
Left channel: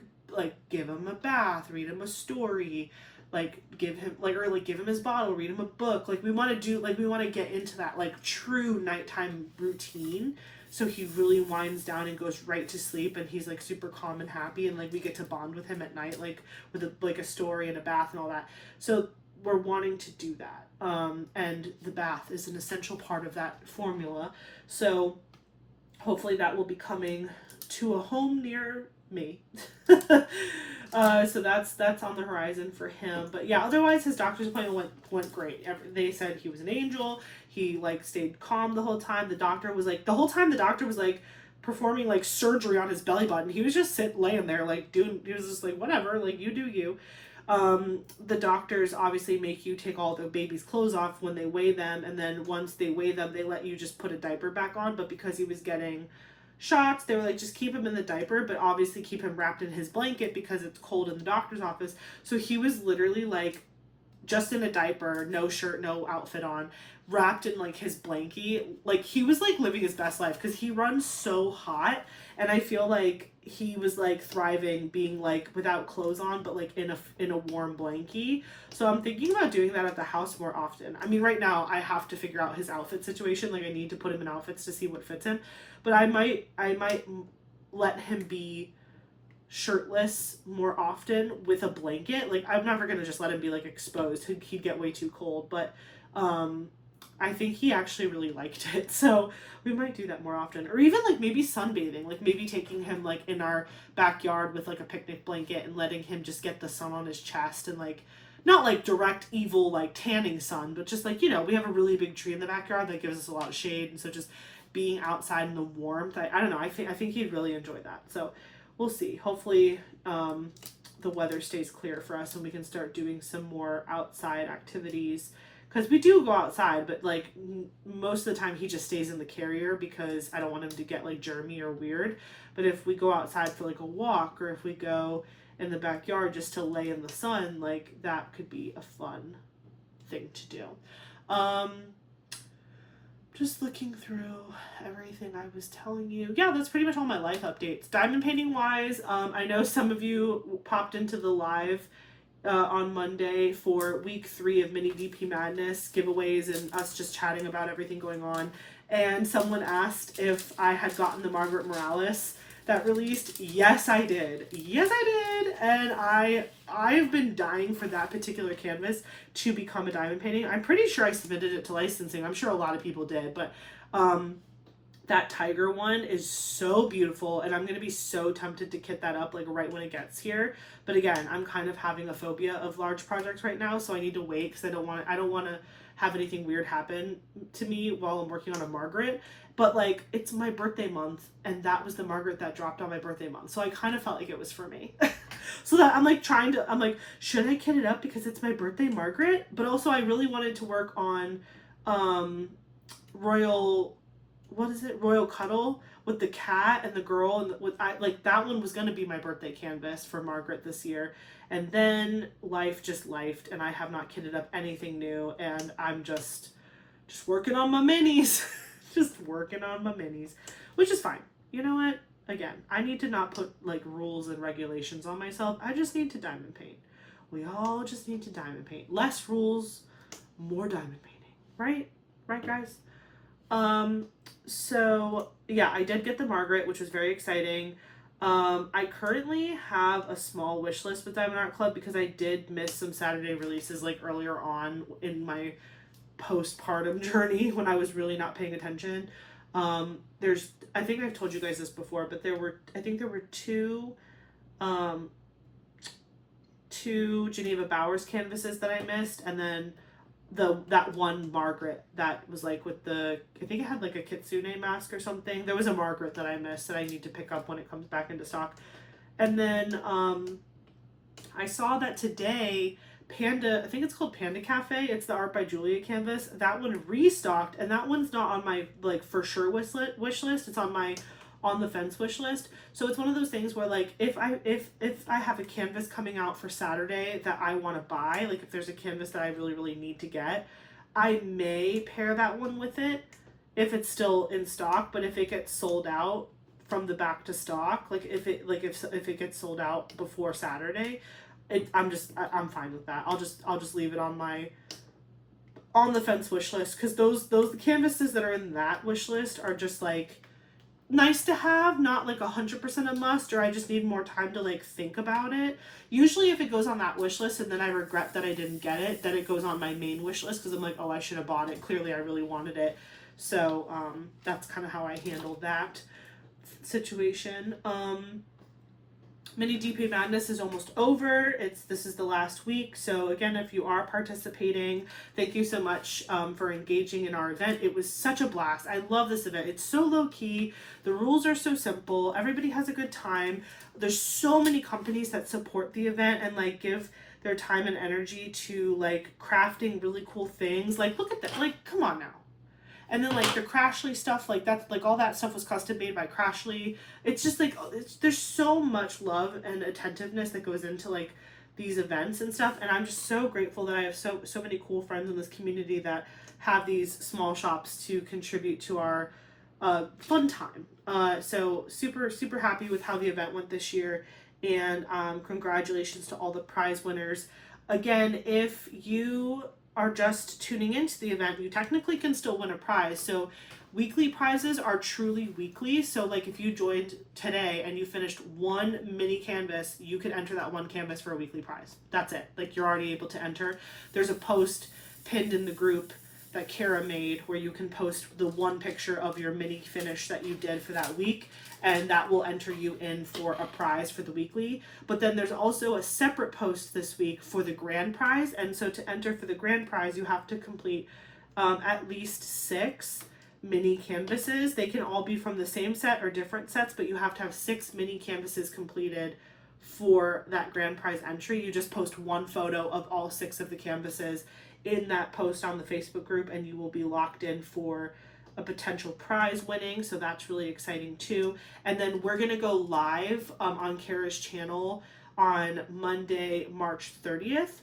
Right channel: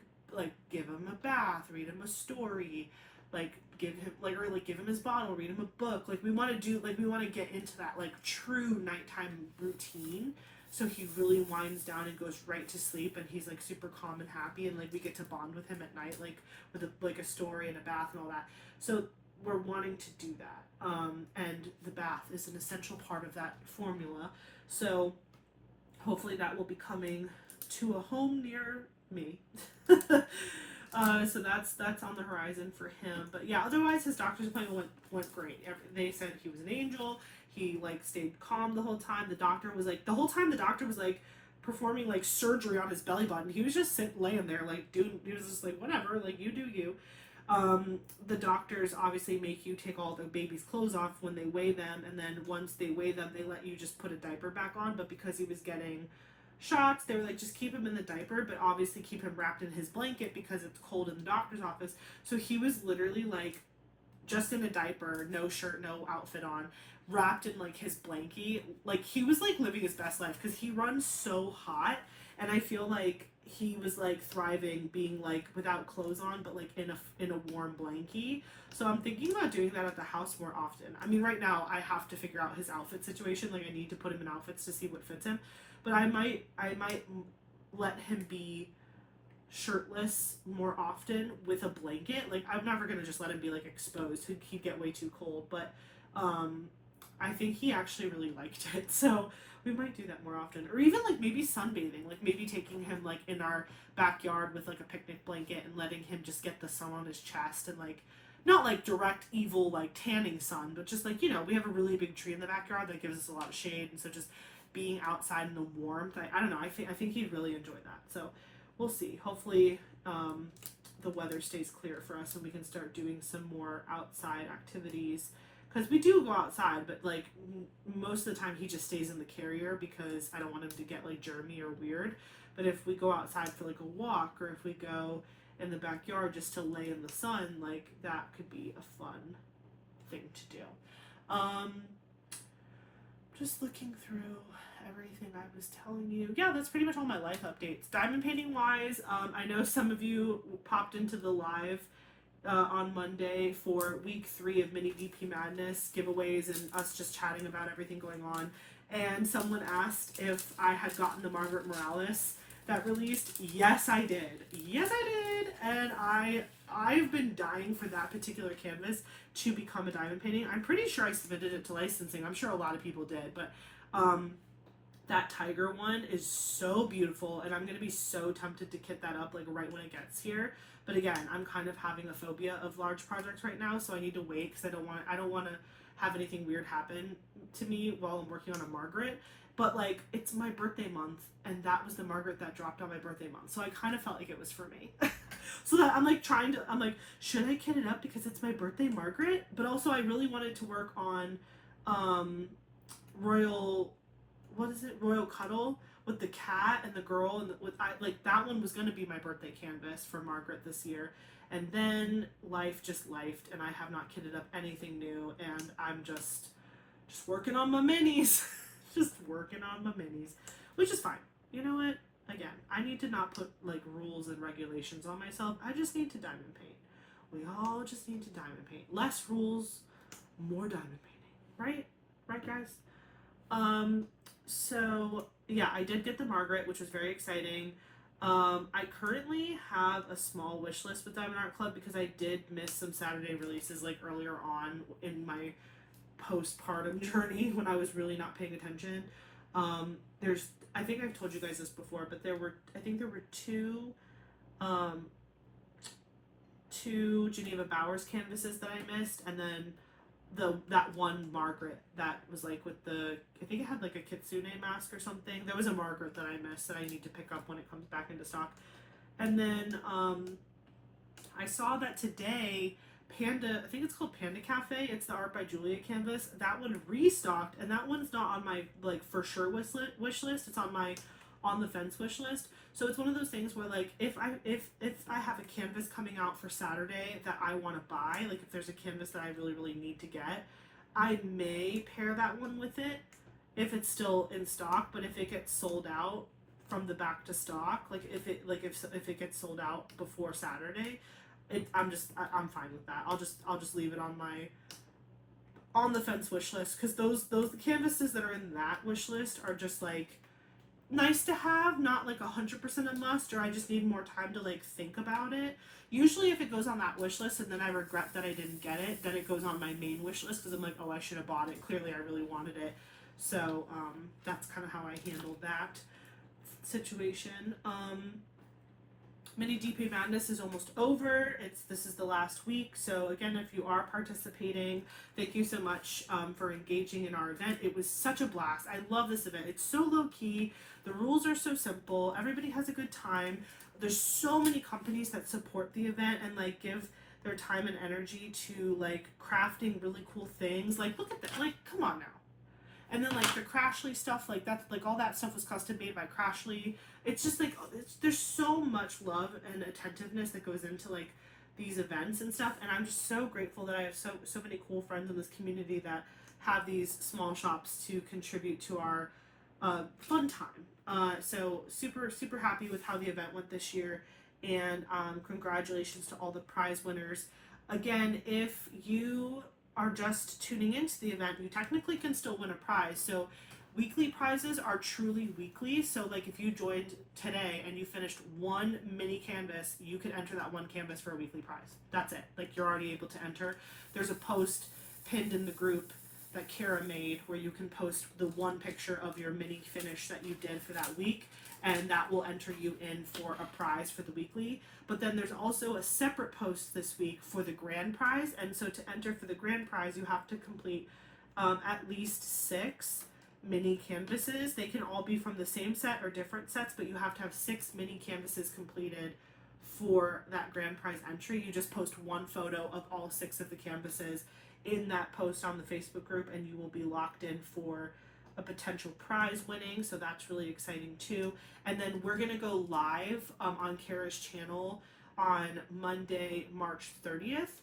give him a bath, read him a story, like give him his bottle, read him a book. Like we want to get into that like true nighttime routine, so he really winds down and goes right to sleep, and he's like super calm and happy, and like we get to bond with him at night, like with a story and a bath and all that. So we're wanting to do that, and the bath is an essential part of that formula. So hopefully that will be coming to a home near me. So that's on the horizon for him. But yeah, otherwise his doctor's appointment went great. They said he was an angel. He like stayed calm the whole time. The doctor was like the whole time the doctor was like performing like surgery on his belly button. He was just laying there like doing. He was just like whatever, like you do you. The doctors obviously make you take all the baby's clothes off when they weigh them, and then once they weigh them, they let you just put a diaper back on. But because he was getting shots, they were like, just keep him in the diaper, but obviously keep him wrapped in his blanket because it's cold in the doctor's office. So he was literally like just in a diaper, no shirt, no outfit on, wrapped in like his blankie. Like he was like living his best life because he runs so hot, and I feel like he was like thriving being like without clothes on but like in a warm blankie. So I'm thinking about doing that at the house more often. I mean, right now I have to figure out his outfit situation. Like I need to put him in outfits to see what fits him, but I might let him be shirtless more often with a blanket. Like I'm never gonna just let him be like exposed. He'd get way too cold. But I think he actually really liked it. So we might do that more often. Or even like maybe sunbathing. Like maybe taking him like in our backyard with like a picnic blanket and letting him just get the sun on his chest and like not like direct evil like tanning sun, but just like, you know, we have a really big tree in the backyard that gives us a lot of shade, and so just being outside in the warmth, I don't know, I think he'd really enjoy that. So we'll see. Hopefully the weather stays clear for us and we can start doing some more outside activities, because we do go outside, but like most of the time he just stays in the carrier because I don't want him to get like germy or weird. But if we go outside for like a walk, or if we go in the backyard just to lay in the sun, like that could be a fun thing to do. Just looking through everything I was telling you. Yeah, that's pretty much all my life updates. Diamond painting wise, I know some of you popped into the live on Monday for week 3 of Mini VP Madness giveaways and us just chatting about everything going on. And someone asked if I had gotten the Margaret Morales that released. Yes, I did. Yes, I did. And I've been dying for that particular canvas to become a diamond painting. I'm pretty sure I submitted it to licensing. I'm sure a lot of people did, but that tiger one is so beautiful, and I'm gonna be so tempted to kit that up like right when it gets here. But again, I'm kind of having a phobia of large projects right now, so I need to wait because I don't want to have anything weird happen to me while I'm working on a Margaret. But like, it's my birthday month, and that was the Margaret that dropped on my birthday month, so I kind of felt like it was for me. So that I'm like I'm like, should I kit it up because it's my birthday Margaret? But also I really wanted to work on Royal, what is it, Royal Cuddle with the cat and the girl, and like that one was going to be my birthday canvas for Margaret this year. And then life just lifed, and I have not kitted up anything new, and I'm just working on my minis. Just working on my minis, which is fine. You know what? Again, I need to not put like rules and regulations on myself. I just need to diamond paint. We all just need to diamond paint. Less rules, more diamond painting. Right? Right, guys? So yeah, I did get the Margaret, which was very exciting. I currently have a small wish list with Diamond Art Club because I did miss some Saturday releases like earlier on in my postpartum journey when I was really not paying attention. I think I've told you guys this before, but there were two Geneva Bowers canvases that I missed, and then that one Margaret that was like with the, I think it had like a kitsune mask or something. There was a Margaret that I missed that I need to pick up when it comes back into stock. And then I saw that today Panda, I think it's called Panda Cafe, it's the Art by Julia canvas, that one restocked, and that one's not on my like for sure wish list. It's on my on the fence wish list. So it's one of those things where like if I have a canvas coming out for Saturday that I want to buy, like if there's a canvas that I really need to get, I may pair that one with it if it's still in stock. But if it gets sold out from the back to stock, like if it gets sold out before Saturday, I'm fine with that. I'll just leave it on my on the fence wish list, because those canvases that are in that wish list are just like nice to have, not like 100% a must, or I just need more time to like think about it. Usually if it goes on that wish list and then I regret that I didn't get it, then it goes on my main wish list because I'm like, oh, I should have bought it. Clearly I really wanted it. So that's kind of how I handled that situation. Mini DP Madness is almost over. This is the last week. So again, if you are participating, thank you so much for engaging in our event. It was such a blast. I love this event. It's so low key. The rules are so simple. Everybody has a good time. There's so many companies that support the event and like give their time and energy to like crafting really cool things. Like look at that. Like come on now. And then like the Crashly stuff, like that's like all that stuff was custom made by Crashly. It's just like there's so much love and attentiveness that goes into like these events and stuff. And I'm just so grateful that I have so many cool friends in this community that have these small shops to contribute to our fun time. So super happy with how the event went this year, and congratulations to all the prize winners. Again, if you are just tuning into the event, you technically can still win a prize. So weekly prizes are truly weekly. So like if you joined today and you finished one mini canvas, you can enter that one canvas for a weekly prize. That's it. Like you're already able to enter. There's a post pinned in the group that Kara made where you can post the one picture of your mini finish that you did for that week, and that will enter you in for a prize for the weekly. But then there's also a separate post this week for the grand prize, and so to enter for the grand prize you have to complete at least 6 mini canvases. They can all be from the same set or different sets, but you have to have 6 mini canvases completed for that grand prize entry. You just post one photo of all 6 of the canvases in that post on the Facebook group, and you will be locked in for a potential prize winning. So that's really exciting too. And then we're gonna go live on Kara's channel on Monday, March 30th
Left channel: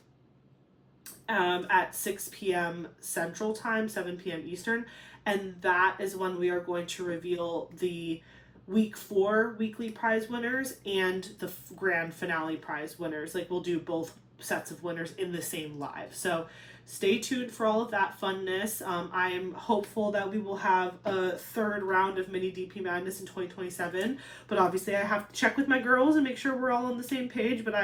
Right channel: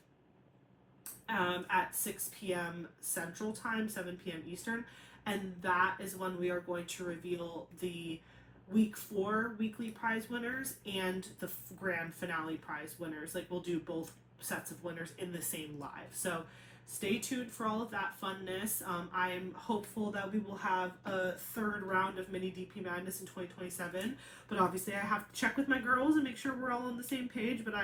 at 6 p.m. Central Time, 7 p.m. Eastern. And that is when we are going to reveal the week 4 weekly prize winners and the grand finale prize winners. Like we'll do both sets of winners in the same live. So stay tuned for all of that funness. I am hopeful that we will have a 3rd round of Mini DP Madness in 2027, but obviously I have to check with my girls and make sure we're all on the same page. But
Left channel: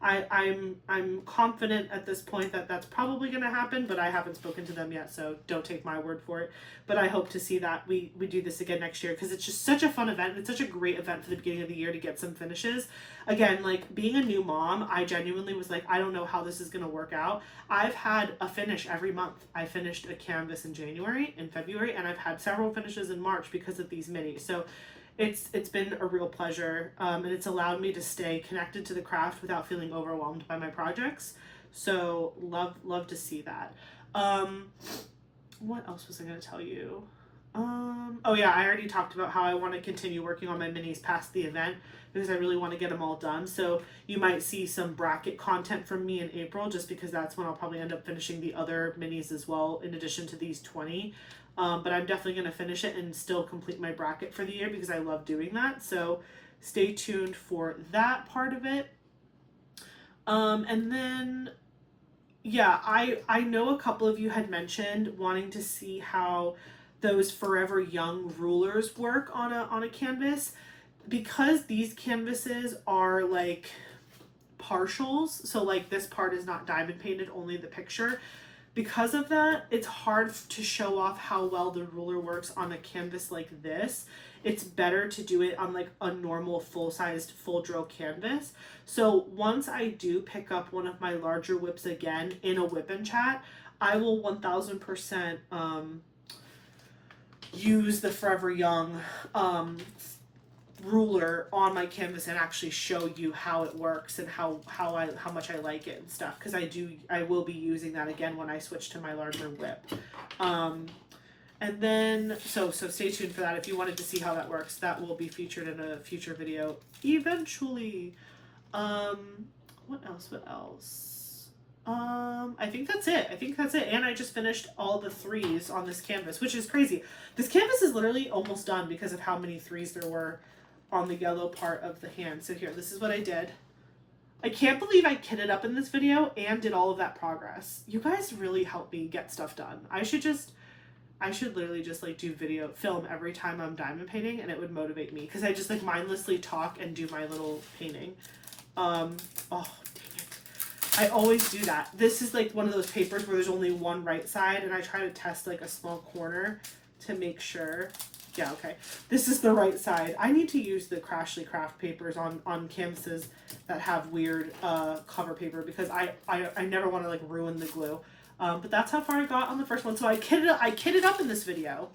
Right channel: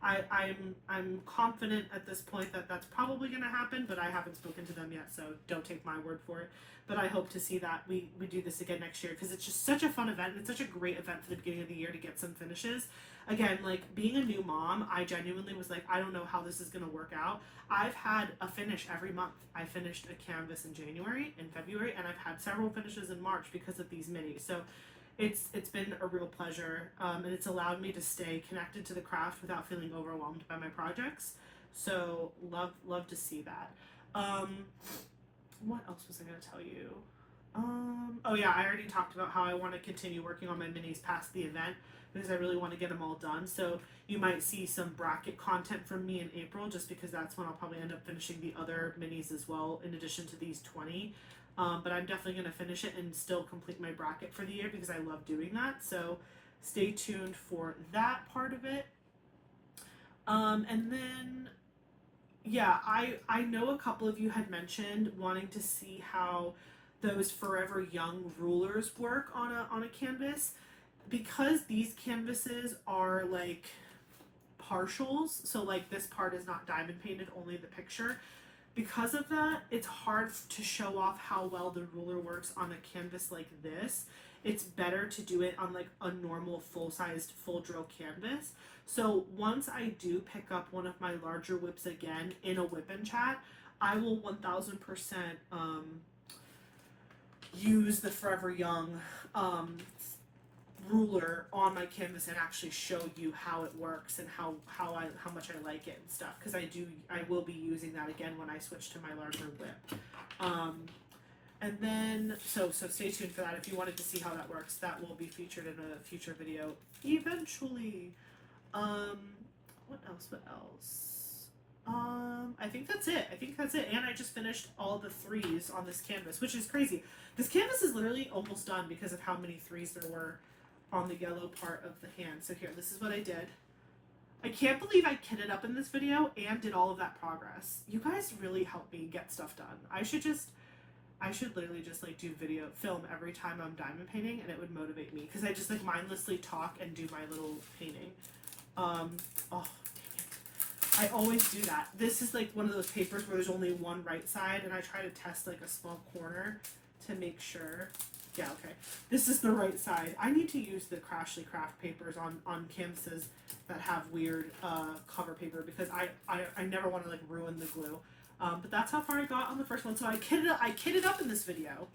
I'm confident at this point that that's probably going to happen, but I haven't spoken to them yet, so don't take my word for it. But I hope to see that we do this again next year, because it's just such a fun event. It's such a great event for the beginning of the year to get some finishes. Again, like being a new mom, I genuinely was like, I don't know how this is going to work out. I've had a finish every month. I finished a canvas in January, in February, and I've had several finishes in March because of these minis. So it's been a real pleasure, and it's allowed me to stay connected to the craft without feeling overwhelmed by my projects. So love to see that. What else was I going to tell you? Oh yeah, I already talked about how I want to continue working on my minis past the event, because I really want to get them all done. So you might see some bracket content from me in April, just because that's when I'll probably end up finishing the other minis as well, in addition to these 20. But I'm definitely going to finish it and still complete my bracket for the year, because I love doing that. So stay tuned for that part of it. And then, yeah, I know a couple of you had mentioned wanting to see how those Forever Young rulers work on a canvas. Because these canvases are like partials, so like this part is not diamond painted, only the picture. Because of that, it's hard to show off how well the ruler works on a canvas like this. It's better to do it on like a normal full-sized full drill canvas. So once I do pick up one of my larger whips again in a whip and chat, I will 1000% use the Forever Young ruler on my canvas and actually show you how it works and how much I like it and stuff, because I will be using that again when I switch to my larger whip. And then so stay tuned for that. If you wanted to see how that works, that will be featured in a future video eventually. What else? I think that's it. And I just finished all the 3s on this canvas, which is crazy. This canvas is literally almost done because of how many 3s there were on the yellow part of the hand. So here, this is what I did. I can't believe I kitted up in this video and did all of that progress. You guys really helped me get stuff done. I should literally just like do film every time I'm diamond painting, and it would motivate me, because I just like mindlessly talk and do my little painting. Oh, dang it. I always do that. This is like one of those papers where there's only one right side, and I try to test like a small corner to make sure Yeah, okay. This is the right side. I need to use the Crashly craft papers on canvases that have weird cover paper because I never want to like ruin the glue. But that's how far I got on the first one. So I kitted up in this video,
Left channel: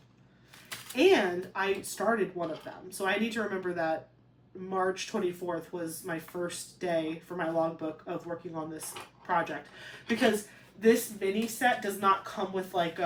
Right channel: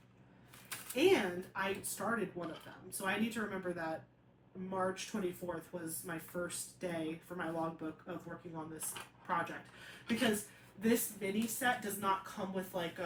and I started one of them. So I need to remember that March 24th was my first day for my logbook of working on this project, because this mini set does not come with like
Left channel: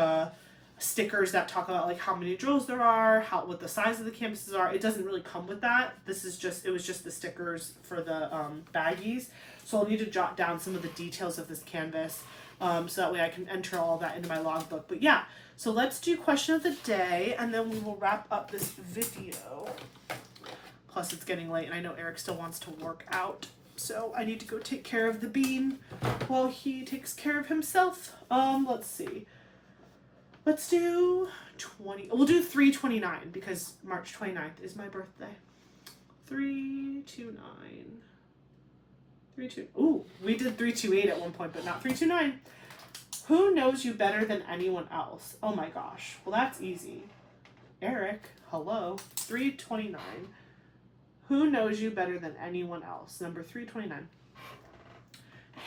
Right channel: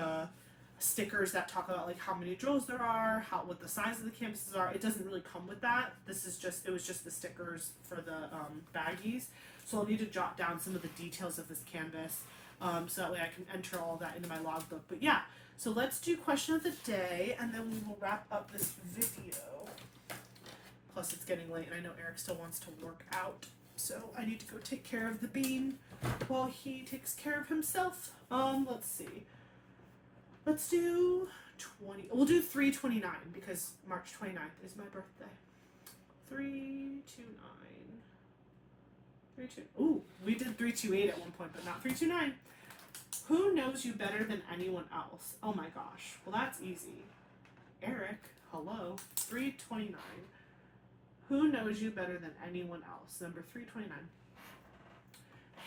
stickers that talk about like how many drills there are, what the size of the canvases are. It doesn't really come with that. It was just the stickers for the baggies. So I'll need to jot down some of the details of this canvas, so that way I can enter all that into my logbook. But yeah, so let's do question of the day, and then we will wrap up this video. Plus it's getting late, and I know Eric still wants to work out, so I need to go take care of the bean while he takes care of himself. Let's see. Let's do 20. We'll do 3/29 because March 29th is my birthday. 3/29. 3/2. Ooh, we did 3/28 at one point, but not 3/29. Who knows you better than anyone else? Oh my gosh. Well, that's easy. Eric, hello. 3/29. Who knows you better than anyone else? Number 3/29.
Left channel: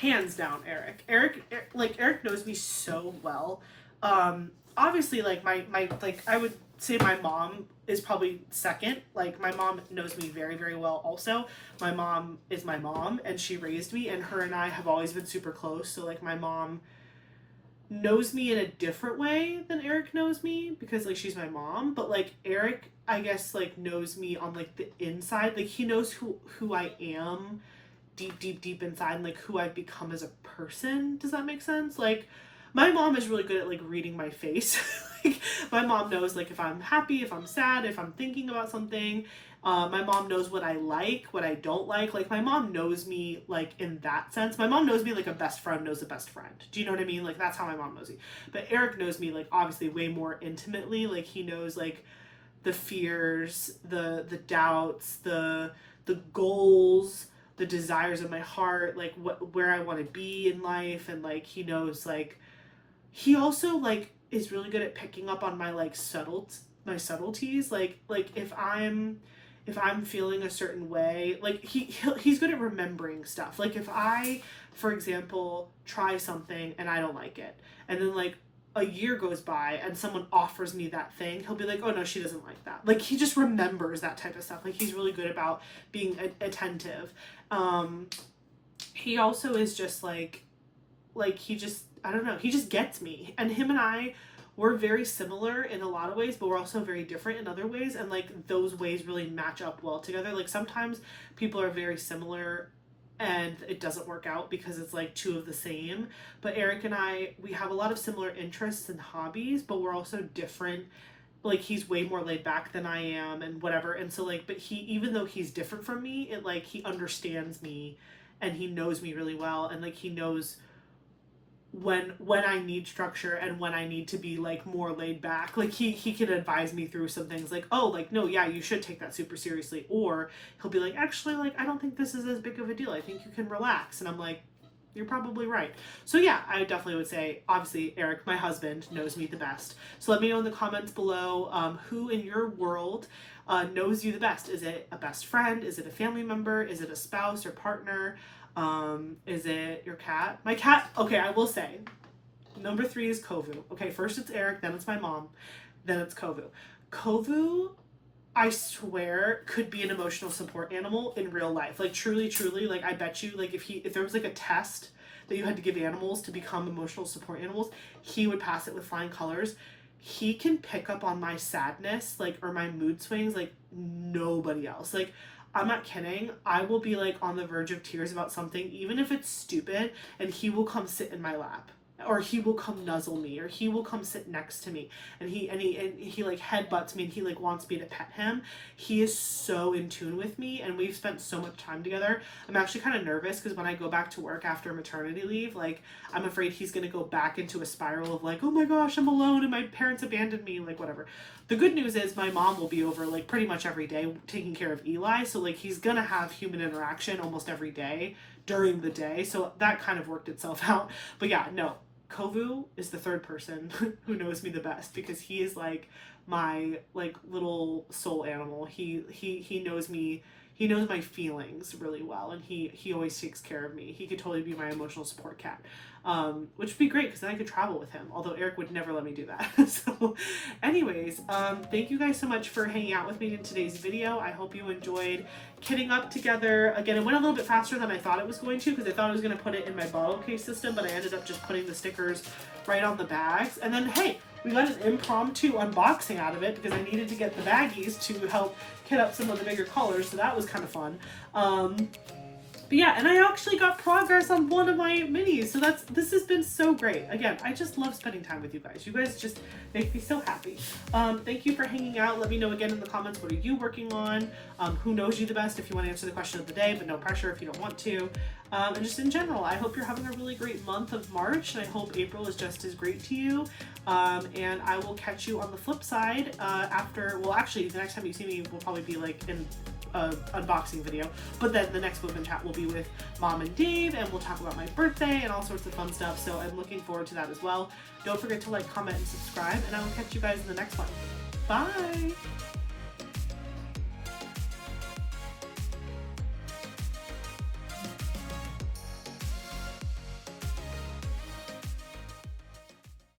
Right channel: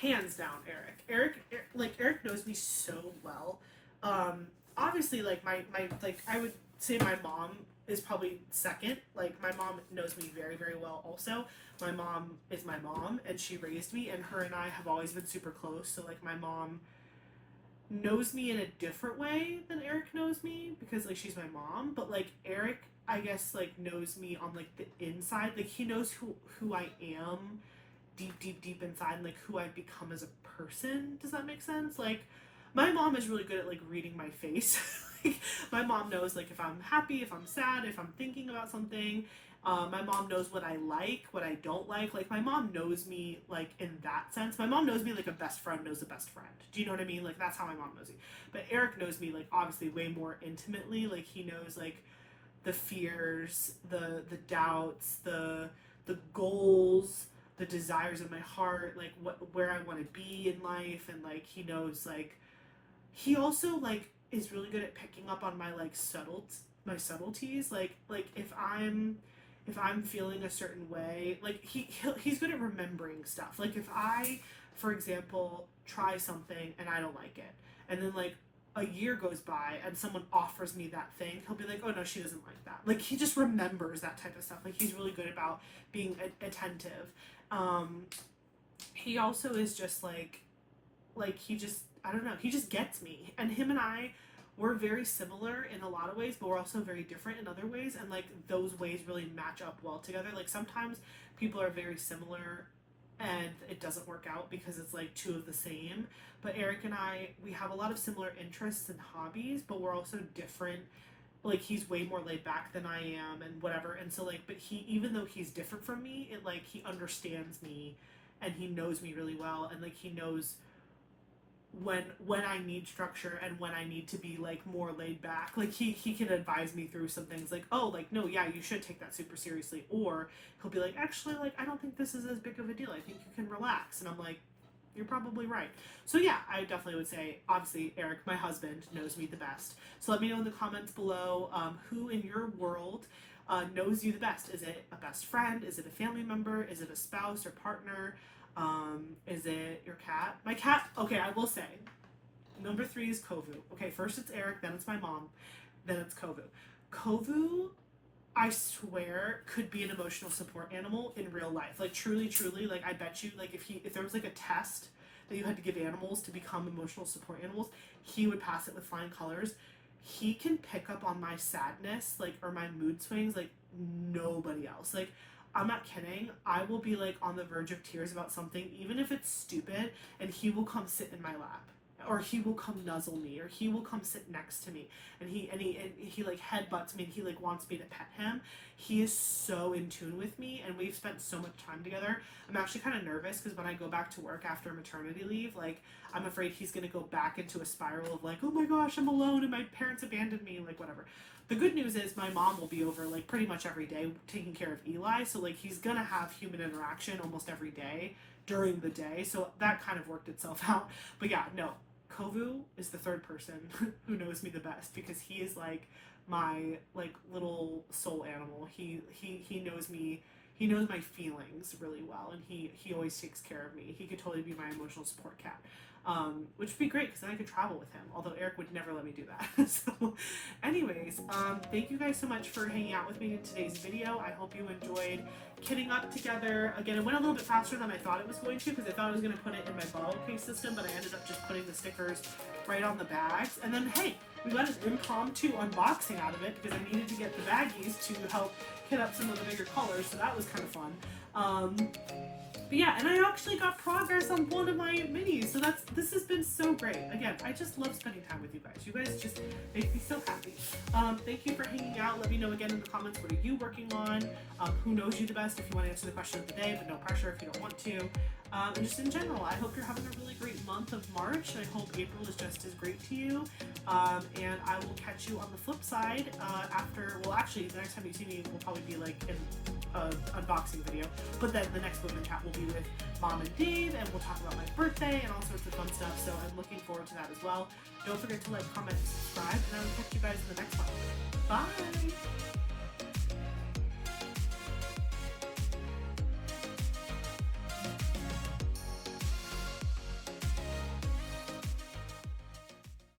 Hands down, Eric. Eric knows me so well. Obviously, like my like I would say my mom is probably second. Like my mom knows me very, very well also. My mom is my mom, and she raised me, and her and I have always been super close. So like my mom knows me in a different way than Eric knows me, because like she's my mom. But like Eric, I guess, like knows me on like the inside. Like he knows who I am deep inside, and like who I've become as a person. Does that make sense? Like my mom is really good at like reading my face. Like my mom knows like if I'm happy, if I'm sad, if I'm thinking about something. My mom knows what I like, what I don't like. Like my mom knows me like in that sense. My mom knows me like a best friend knows a best friend. Do you know what I mean? Like that's how my mom knows me. But Eric knows me like obviously way more intimately. Like he knows like the fears, the doubts, the goals, the desires of my heart, like where I want to be in life. And like he knows like he also like is really good at picking up on my like subtleties. Like if I'm feeling a certain way, like he's good at remembering stuff. Like if I, for example, try something and I don't like it, and then like a year goes by and someone offers me that thing, he'll be like, oh no, she doesn't like that. Like he just remembers that type of stuff. Like he's really good about being attentive. He also is just like he just, I don't know, he just gets me. And him and I, we're very similar in a lot of ways, but we're also very different in other ways. And like those ways really match up well together. Like sometimes people are very similar and it doesn't work out because it's like two of the same. But Eric and I, we have a lot of similar interests and hobbies, but we're also different. Like he's way more laid back than I am and whatever. And so like, but he, even though he's different from me, it like he understands me and he knows me really well. And like he knows when I need structure and when I need to be like more laid back. Like he can advise me through some things like, oh, like no, yeah, you should take that super seriously. Or he'll be like, actually, like I don't think this is as big of a deal. I think you can relax. And I'm like, you're probably right. So yeah, I definitely would say, obviously, Eric, my husband, knows me the best. So let me know in the comments below who in your world knows you the best. Is it a best friend? Is it a family member? Is it a spouse or partner? Is it your cat? My cat, okay, I will say, number 3 is Kovu. Okay, first it's Eric, then it's my mom, then it's Kovu. Kovu, I swear, could be an emotional support animal in real life. Like, truly, like, I bet you, like, if there was, like, a test that you had to give animals to become emotional support animals, he would pass it with flying colors. He can pick up on my sadness, like, or my mood swings, like, nobody else. Like, I'm not kidding. I will be like on the verge of tears about something, even if it's stupid, and he will come sit in my lap, or he will come nuzzle me, or he will come sit next to me, and he like headbutts me, and he like wants me to pet him. He is so in tune with me, and we've spent so much time together. I'm actually kind of nervous because when I go back to work after maternity leave, like I'm afraid he's gonna go back into a spiral of like, oh my gosh, I'm alone and my parents abandoned me, like whatever. The good news is my mom will be over like pretty much every day taking care of Eli, so like he's gonna have human interaction almost every day during the day, so that kind of worked itself out. But yeah, no, Kovu is the third person who knows me the best, because he is like my like little soul animal. He knows me. He knows my feelings really well, and he always takes care of me. He could totally be my emotional support cat, which would be great because then I could travel with him. Although Eric would never let me do that. So, anyways, thank you guys so much for hanging out with me in today's video. I hope you enjoyed kitting up together. Again, it went a little bit faster than I thought it was going to, because I thought I was going to put it in my bottle case system, but I ended up just putting the stickers right on the bags. And then, hey, we got an impromptu unboxing out of it because I needed to get the baggies to help kit up some of the bigger colors, so that was kind of fun. But yeah, and I actually got progress on one of my minis, so this has been so great. Again, I just love spending time with you guys. You guys just make me so happy. Thank you for hanging out. Let me know again in the comments, what are you working on? Who knows you the best if you want to answer the question of the day, but no pressure if you don't want to. And just in general, I hope you're having a really great month of March, and I hope April is just as great to you. And I will catch you on the flip side after, well, actually, the next time you see me will probably be like in unboxing video, but then the next Women Chat will be with Mom and Dave, and we'll talk about my birthday and all sorts of fun stuff, so I'm looking forward to that as well. Don't forget to like, comment, and subscribe, and I will catch you guys in the next one. Bye!